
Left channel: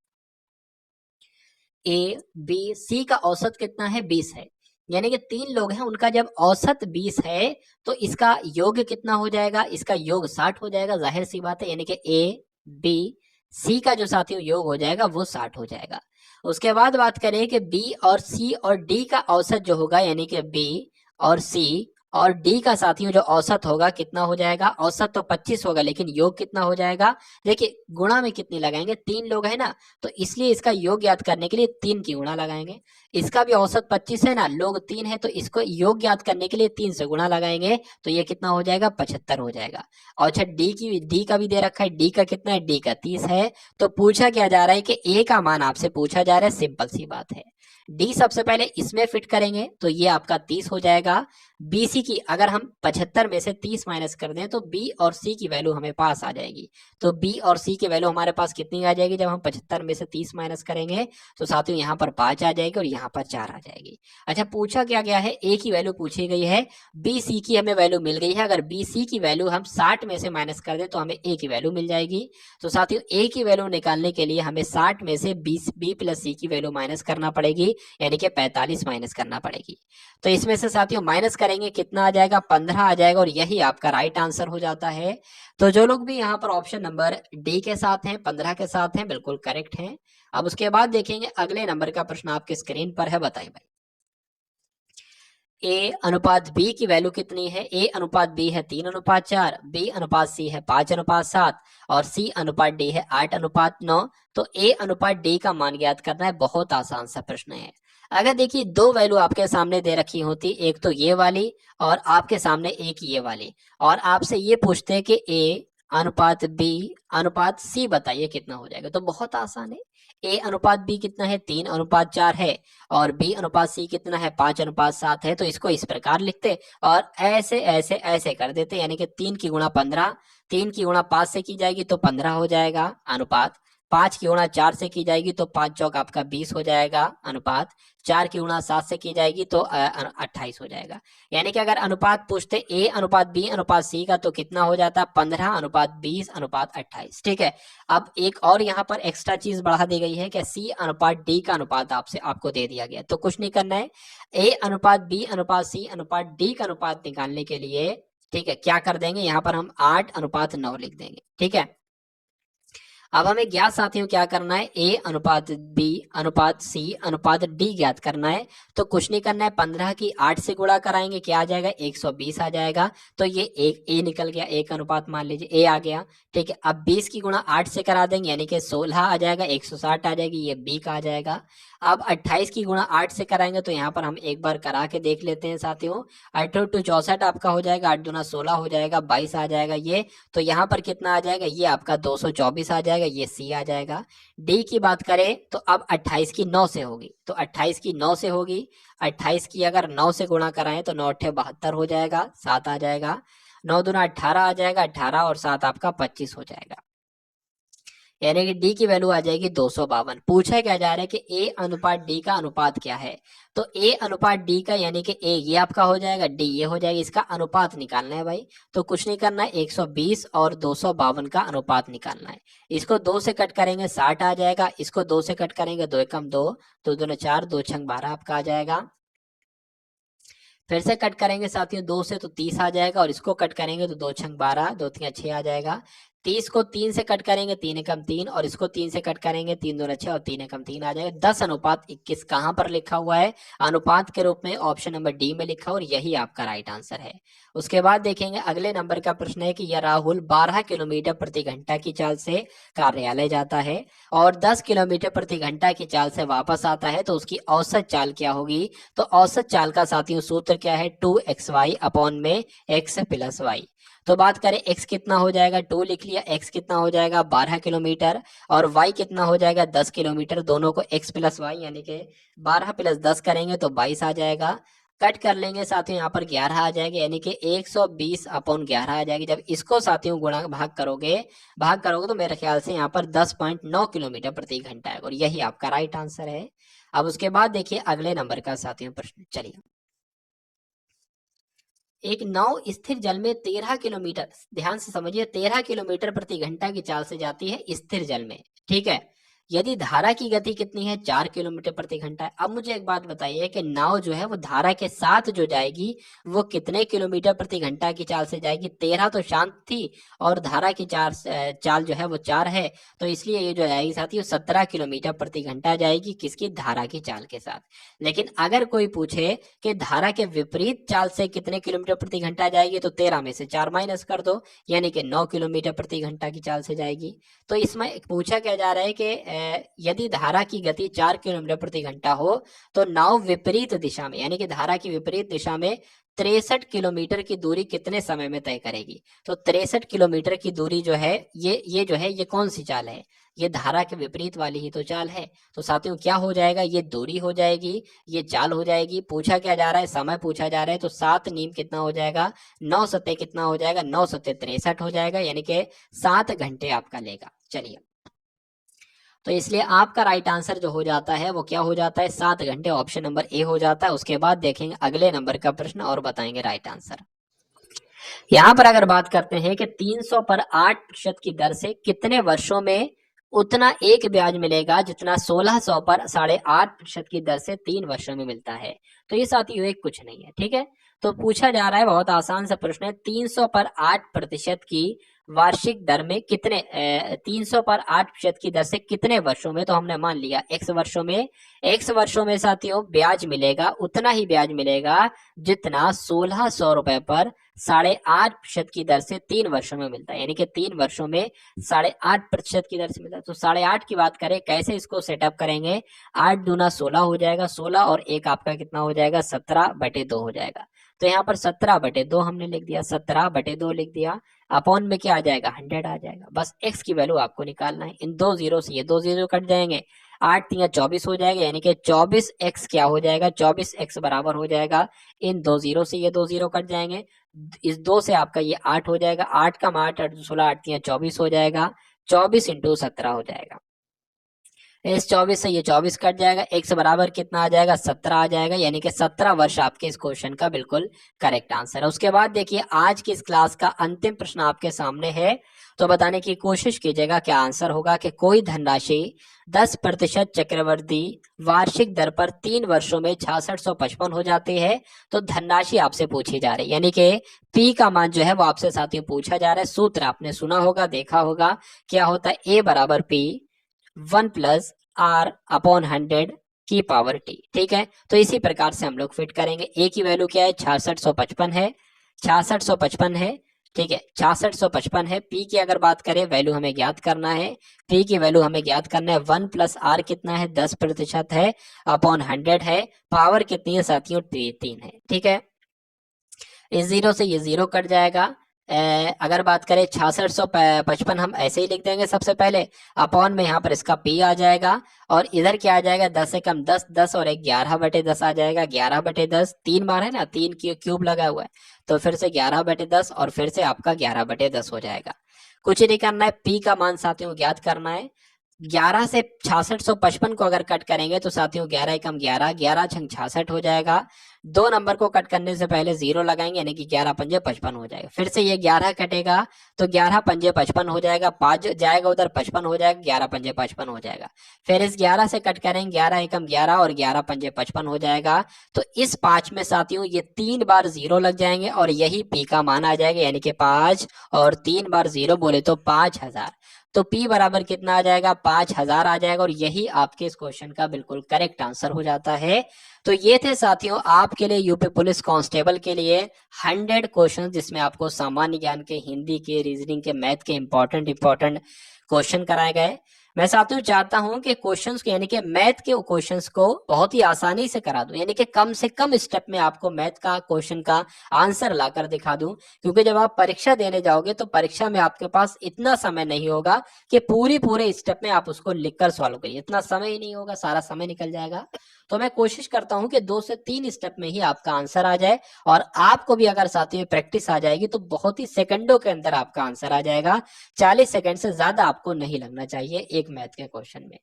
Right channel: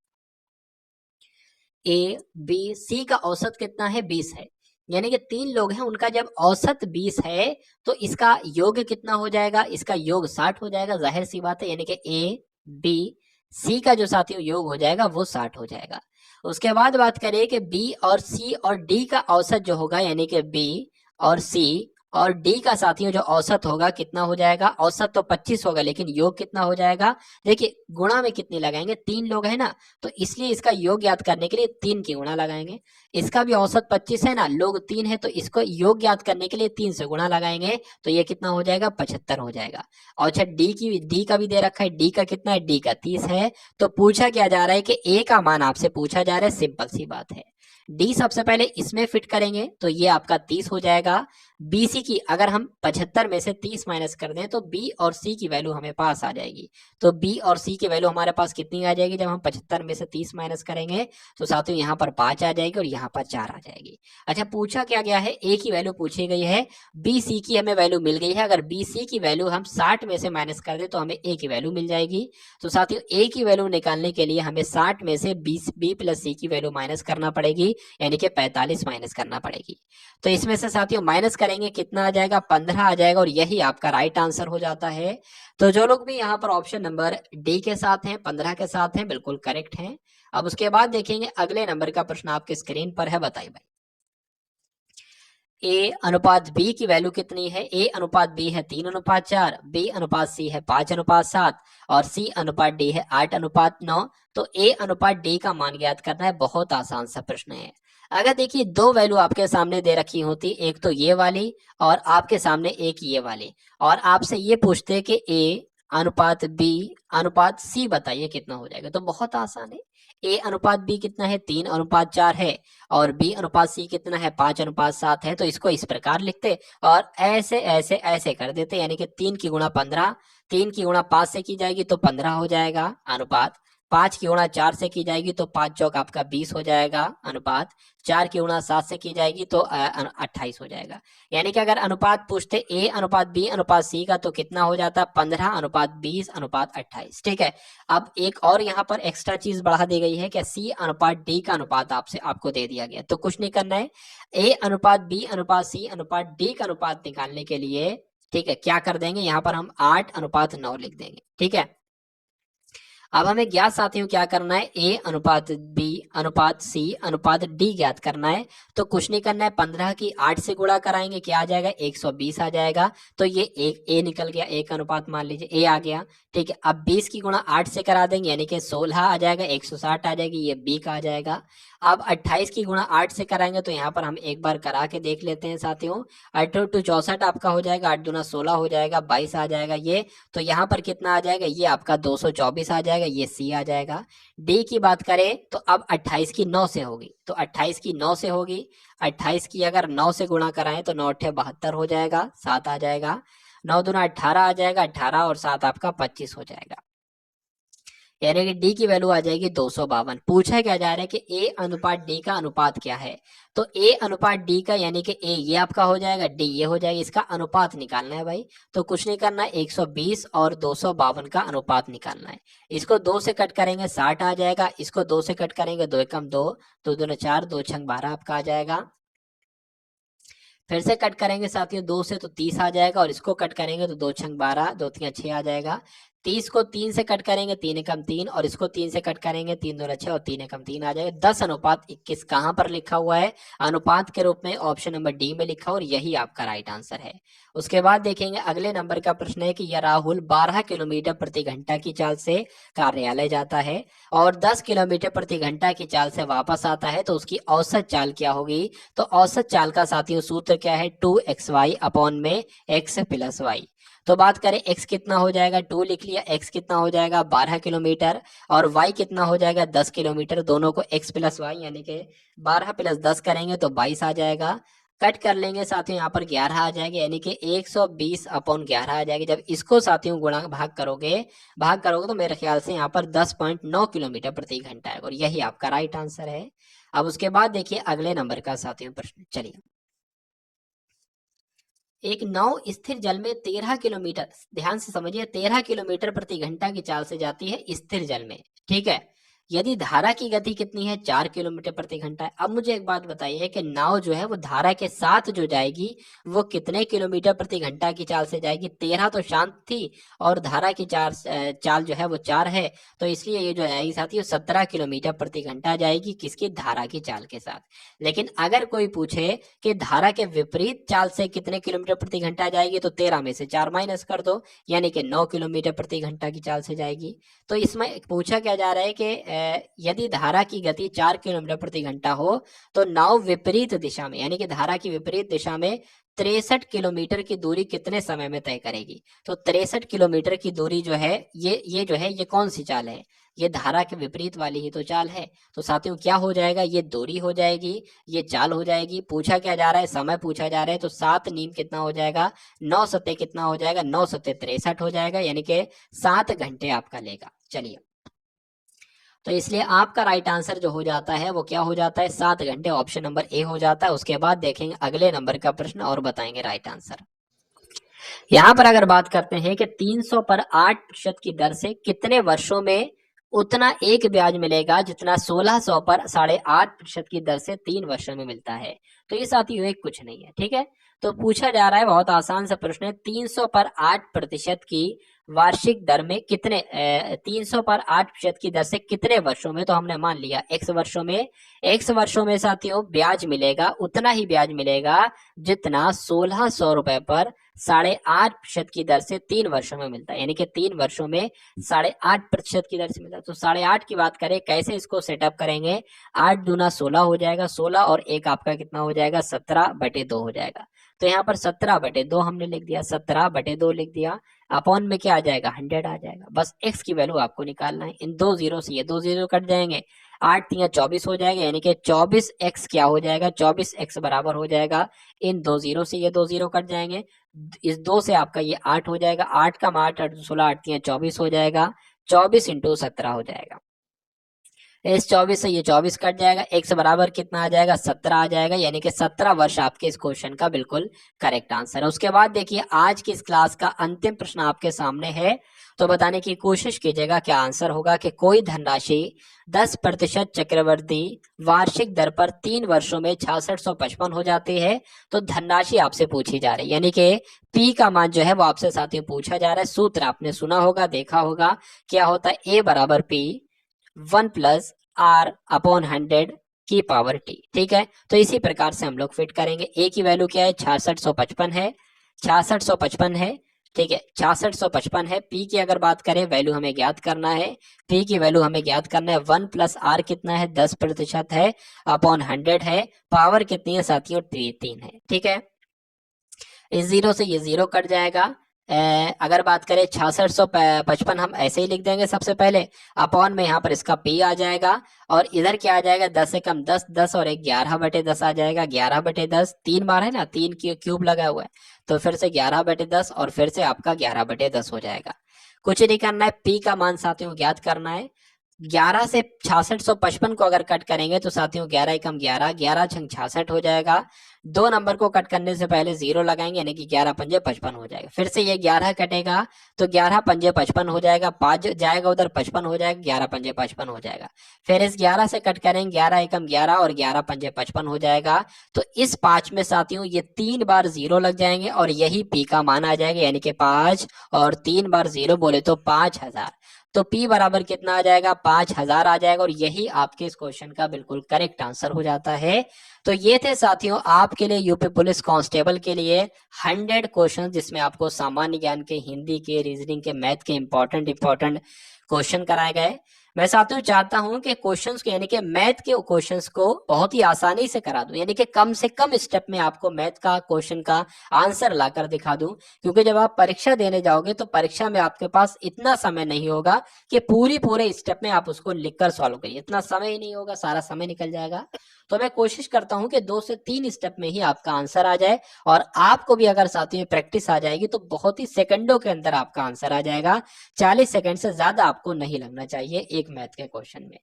ए बी सी का औसत कितना है, 20 है, यानी कि 3 लोग हैं, उनका जब औसत 20 है तो इसका योग कितना हो जाएगा, इसका योग 60 हो जाएगा, जाहिर सी बात है, यानी कि ए बी सी का जो साथियों योग हो जाएगा वो 60 हो जाएगा। उसके बाद बात करें कि बी और सी और डी का औसत जो होगा, यानी कि बी और सी और डी का साथियों जो औसत होगा कितना हो जाएगा, औसत तो 25 होगा लेकिन योग कितना हो जाएगा, देखिए गुणा में कितनी लगाएंगे, 3 लोग हैं ना, तो इसलिए इसका योग ज्ञात करने के लिए 3 की गुणा लगाएंगे। इसका भी औसत 25 है ना, लोग 3 है, तो इसको योग ज्ञात करने के लिए 3 से गुणा लगाएंगे, तो ये कितना हो जाएगा, 75 हो जाएगा। और अच्छा डी का भी दे रखा है, डी का कितना है, डी का 30 है। तो पूछा क्या जा रहा है कि ए का मान आपसे पूछा जा रहा है, सिंपल सी बात है। डी सबसे पहले इसमें फिट करेंगे तो ये आपका 30 हो जाएगा। बीसी की अगर हम 75 में से 30 माइनस कर दें तो बी और सी की वैल्यू हमें पास आ जाएगी। तो बी और सी की वैल्यू हमारे पास कितनी आ जाएगी, जब हम 75 में से 30 माइनस करेंगे तो साथियों यहाँ पर 5 आ जाएगी और यहाँ पर 4 आ जाएगी। अच्छा पूछा क्या गया है, ए की वैल्यू पूछी गई है, बी सी की हमें वैल्यू मिल गई है। अगर बी सी की वैल्यू हम 60 में से माइनस कर दें तो हमें ए की वैल्यू मिल जाएगी। तो साथियों ए की वैल्यू निकालने के लिए हमें 60 में से बी प्लस सी की वैल्यू माइनस करना पड़ेगी, यानी कि 45 माइनस करना पड़ेगी। तो इसमें से साथियों माइनस करेंगे, कितना आ जाएगा, 15 आ जाएगा, और यही आपका राइट आंसर हो जाता है। तो जो लोग भी यहाँ पर ऑप्शन नंबर डी के साथ हैं, 15 के साथ हैं, बिल्कुल करेक्ट हैं। अब उसके बाद देखेंगे अगले नंबर का प्रश्न आपके स्क्रीन पर है, बताइए भाई। ए अनुपात बी की वैल्यू कितनी है, ए अनुपात बी है 3:4, बी अनुपात सी है 5:7 और सी अनुपात डी है 8:9। तो ए अनुपात डी का मान ज्ञात करना है, बहुत आसान सा प्रश्न है। अगर देखिए दो वैल्यू आपके सामने दे रखी होती, एक तो ये वाली और आपके सामने एक ये वाली, और आपसे ये पूछते कि ए अनुपात बी अनुपात सी बताइए कितना हो जाएगा, तो बहुत आसान है। ए अनुपात बी कितना है, 3:4 है, और बी अनुपात सी कितना है, 5:7 है। तो इसको इस प्रकार लिखते और ऐसे ऐसे ऐसे कर देते, यानी कि 3 की गुणा 15, 3 की गुणा 5 से की जाएगी तो 15 हो जाएगा अनुपात, 5 की गुणा 4 से की जाएगी तो 5 चौक आपका 20 हो जाएगा अनुपात। 4 की गुणा 7 से की जाएगी तो 28 हो जाएगा। यानी कि अगर अनुपात पूछते ए अनुपात बी अनुपात सी का तो कितना हो जाता? 15 अनुपात 20 अनुपात 28। ठीक है। अब एक और यहाँ पर एक्स्ट्रा चीज बढ़ा दी गई है कि सी अनुपात डी का अनुपात आपको दे दिया गया। तो कुछ नहीं करना है, ए अनुपात बी अनुपात सी अनुपात डी का अनुपात निकालने के लिए, ठीक है, क्या कर देंगे, यहाँ पर हम 8 अनुपात 9 लिख देंगे। ठीक है। अब हमें ज्ञात साथियों क्या करना है, ए अनुपात बी अनुपात सी अनुपात डी ज्ञात करना है। तो कुछ नहीं करना है, 15 की 8 से गुणा कराएंगे, क्या आ जाएगा, 120 आ जाएगा। तो ये एक ए निकल गया, एक अनुपात मान लीजिए ए आ गया। ठीक है। अब 20 की गुणा 8 से करा देंगे, यानी कि 16 आ जाएगा, 160 आ जाएगी, ये बी का आ जाएगा। अब 28 की गुणा 8 से कराएंगे तो यहाँ पर हम एक बार करा के देख लेते हैं साथियों। 8 टू 64 आपका हो जाएगा, 8 दूना 16 हो जाएगा, 22 आ जाएगा ये। तो यहाँ पर कितना आ जाएगा, ये आपका 224 आ जाएगा, ये सी आ जाएगा। डी की बात करें तो अब 28 की 9 से होगी, तो 28 की 9 से होगी। 28 की अगर 9 से गुणा कराएं तो 9 अट्ठे 72 हो जाएगा, 7 आ जाएगा। 9 दूना 18 आ जाएगा, 18 और 7 आपका 25 हो जाएगा। यानी कि डी की वैल्यू आ जाएगी 252। पूछा क्या जा रहा है कि ए अनुपात डी का अनुपात क्या है। तो ए अनुपात डी का यानी कि ए ये आपका हो जाएगा, डी ये हो जाएगा, इसका अनुपात निकालना है भाई। तो कुछ नहीं करना है, 120 और 252 का अनुपात निकालना है। इसको 2 से कट करेंगे 60 आ जाएगा, इसको 2 से कट करेंगे 2 एकम 2, 2 दूना 4, 2 छंग 12 आपका आ जाएगा। फिर से कट करेंगे साथियों 2 से तो 30 आ जाएगा, और इसको कट करेंगे तो 2 छंग 12, 2 तिया 6 आ जाएगा। 30 को 3 से कट करेंगे 3 एकम 3, और इसको 3 से कट करेंगे 3 दूना 6 और 3 एकम 3 आ जाएगा। 10 अनुपात 21 कहाँ पर लिखा हुआ है, अनुपात के रूप में ऑप्शन नंबर डी में लिखा, और यही आपका राइट आंसर है। उसके बाद देखेंगे अगले नंबर का प्रश्न है कि यह राहुल 12 किलोमीटर प्रति घंटा की चाल से कार्यालय जाता है और 10 किलोमीटर प्रति घंटा की चाल से वापस आता है, तो उसकी औसत चाल क्या होगी। तो औसत चाल का साथियों सूत्र क्या है, 2xy अपॉन में x प्लस वाई। तो बात करें x कितना हो जाएगा, 2 लिख लिया, x कितना हो जाएगा 12 किलोमीटर, और y कितना हो जाएगा 10 किलोमीटर। दोनों को x प्लस वाई यानी कि 12 प्लस 10 करेंगे तो 22 आ जाएगा। कट कर लेंगे साथियों, यहाँ पर 11 आ जाएगा, यानी कि 120 अपॉन 11 आ जाएगी। जब इसको साथियों गुणा भाग करोगे तो मेरे ख्याल से यहाँ पर 10.9 किलोमीटर प्रति घंटा है, और यही आपका राइट आंसर है। अब उसके बाद देखिए अगले नंबर का साथियों प्रश्न, चलिए। एक नाव स्थिर जल में 13 किलोमीटर, ध्यान से समझिए, 13 किलोमीटर प्रति घंटा की चाल से जाती है स्थिर जल में। ठीक है। यदि धारा की गति कितनी है, 4 किलोमीटर प्रति घंटा है। अब मुझे एक बात बताइए कि नाव जो है वो धारा के साथ जो जाएगी वो कितने किलोमीटर प्रति घंटा की चाल से जाएगी। 13 तो शांत थी, और धारा की चाल जो है वो 4 है, तो इसलिए ये जो जाएगी साथियों 17 किलोमीटर प्रति घंटा जाएगी, किसकी, धारा की चाल के साथ। लेकिन अगर कोई पूछे कि धारा के विपरीत चाल से कितने किलोमीटर प्रति घंटा जाएगी, तो 13 में से 4 माइनस कर दो, यानी कि 9 किलोमीटर प्रति घंटा की चाल से जाएगी। तो इसमें पूछा क्या जा रहा है कि यदि धारा की गति 4 किलोमीटर प्रति घंटा हो तो नाव विपरीत दिशा में, यानी कि धारा की विपरीत दिशा में 63 किलोमीटर की दूरी कितने समय में तय करेगी। तो 63 किलोमीटर की दूरी जो है ये जो है ये कौन सी चाल है, ये धारा के विपरीत वाली ही तो चाल है। तो साथियों क्या हो जाएगा, ये दूरी हो जाएगी, ये चाल हो जाएगी। पूछा क्या जा रहा है, समय पूछा जा रहा है, तो 7 नीम कितना हो जाएगा, 9 सत्ते कितना हो जाएगा, 9 सत्ते 63 हो जाएगा, यानी कि 7 घंटे आपका लेगा। चलिए, तो इसलिए आपका राइट आंसर जो हो जाता है वो क्या हो जाता है, 7 घंटे, ऑप्शन नंबर ए हो जाता है। उसके बाद देखेंगे अगले नंबर का प्रश्न और बताएंगे राइट आंसर। यहाँ पर अगर बात करते हैं कि 300 पर 8% की दर से कितने वर्षों में उतना एक ब्याज मिलेगा जितना 1600 पर 8.5% की दर से 3 वर्षों में मिलता है। तो ये साथियों एक कुछ नहीं है। ठीक है। तो पूछा जा रहा है, बहुत आसान सा प्रश्न है, 300 पर 8% की वार्षिक दर में कितने 300 पर 8% की दर से कितने वर्षों में, तो हमने मान लिया x वर्षों में साथियों ब्याज मिलेगा, उतना ही ब्याज मिलेगा जितना 1600 रुपए पर 8.5% की दर से 3 वर्षों में मिलता है, यानी कि 3 वर्षों में 8.5% की दर से मिलता है। तो 8.5 की बात करें, कैसे इसको सेटअप करेंगे, 8 दूना 16 हो जाएगा, 16 और 1 आपका कितना हो जाएगा, 17/2 हो जाएगा। तो यहाँ पर 17/2 हमने लिख दिया, 17/2 लिख दिया, अपॉन में क्या आ जाएगा, 100 आ जाएगा। बस x की वैल्यू आपको निकालना है। इन 2 जीरो से ये 2 जीरो कट जाएंगे, 8 तिया 24 हो जाएगा, यानी कि 24x क्या हो जाएगा, 24x बराबर हो जाएगा, इन 2 जीरो से ये 2 जीरो कट जाएंगे, इस 2 से आपका ये 8 हो जाएगा, 8 का 8 16 8 तिया 24 हो जाएगा, 24 इंटू 17 हो जाएगा। इस 24 से ये 24 कट जाएगा, x बराबर कितना आ जाएगा 17 आ जाएगा, यानी कि 17 वर्ष आपके इस क्वेश्चन का बिल्कुल करेक्ट आंसर है। उसके बाद देखिए आज की इस क्लास का अंतिम प्रश्न आपके सामने है, तो बताने की कोशिश कीजिएगा क्या आंसर होगा कि कोई धनराशि 10% चक्रवर्ती वार्षिक दर पर 3 वर्षों में 6655 हो जाती है, तो धनराशि आपसे पूछी जा रही है, यानी कि P का मान जो है वो आपसे साथियों पूछा जा रहा है। सूत्र आपने सुना होगा, देखा होगा, क्या होता है A बराबर P 1+R/100 की पावर T। ठीक है, तो इसी प्रकार से हम लोग फिट करेंगे। A की वैल्यू क्या है 6655 है, 6655 है, ठीक है 6655 है। P की अगर बात करें वैल्यू हमें ज्ञात करना है, P की वैल्यू हमें ज्ञात करना है 1+R कितना है 10% है अपॉन 100 है, पावर कितनी है साथियों 3 है। ठीक है, इस जीरो से ये जीरो कट जाएगा। अगर बात करें 6655 हम ऐसे ही लिख देंगे सबसे पहले, अपॉन में यहाँ पर इसका P आ जाएगा, और इधर क्या आ जाएगा 10 से कम 10, 10 और 1 11/10 आ जाएगा, 11/10 3 बार है ना, 3 की क्यूब लगा हुआ है, तो फिर से 11/10 और फिर से आपका 11/10 हो जाएगा। कुछ नहीं करना है, P का मान साथियों ज्ञात करना है। 11 से 6655 को अगर कट करेंगे तो साथियों 11 एकम 11, 11 छंग 66 हो जाएगा। 2 नंबर को कट करने से पहले जीरो लगाएंगे, यानी कि 11 पंजे 55 हो जाएगा। फिर से ये 11 कटेगा तो 11 पंजे 55 हो जाएगा, 5 जाएगा उधर 55 हो जाएगा, 11 पंजे 55 हो जाएगा। फिर इस 11 से कट करेंगे, 11 एकम 11 और 11 पंजे 55 हो जाएगा। तो इस 5 में साथियों ये 3 बार जीरो लग जाएंगे और यही P का मान आ जाएगा, यानी कि 5 और 3 बार जीरो बोले तो 5000। तो P बराबर कितना आ जाएगा 5000 आ जाएगा, और यही आपके इस क्वेश्चन का बिल्कुल करेक्ट आंसर हो जाता है। तो ये थे साथियों आपके लिए यूपी पुलिस कांस्टेबल के लिए 100 क्वेश्चन, जिसमें आपको सामान्य ज्ञान के, हिंदी के, रीजनिंग के, मैथ के इंपॉर्टेंट क्वेश्चन कराए गए। मैं साथियों चाहता हूं कि क्वेश्चंस को, यानी कि मैथ के क्वेश्चंस को बहुत ही आसानी से करा दूं, यानी कि कम से कम स्टेप में आपको मैथ का क्वेश्चन का आंसर लाकर दिखा दूं, क्योंकि जब आप परीक्षा देने जाओगे तो परीक्षा में आपके पास इतना समय नहीं होगा कि पूरे स्टेप में आप उसको लिखकर सॉल्व करिए, इतना समय ही नहीं होगा, सारा समय निकल जाएगा। तो मैं कोशिश करता हूं कि 2 से 3 स्टेप में ही आपका आंसर आ जाए, और आपको भी अगर साथियों प्रैक्टिस आ जाएगी तो बहुत ही सेकंडों के अंदर आपका आंसर आ जाएगा। 40 सेकंड से ज्यादा आपको नहीं लगना चाहिए एक मैथ के क्वेश्चन में।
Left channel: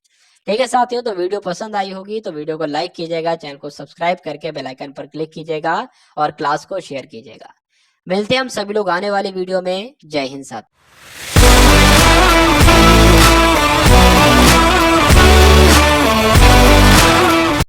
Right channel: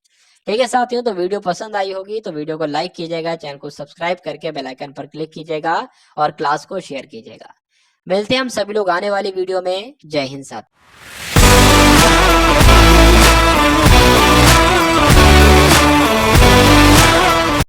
ठीक है साथियों, तो वीडियो पसंद आई होगी तो वीडियो को लाइक कीजिएगा, चैनल को सब्सक्राइब करके बेल आइकन पर क्लिक कीजिएगा और क्लास को शेयर कीजिएगा। मिलते हैं हम सभी लोग आने वाली वीडियो में। जय हिंद साथियों।